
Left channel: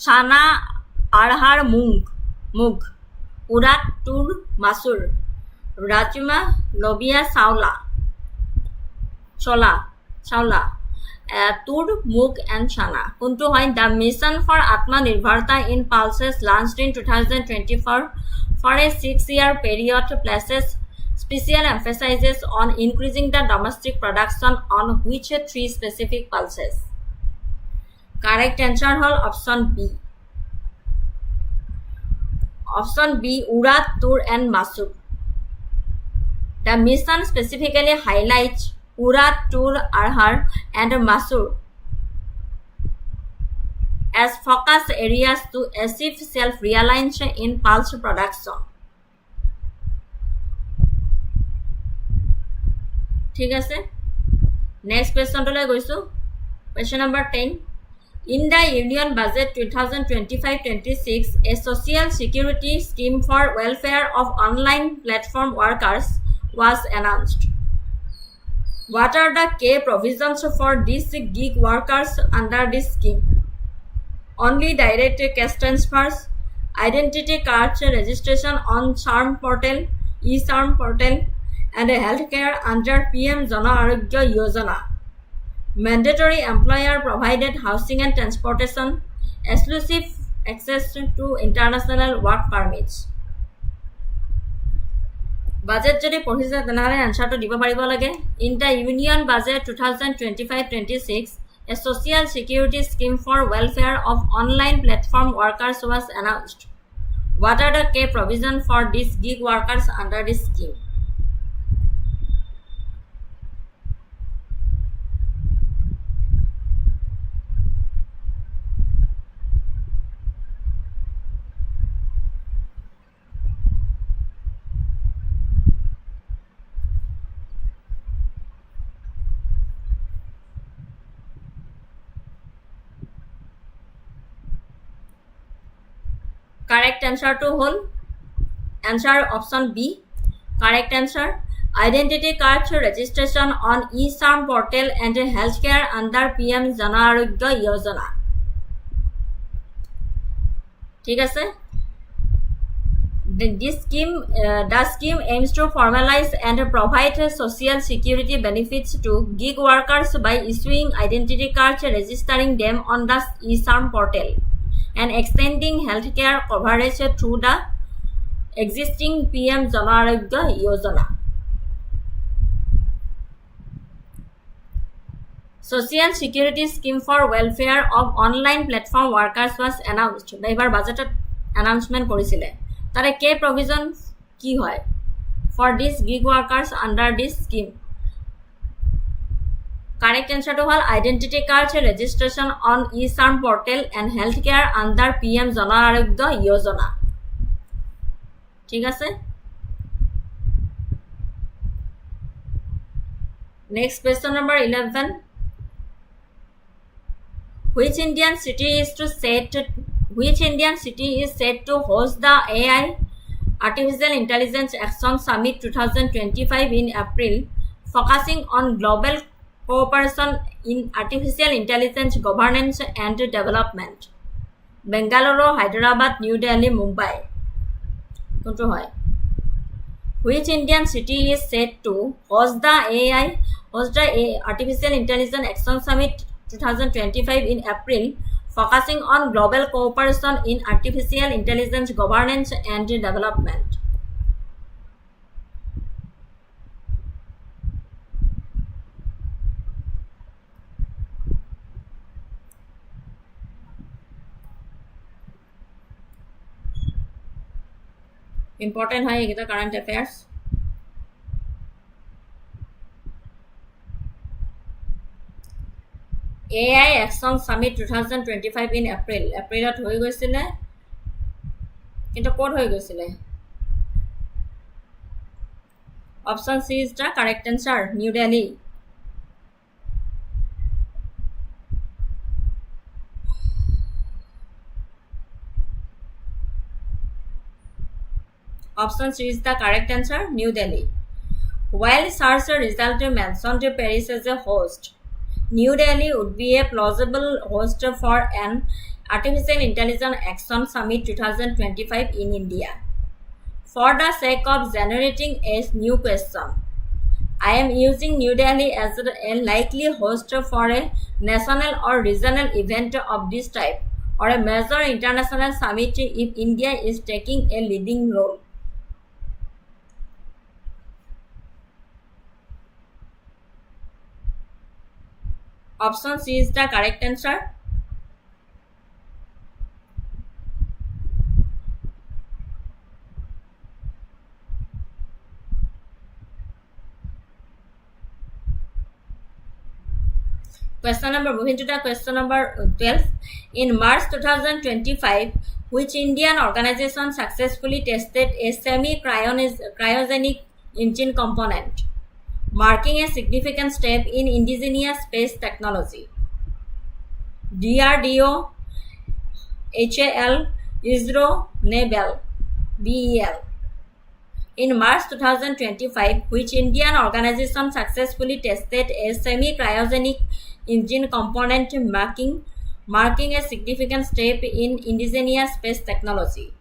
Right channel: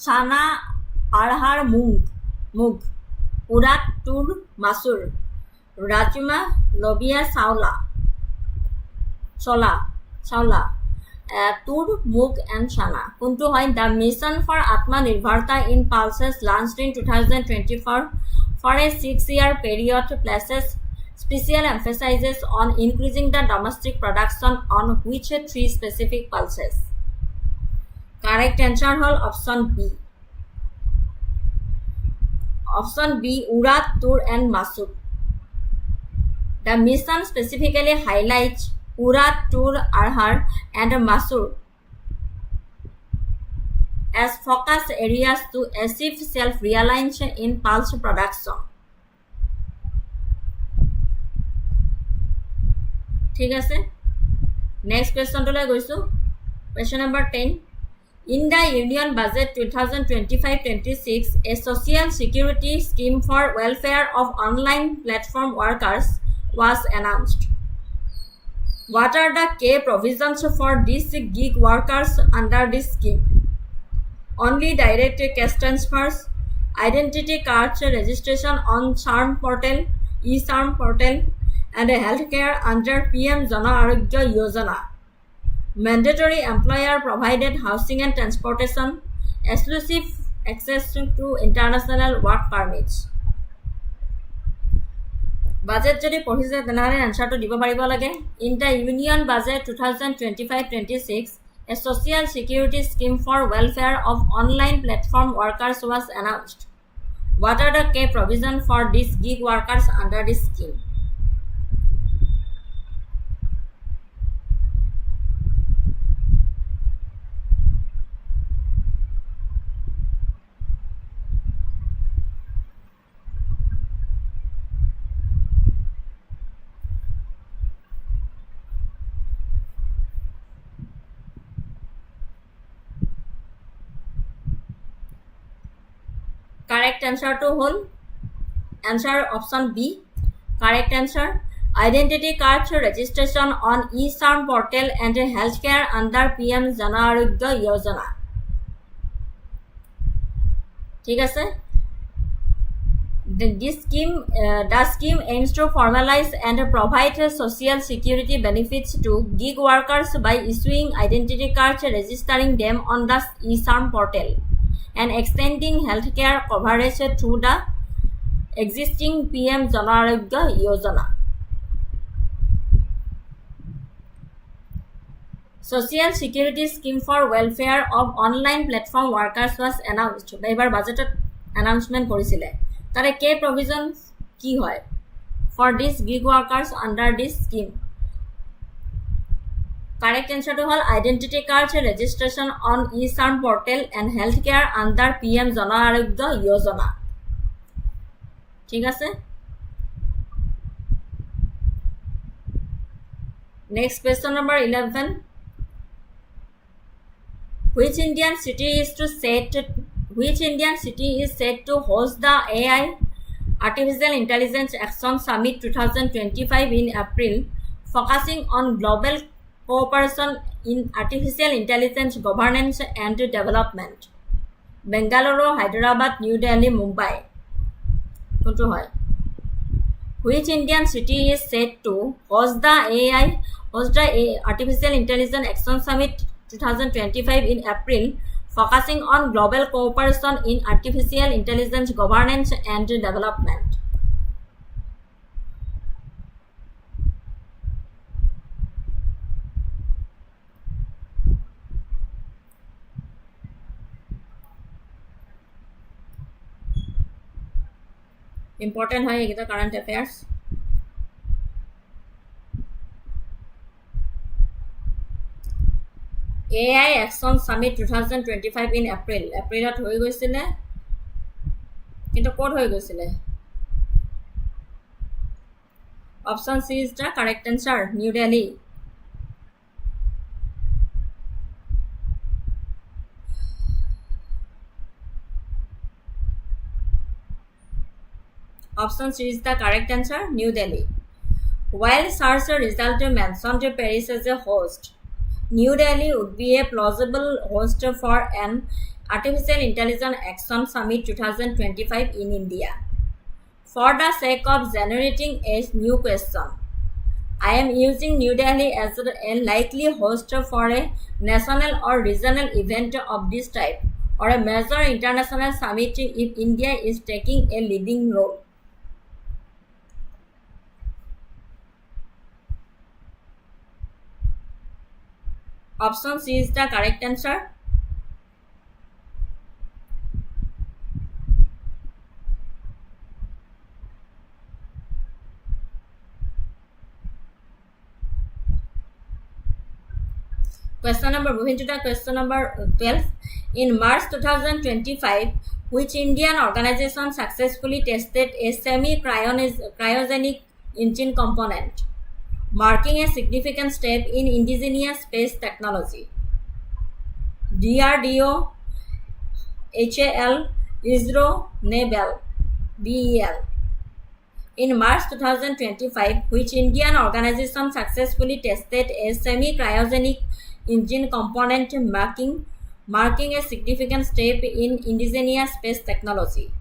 Chana, arhar, mug, urat, tur, masur, rajma, lobia, chola, tur, mug and chana. Kuntu hoy the mission for Atmanirbharta in pulses launched in 2024 for a 6-year period places special emphasis on increasing the domestic production on which 3 specific pulses. Correct answer hall option B. Option B Urat, Tur and Masur. The mission specifically highlights Urat, Tur, Arhar and Masur as focus areas to achieve self-reliance in pulse production. ঠিক আছে next question to লৈ গৈছো question number 10 In the Union Budget 2025-26, a social security scheme for welfare of online platform workers was announced. What are the key provisions for these gig workers under this scheme? Only direct cash transfers, identity cards registration on SARM portal, e-SARM portal, and healthcare under PM Jana Arogya Yojana. Mandatory employer-provided housing and transportation, exclusive access to international work permits. Budget যদি পঢ়িছে তেনেহ'লে এনচাৰটো দিব পাৰিব লাগে in the union budget 2025-26 a social security scheme for welfare of online platform workers was announced. What are the key provisions for these gig workers under this scheme? Correct answer to whole answer option B. Correct answer identity cards registration on e-SARM portal and healthcare under PM Jana Arogya Yojana. ঠিক আছে the scheme aims to formalize and provide social security benefits to gig workers by issuing identity cards registering them on the e-SARM portal and extending healthcare coverage through the existing PM Jana Arogya Yojana. Social security scheme for welfare of online platform workers was announced. এবাৰ বাজেটত announcement কৰিছিলে তাৰে কে provision কি হয় for these gig workers under this scheme. Correct answer to all identity cards registration on e-SARM portal and healthcare under PM Jana Arogya Yojana. ঠিক আছে next question number 11 which Indian city is set to host the AI Artificial Intelligence Action Summit 2025 in April focusing on global cooperation in artificial intelligence governance and development. Bengaluru, Hyderabad, New Delhi, Mumbai. কোনটো হয় which Indian city is set to host the Artificial Intelligence Action Summit 2025 in April focusing on global cooperation in artificial intelligence governance and development. Important হয় এইকেইটা current affairs. AI Action Summit 2025 in April. এপ্ৰিলত হৈ গৈছিলে কিন্তু ক'ত হৈ গৈছিলে Option C is the correct answer. New Delhi. Option C is the correct answer. New Delhi. While search result mentioned Paris as a host, New Delhi would be a plausible host for an Artificial Intelligence Action Summit 2025 in India. For the sake of generating a new question, I am using New Delhi as a likely host for a national or regional event of this type or a major international summit if India is taking a leading role. Option C is the correct answer. Moving to the question number 12. In March 2025, which Indian organization successfully tested a semi-cryogenic engine component, marking a significant step in indigenous space technology? DRDO, HAL, ISRO, NABEL, BEL. In March 2025, which Indian organization successfully tested a semi-cryogenic engine component marking a significant step in indigenous space technology?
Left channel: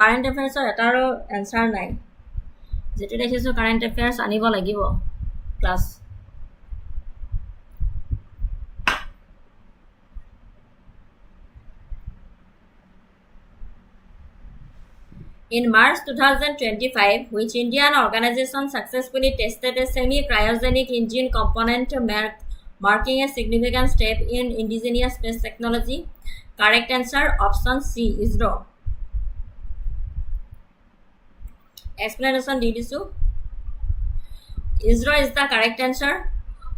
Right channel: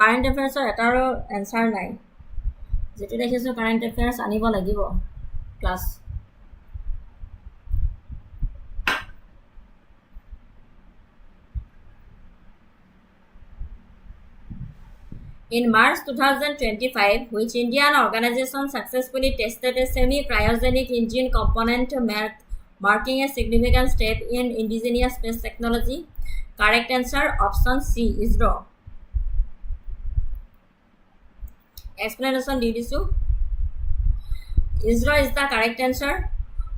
Current affairs এটাৰো answer নাই যেটো দেখিছো current affairs আনিব লাগিব class In March 2025, which Indian organization successfully tested a semi-cryogenic engine component marking a significant step in indigenous space technology? Correct answer option C, ISRO. Explanation di disu. ISRO is the correct answer.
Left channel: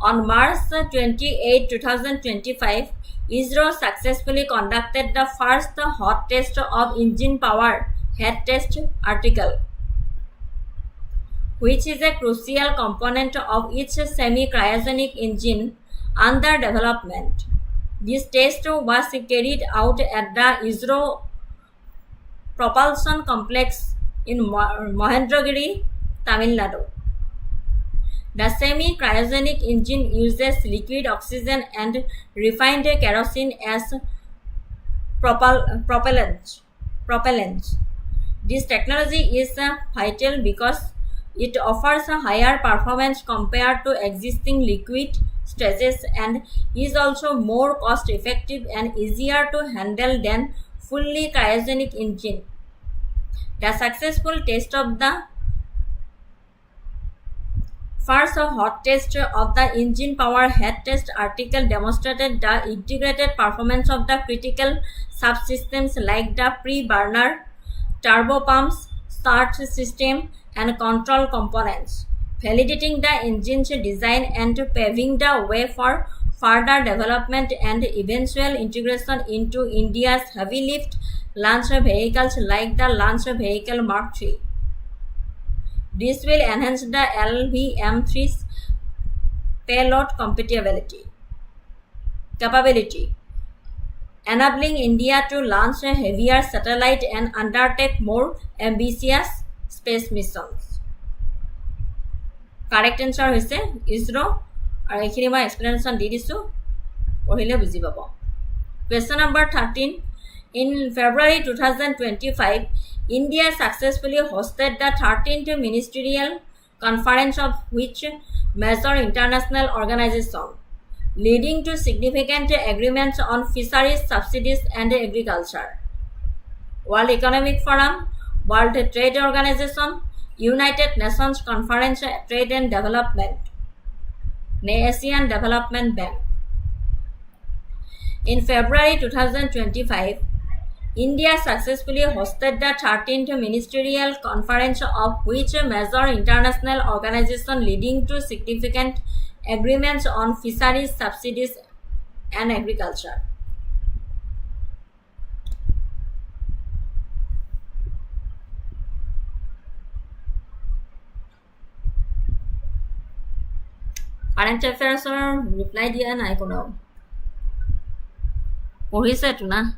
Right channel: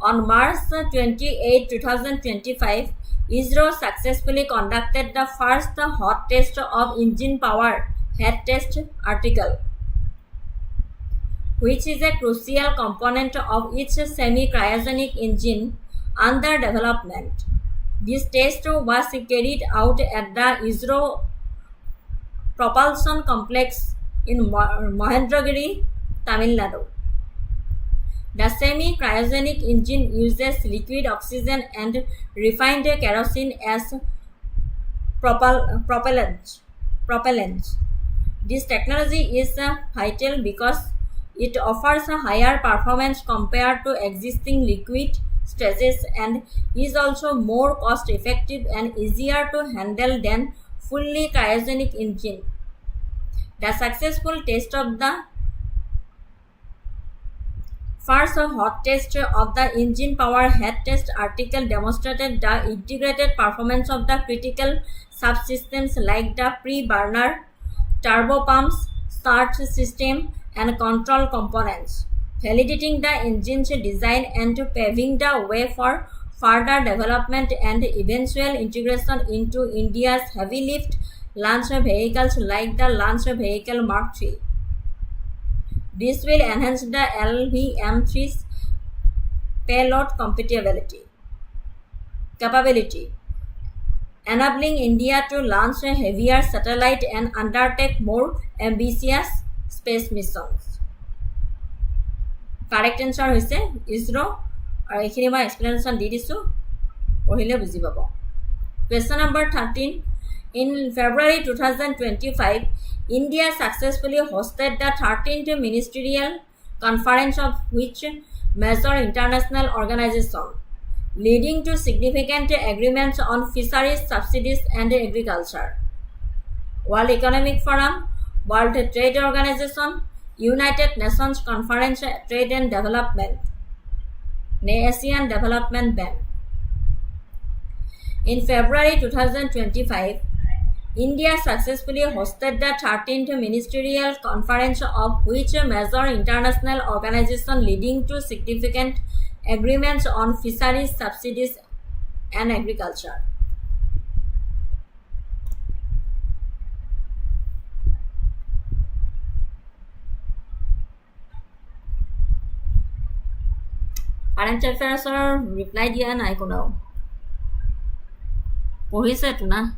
On March 28, 2025, ISRO successfully conducted the first hot test of engine power head test article, which is a crucial component of each semi-cryogenic engine under development. This test was carried out at the ISRO Propulsion Complex in Mahendragiri, Tamil Nadu. The semi-cryogenic engine uses liquid oxygen and refined kerosene as propellant. This technology is vital because it offers a higher performance compared to existing liquid stages and is also more cost effective and easier to handle than fully cryogenic engine. The successful test of the first hot test of the engine power head test article demonstrated the integrated performance of the critical subsystems like the pre-burner, turbopumps, start system, and control components, validating the engine's design and paving the way for further development and eventual integration into India's heavy lift launch vehicles like the launch vehicle Mark III. This will enhance the LVM-3's payload capability, enabling India to launch a heavier satellite and undertake more ambitious space missions. Correct answer hoise ISRO aru ekhini ma explanation di disu pohile buji pabo. Question number 13. In February 2025, India successfully hosted the 13th ministerial conference of which major international organization, leading to significant agreements on fisheries, subsidies, and agriculture? World Economic Forum, World Trade Organization, United Nations Conference Trade and Development, Asian Development Bank. In February 2025, India successfully hosted the 13th ministerial conference of which major international organization, leading to significant agreements on fisheries, subsidies, and agriculture? Current affairs reply dia nai kono pohise tu na.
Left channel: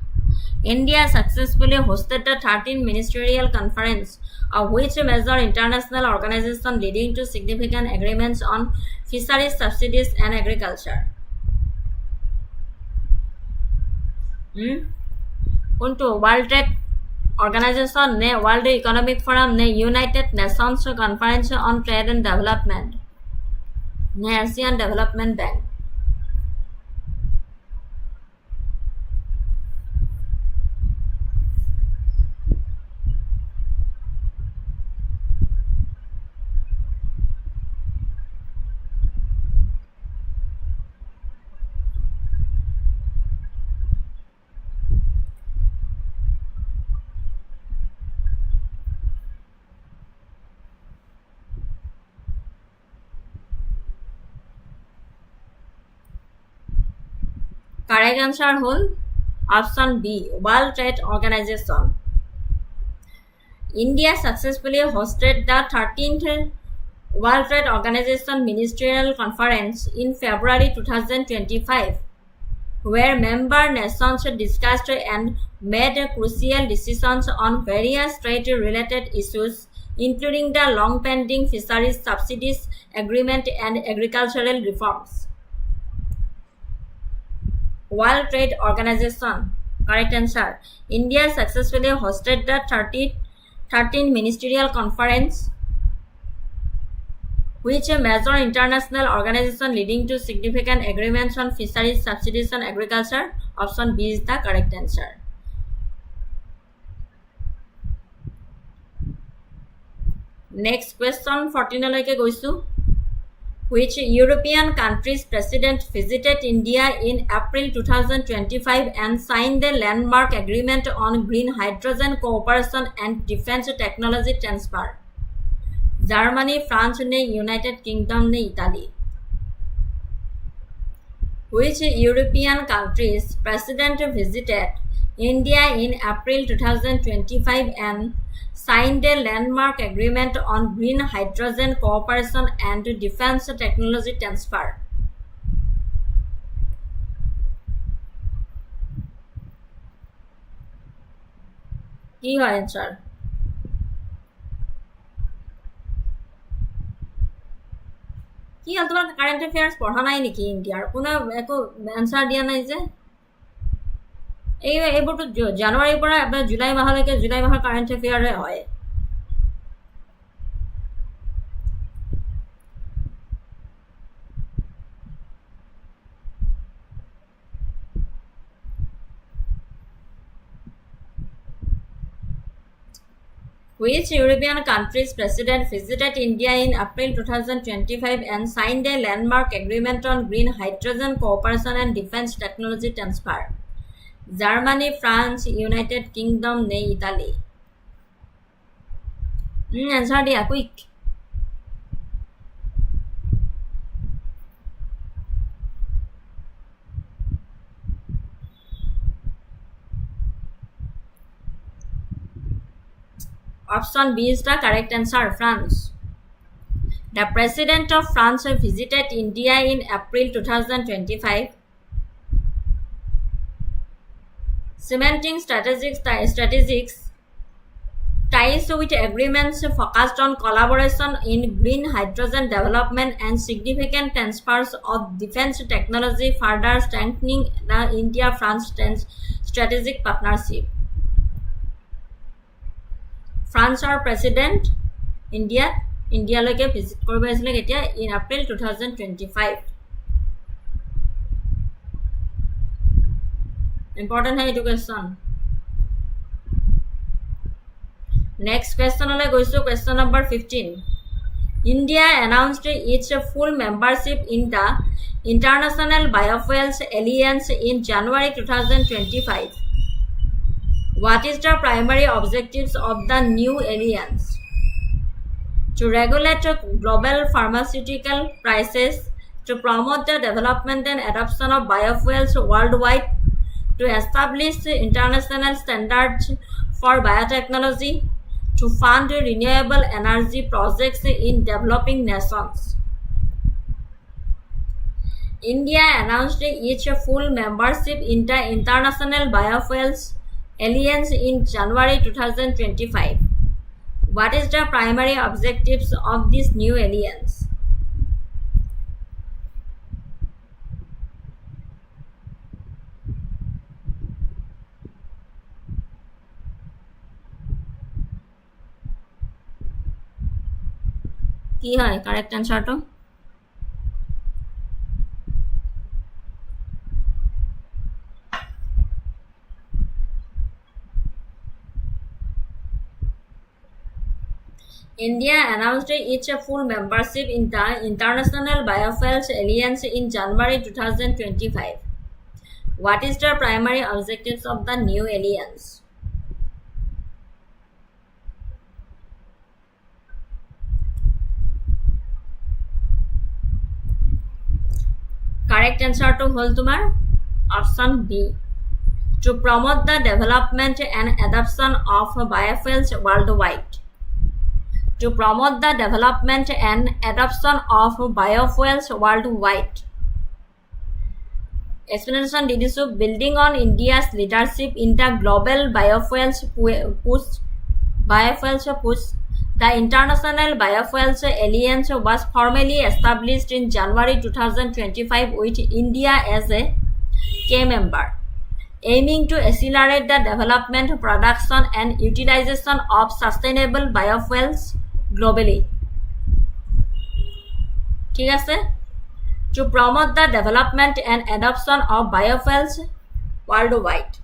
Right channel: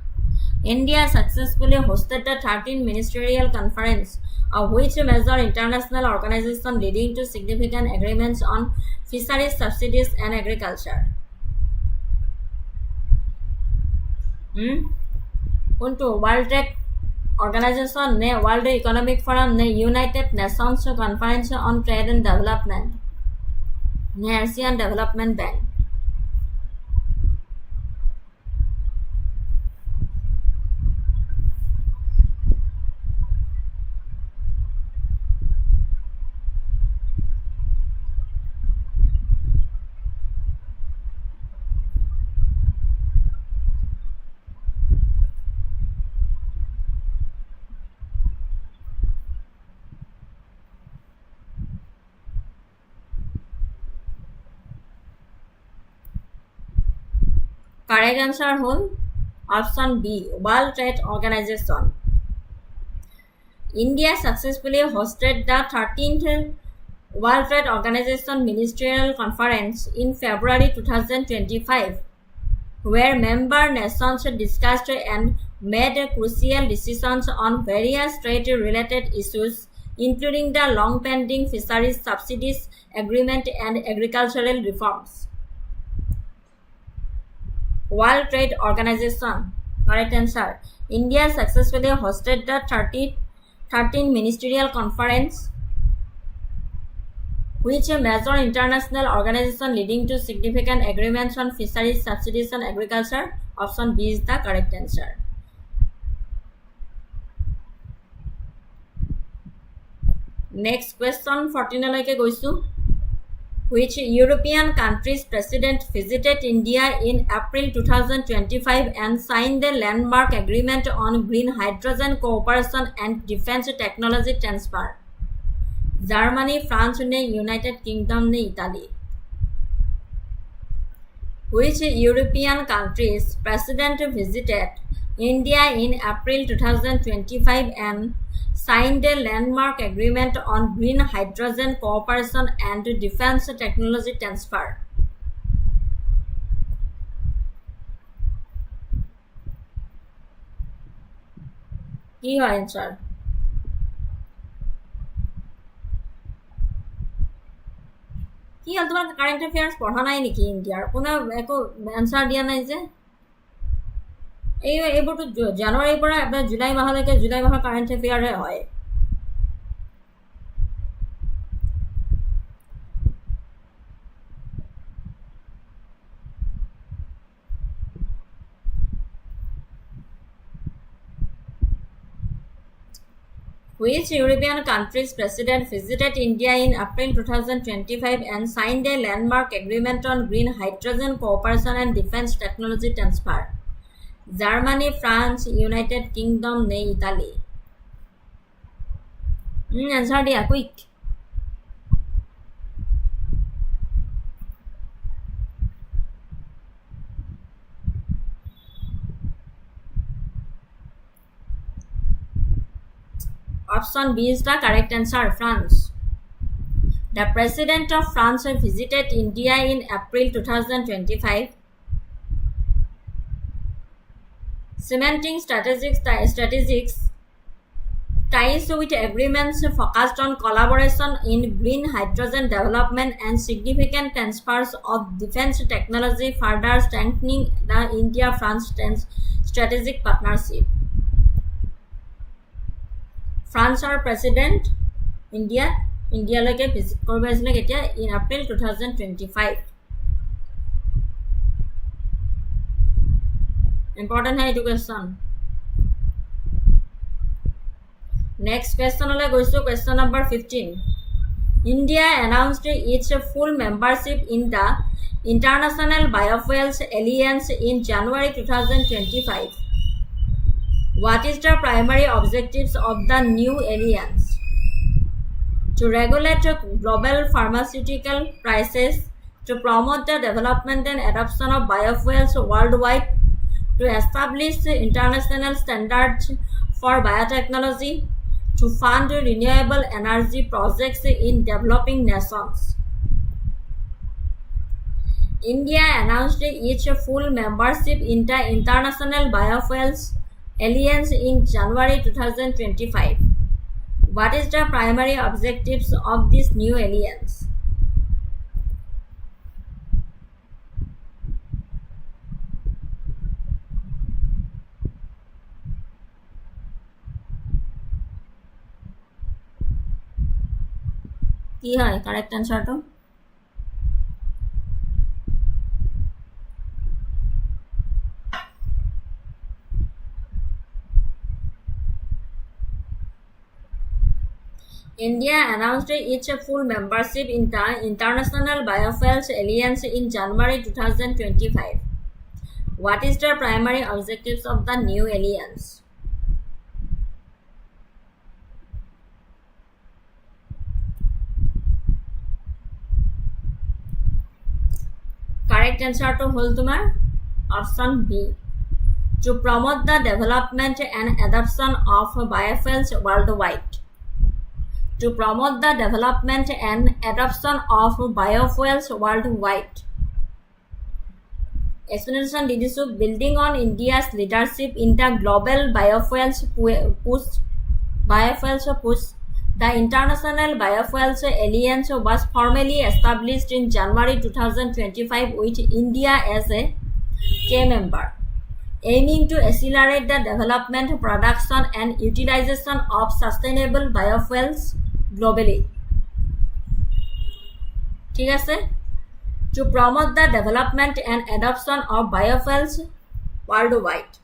India successfully hosted the 13th ministerial conference of which major international organization, leading to significant agreements on fisheries, subsidies, and agriculture. Unto World Trade Organization ne World Economic Forum ne United Nations Conference on Trade and Development ne Asian Development Bank. Correct answer hol option B, World Trade Organization. India successfully hosted the 13th World Trade Organization Ministerial Conference in February 2025, where member nations discussed and made crucial decisions on various trade-related issues, including the long-pending fisheries subsidies agreement and agricultural reforms. World Trade Organization. Correct answer. India successfully hosted the 13th Ministerial Conference, which a major international organization leading to significant agreements on fisheries subsidies and agriculture. Option B is the correct answer. Next question 14 loike goisu. Which European country's president visited India in April 2025 and signed the landmark agreement on green hydrogen cooperation and defense technology transfer? Germany, France, United Kingdom, Italy. Which European country's president visited India in April 2025 and signed a landmark agreement on green hydrogen cooperation and defense technology transfer? কি হয় answer? কি হল তোমার current affairs পঢ়া নাই নেকি ইন্ডিয়াৰ কোনো একো আনসাৰ দিয়া নাই যে এইবোৰটো জানুৱাৰীৰ পৰা জুলাই মাহলৈকে জুলাই মাহৰ কাৰেন্ট এফেয়াৰে হয় Which European country's president visited India in April 2025 and signed a landmark agreement on green hydrogen cooperation and defense technology transfer? Germany, France, United Kingdom, Italy. Answer dia quick. Option B is the correct answer, France. The President of France visited India in April 2025, cementing strategic ties with agreements focused on collaboration in green hydrogen development and significant transfers of defense technology, further strengthening the India-France strategic partnership. ফ্ৰান্সৰ president ইন্ডিয়ালৈকে visit কৰিব আহিছিলে কেতিয়া in April 2025 important হয় education next কোৱেশ্চনলৈ গৈছো question number 15 India announced its full membership in the International Biofuels Alliance in January 2025 What is the primary objectives of the new alliance? To regulate global pharmaceutical prices, to promote the development and adoption of biofuels worldwide, to establish international standards for biotechnology, to fund renewable energy projects in developing nations. India announced its full membership in the International Biofuels Alliance in January 2025. What is the primary objectives of this new alliance? কি হয় correct answer to? India announced its full membership in the International Biofuels Alliance in January 2025. What is the primary objectives of the new alliance? Correct answer to hol tumar option B. To promote the development and adoption of biofuels worldwide. To promote the development and adoption of biofuels worldwide. Explanation did so building on India's leadership in the global biofuels push. The International Biofuels Alliance was formally established in January 2025 with India as a key member, aiming to accelerate the development, production, and utilization of sustainable biofuels globally. ঠিক আছে? To promote the development and adoption of biofuels worldwide.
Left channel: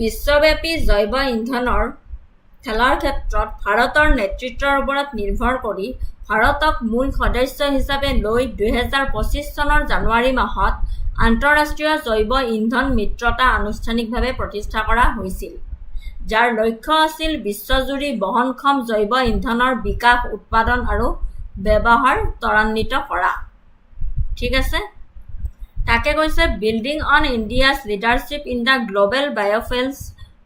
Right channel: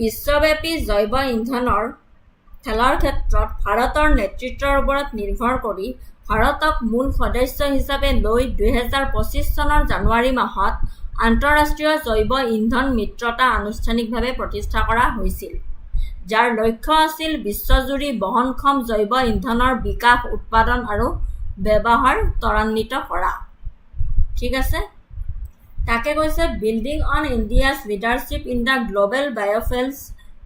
বিশ্বব্যাপী জৈৱ ইন্ধনৰ খেলাৰ ক্ষেত্ৰত ভাৰতৰ নেতৃত্বৰ ওপৰত নিৰ্ভৰ কৰি ভাৰতক মূল সদস্য হিচাপে লৈ 2025 চনৰ জানুৱাৰী মাহত আন্তঃৰাষ্ট্ৰীয় জৈৱ ইন্ধন মিত্ৰতা আনুষ্ঠানিকভাৱে প্ৰতিষ্ঠা কৰা হৈছিল, যাৰ লক্ষ্য আছিল বিশ্বজুৰি বহনক্ষম জৈৱ ইন্ধনৰ বিকাশ, উৎপাদন আৰু ব্যৱহাৰ ত্বৰান্বিত কৰা। ঠিক আছে? তাকে কৈছে building on India's leadership in the global biofuels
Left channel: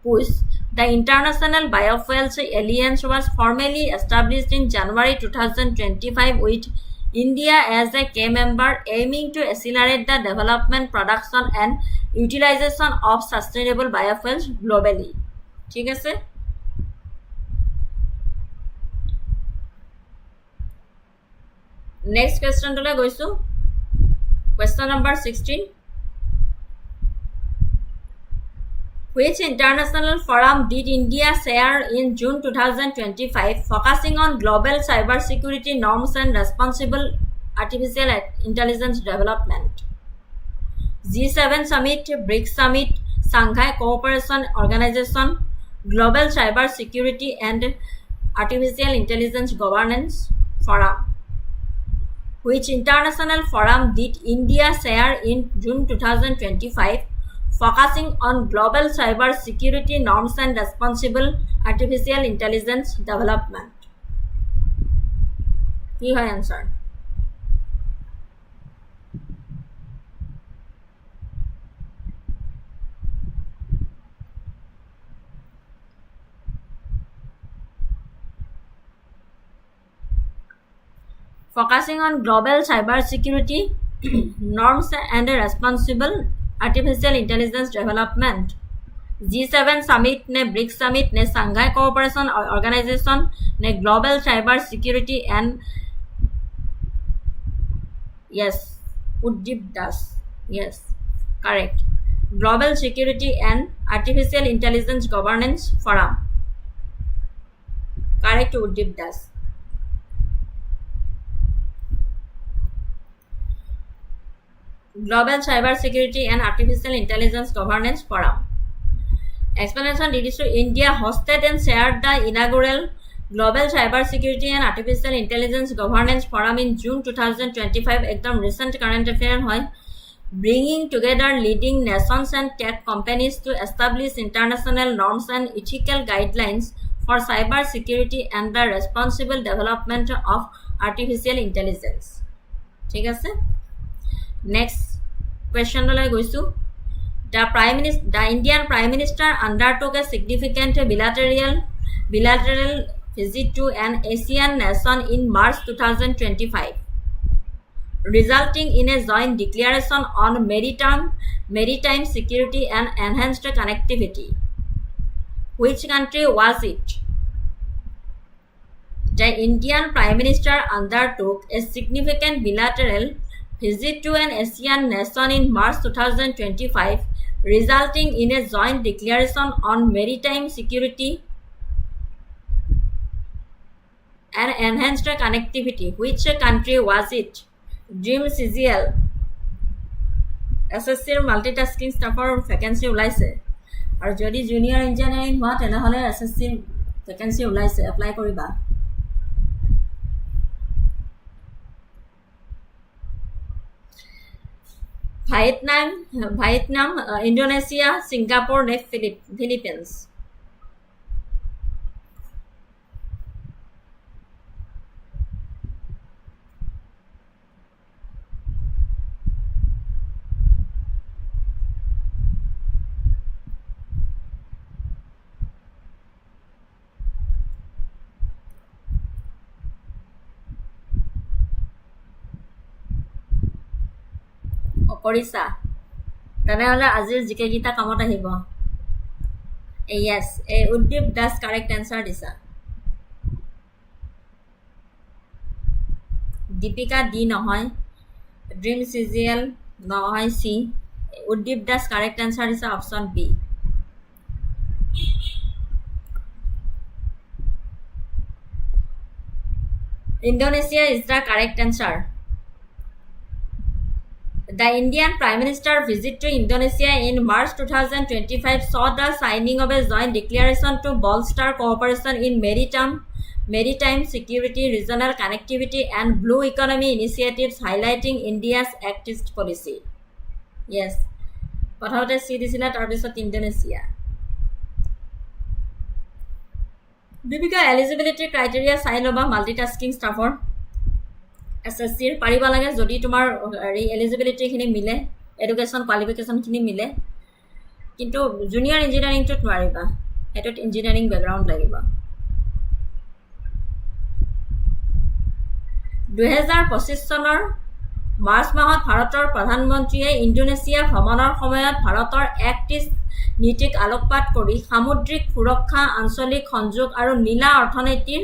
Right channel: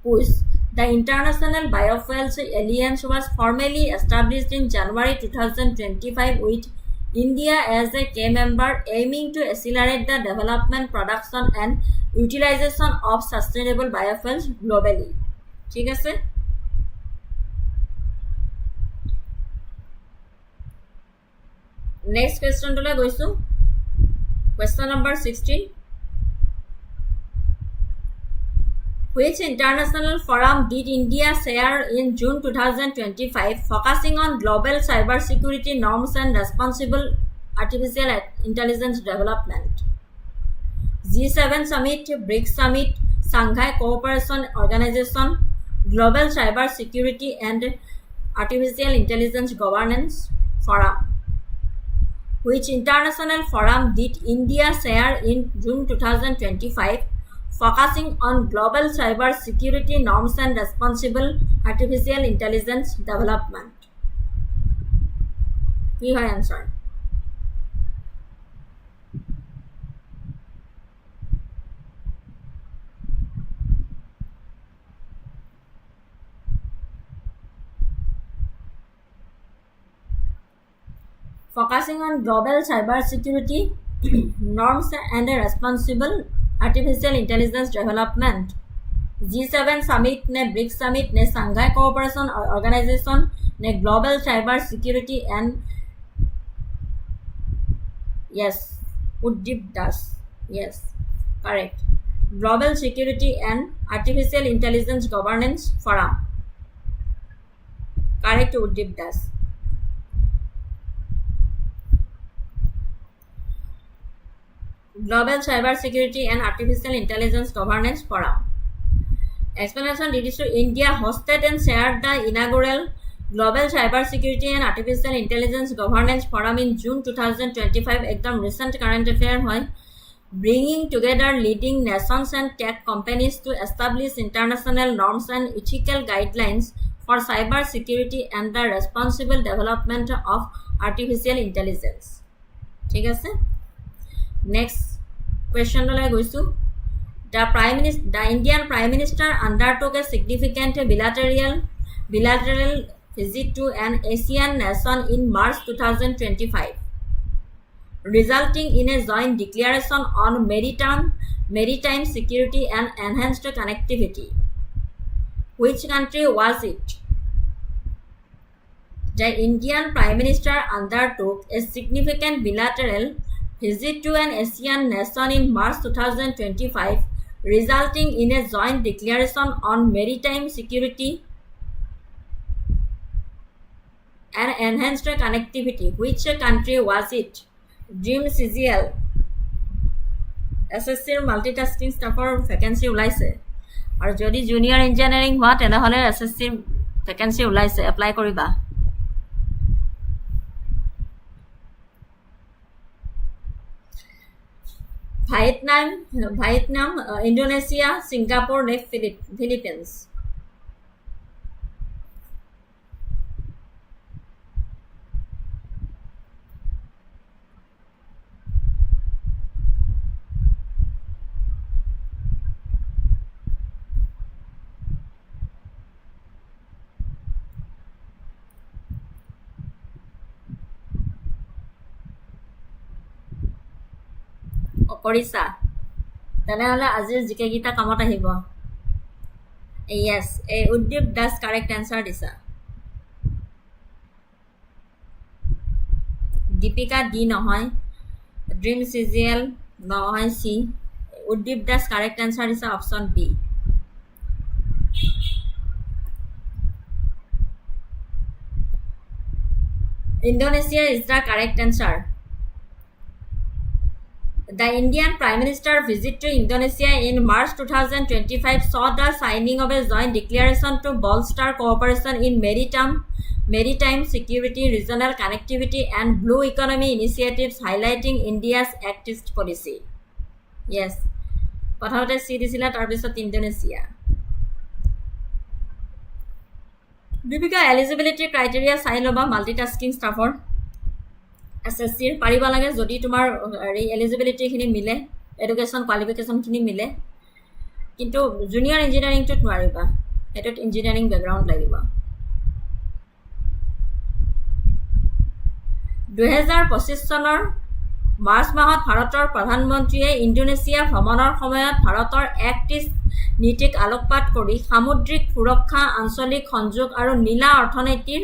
push, the International Biofuels Alliance was formally established in January 2025 with India as a key member, aiming to accelerate the development, production, and utilization of sustainable biofuels globally. ঠিক আছে? Next question toলৈ গৈছো। Question number 16. Which international forum did India chair in June 2025 focusing on global cybersecurity norms and responsible artificial intelligence development? G7 Summit, BRICS Summit, Shanghai Cooperation Organization, Global Cybersecurity and Artificial Intelligence Governance Forum. Which international forum did India chair in June 2025 focusing on global cyber security norms and responsible artificial intelligence development? কি হয় answer? Focusing on global cybersecurity norms and responsible artificial intelligence development. G7 Summit ne BRICS Summit ne Shanghai Cooperation Organization ne Global Cybersecurity and yes, Uddeep Das. Yes, correct. Global Security and Artificial Intelligence Governance Forum. Correct, Uddeep Das. Global Cybersecurity and Artificial Intelligence Governance Forum. Explanation did so India hosted and chaired the inaugural Global Cybersecurity and Artificial Intelligence Governance Forum in June 2025. Ekdom recent current affair hoy, bringing together leading nations and tech companies to establish international norms and ethical guidelines for cybersecurity and the responsible development of artificial intelligence. ঠিক আছে? Next question লৈ গৈছো। The Indian Prime Minister undertook a significant bilateral visit to an Asian nation in March 2025, resulting in a joint declaration on maritime security and enhanced connectivity. Which country was it? The Indian Prime Minister undertook a significant bilateral visit to an Asian nation in March 2025, resulting in a joint declaration on maritime security and enhanced connectivity. Which country was it? Dream CGL. SSCৰ multitasking ষ্টাফৰ vacancy ওলাইছে আৰু যদি junior engineering হোৱা তেনেহ'লে SSCৰ vacancy ওলাইছে apply কৰিবা Vietnam, Indonesia, Singapore, next Philippines. কৰিছা তেনেহ'লে আজিৰ জিকে গীতা কামত আহিব yes Uddip Das correct answer দিছা দীপিকা ডি নহয় ড্ৰিম CGL নহয় C Uddip Das correct answer দিছা option B Indonesia is the correct answer. The Indian Prime Minister visit to Indonesia in March 2025 saw the signing of a joint declaration to bolster cooperation in maritime security, regional connectivity and blue economy initiatives highlighting India's activist policy. Yes. Prothomete C disila tar pisot Indonesia. Dipika eligibility criteria sai loba multitasking staffer. SSCৰ পাৰিবা লাগে যদি তোমাৰ eligibility খিনি মিলে education qualification খিনি মিলে কিন্তু junior ইঞ্জিনিয়াৰিংটো নোৱাৰিবা এটোত ইঞ্জিনিয়াৰিং ব্যাকগ্ৰাউণ্ড লাগিব 2025 চনৰ মাৰ্চ মাহত ভাৰতৰ প্ৰধানমন্ত্ৰীয়ে ইণ্ডোনেছিয়া ভ্ৰমণৰ সময়ত ভাৰতৰ এক্টিভ নীতিক আলোকপাত কৰি সামুদ্ৰিক সুৰক্ষা আঞ্চলিক সংযোগ আৰু নীলা অৰ্থনীতিৰ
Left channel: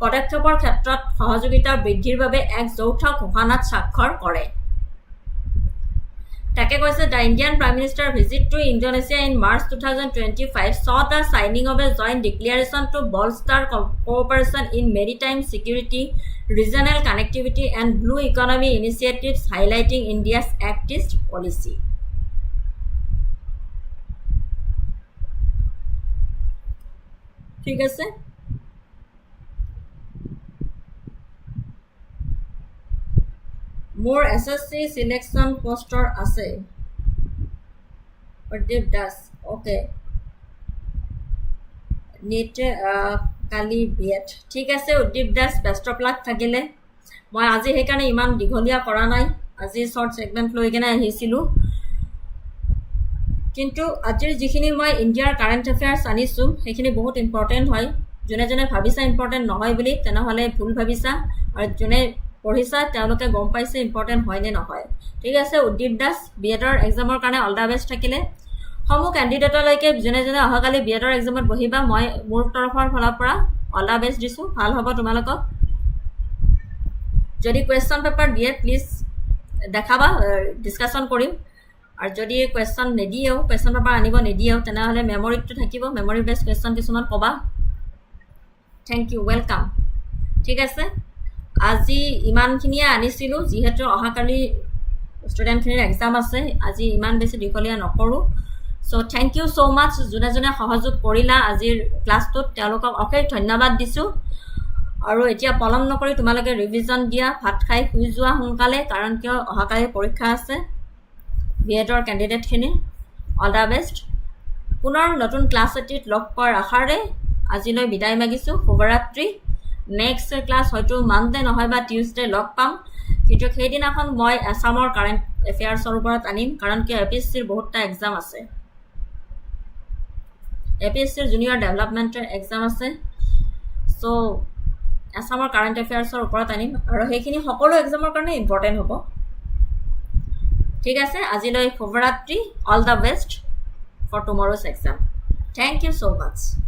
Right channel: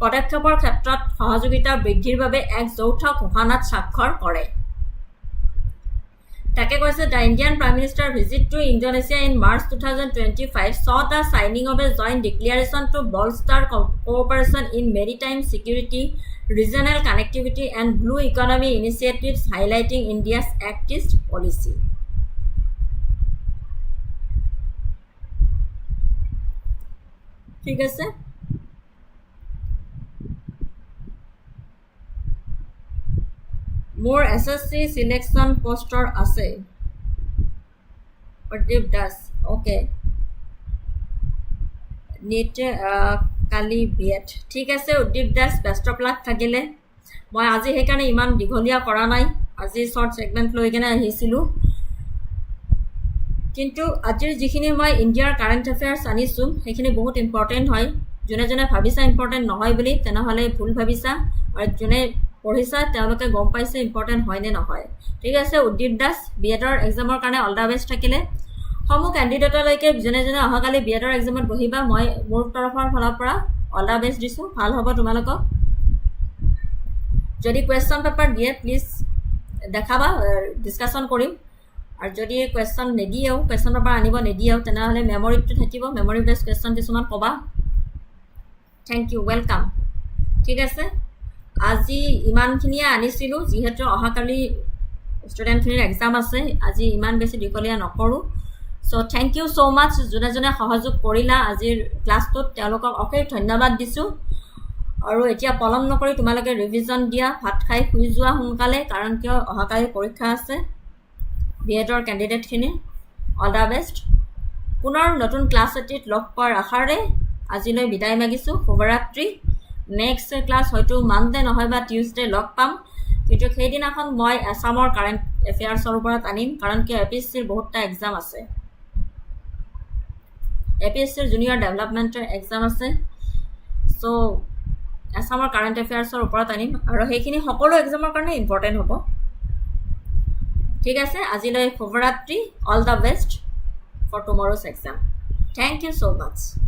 পদক্ষেপৰ ক্ষেত্ৰত সহযোগিতা বৃদ্ধিৰ বাবে এক যৌথ ঘোষণাত স্বাক্ষৰ কৰে তাকে কৈছে the Indian Prime Minister visit to Indonesia in March 2025 saw the signing of a joint declaration to bolster cooperation in maritime security regional connectivity and blue economy initiatives highlighting India's activist policy ঠিক আছে More SSC selection poster আছে Uddeep Das okay NEET কালি B.ED ঠিক আছে Uddeep Das best of luck থাকিলে মই আজি হেকানে ইমান দিঘলিয়া কৰা নাই আজি শৰ্ট সেগমেন্ট লৈ কেনে আহিছিলো কিন্তু আজিৰ যিখিনি মই ইন্ডিয়াৰ কাৰেন্ট এফেয়াৰ্স আনিছো হেখিনি বহুত ইম্পৰ্টেন্ট হয় জনে জনে ভাবিছা ইম্পৰ্টেন্ট নহয় বুলি তেনেহলে ভুল ভাবিছা আৰু জনে পঢ়িছা তেওঁলোকে গম পাইছে ইম্পৰ্টেন্ট হয় নে নহয় ঠিক আছে উদ্দীপ দাস B.EDৰ এক্সামৰ কাৰণে অল দা বেস্ট থাকিলে সমূহ ক্যান্ডিডেটলৈকে জনে জনে অহাকালি B.EDৰ এক্সামত বহিবা মই মোৰ তৰফৰ ফালৰ পৰা অল দা বেস্ট দিছো ভাল হ'ব তোমালোকক যদি কোৱেশ্চন পেপাৰ দিয়ে প্লিজ দেখাবা ডিসকাশন কৰিম আৰু যদি কোৱেশ্চন নেদিয়েও কোৱেশ্চন পেপাৰ আনিব নেদিয়েও তেনেহলে মেমৰিটো থাকিব মেমৰি বেস কোৱেশ্চন কিছুমান কবা থ্যাংক ইউ ওয়েলকাম ঠিক আছে আজি ইমানখিনিয়া আনিছিলো যিহেতু অহাকালি ষ্টুডেণ্টখিনিৰ এক্সাম আছে আজি ইমান বেছি দিকলিয়া নকৰো so thank you so much জনে জনে সহযোগ কৰিলা আজিৰ ক্লাছটোত তেওঁলোকক অশেষ ধন্যবাদ দিছো আৰু এতিয়া পলম নকৰি তোমালোকে ৰিভিজন দিয়া ভাত খাই শুই যোৱা সোনকালে কাৰণ কিয় অহাকালি পৰীক্ষা আছে B.EDৰ ক্যান্ডিডেটখিনি অল দা বেস্ট পুনৰ নতুন ক্লাছ এটিত লগ পোৱাৰ আশাৰে আজিলৈ বিদায় মাগিছো শুভৰাত্ৰি নেক্সট ক্লাস হয়তো মানডে নহয় বা টিউজডে লগ পাম কিন্তু সেইদিনাখন মই আসামৰ কাৰেন্ট এফেয়াৰ্সৰ ওপৰত আনিম কাৰণ কি এপিএসসিৰ বহুতটা এক্সাম আছে এপিএসসিৰ জুনিয়ৰ ডেভেলপমেন্টৰ এক্সাম আছে সো আসামৰ কাৰেন্ট এফেয়াৰ্সৰ ওপৰত আনিম আৰু সেইখিনি সকলো এক্সামৰ কাৰণে ইম্পৰ্টেন্ট হ'ব ঠিক আছে আজিলৈ শুভৰাত্ৰি all the best for tomorrow's exam thank you so much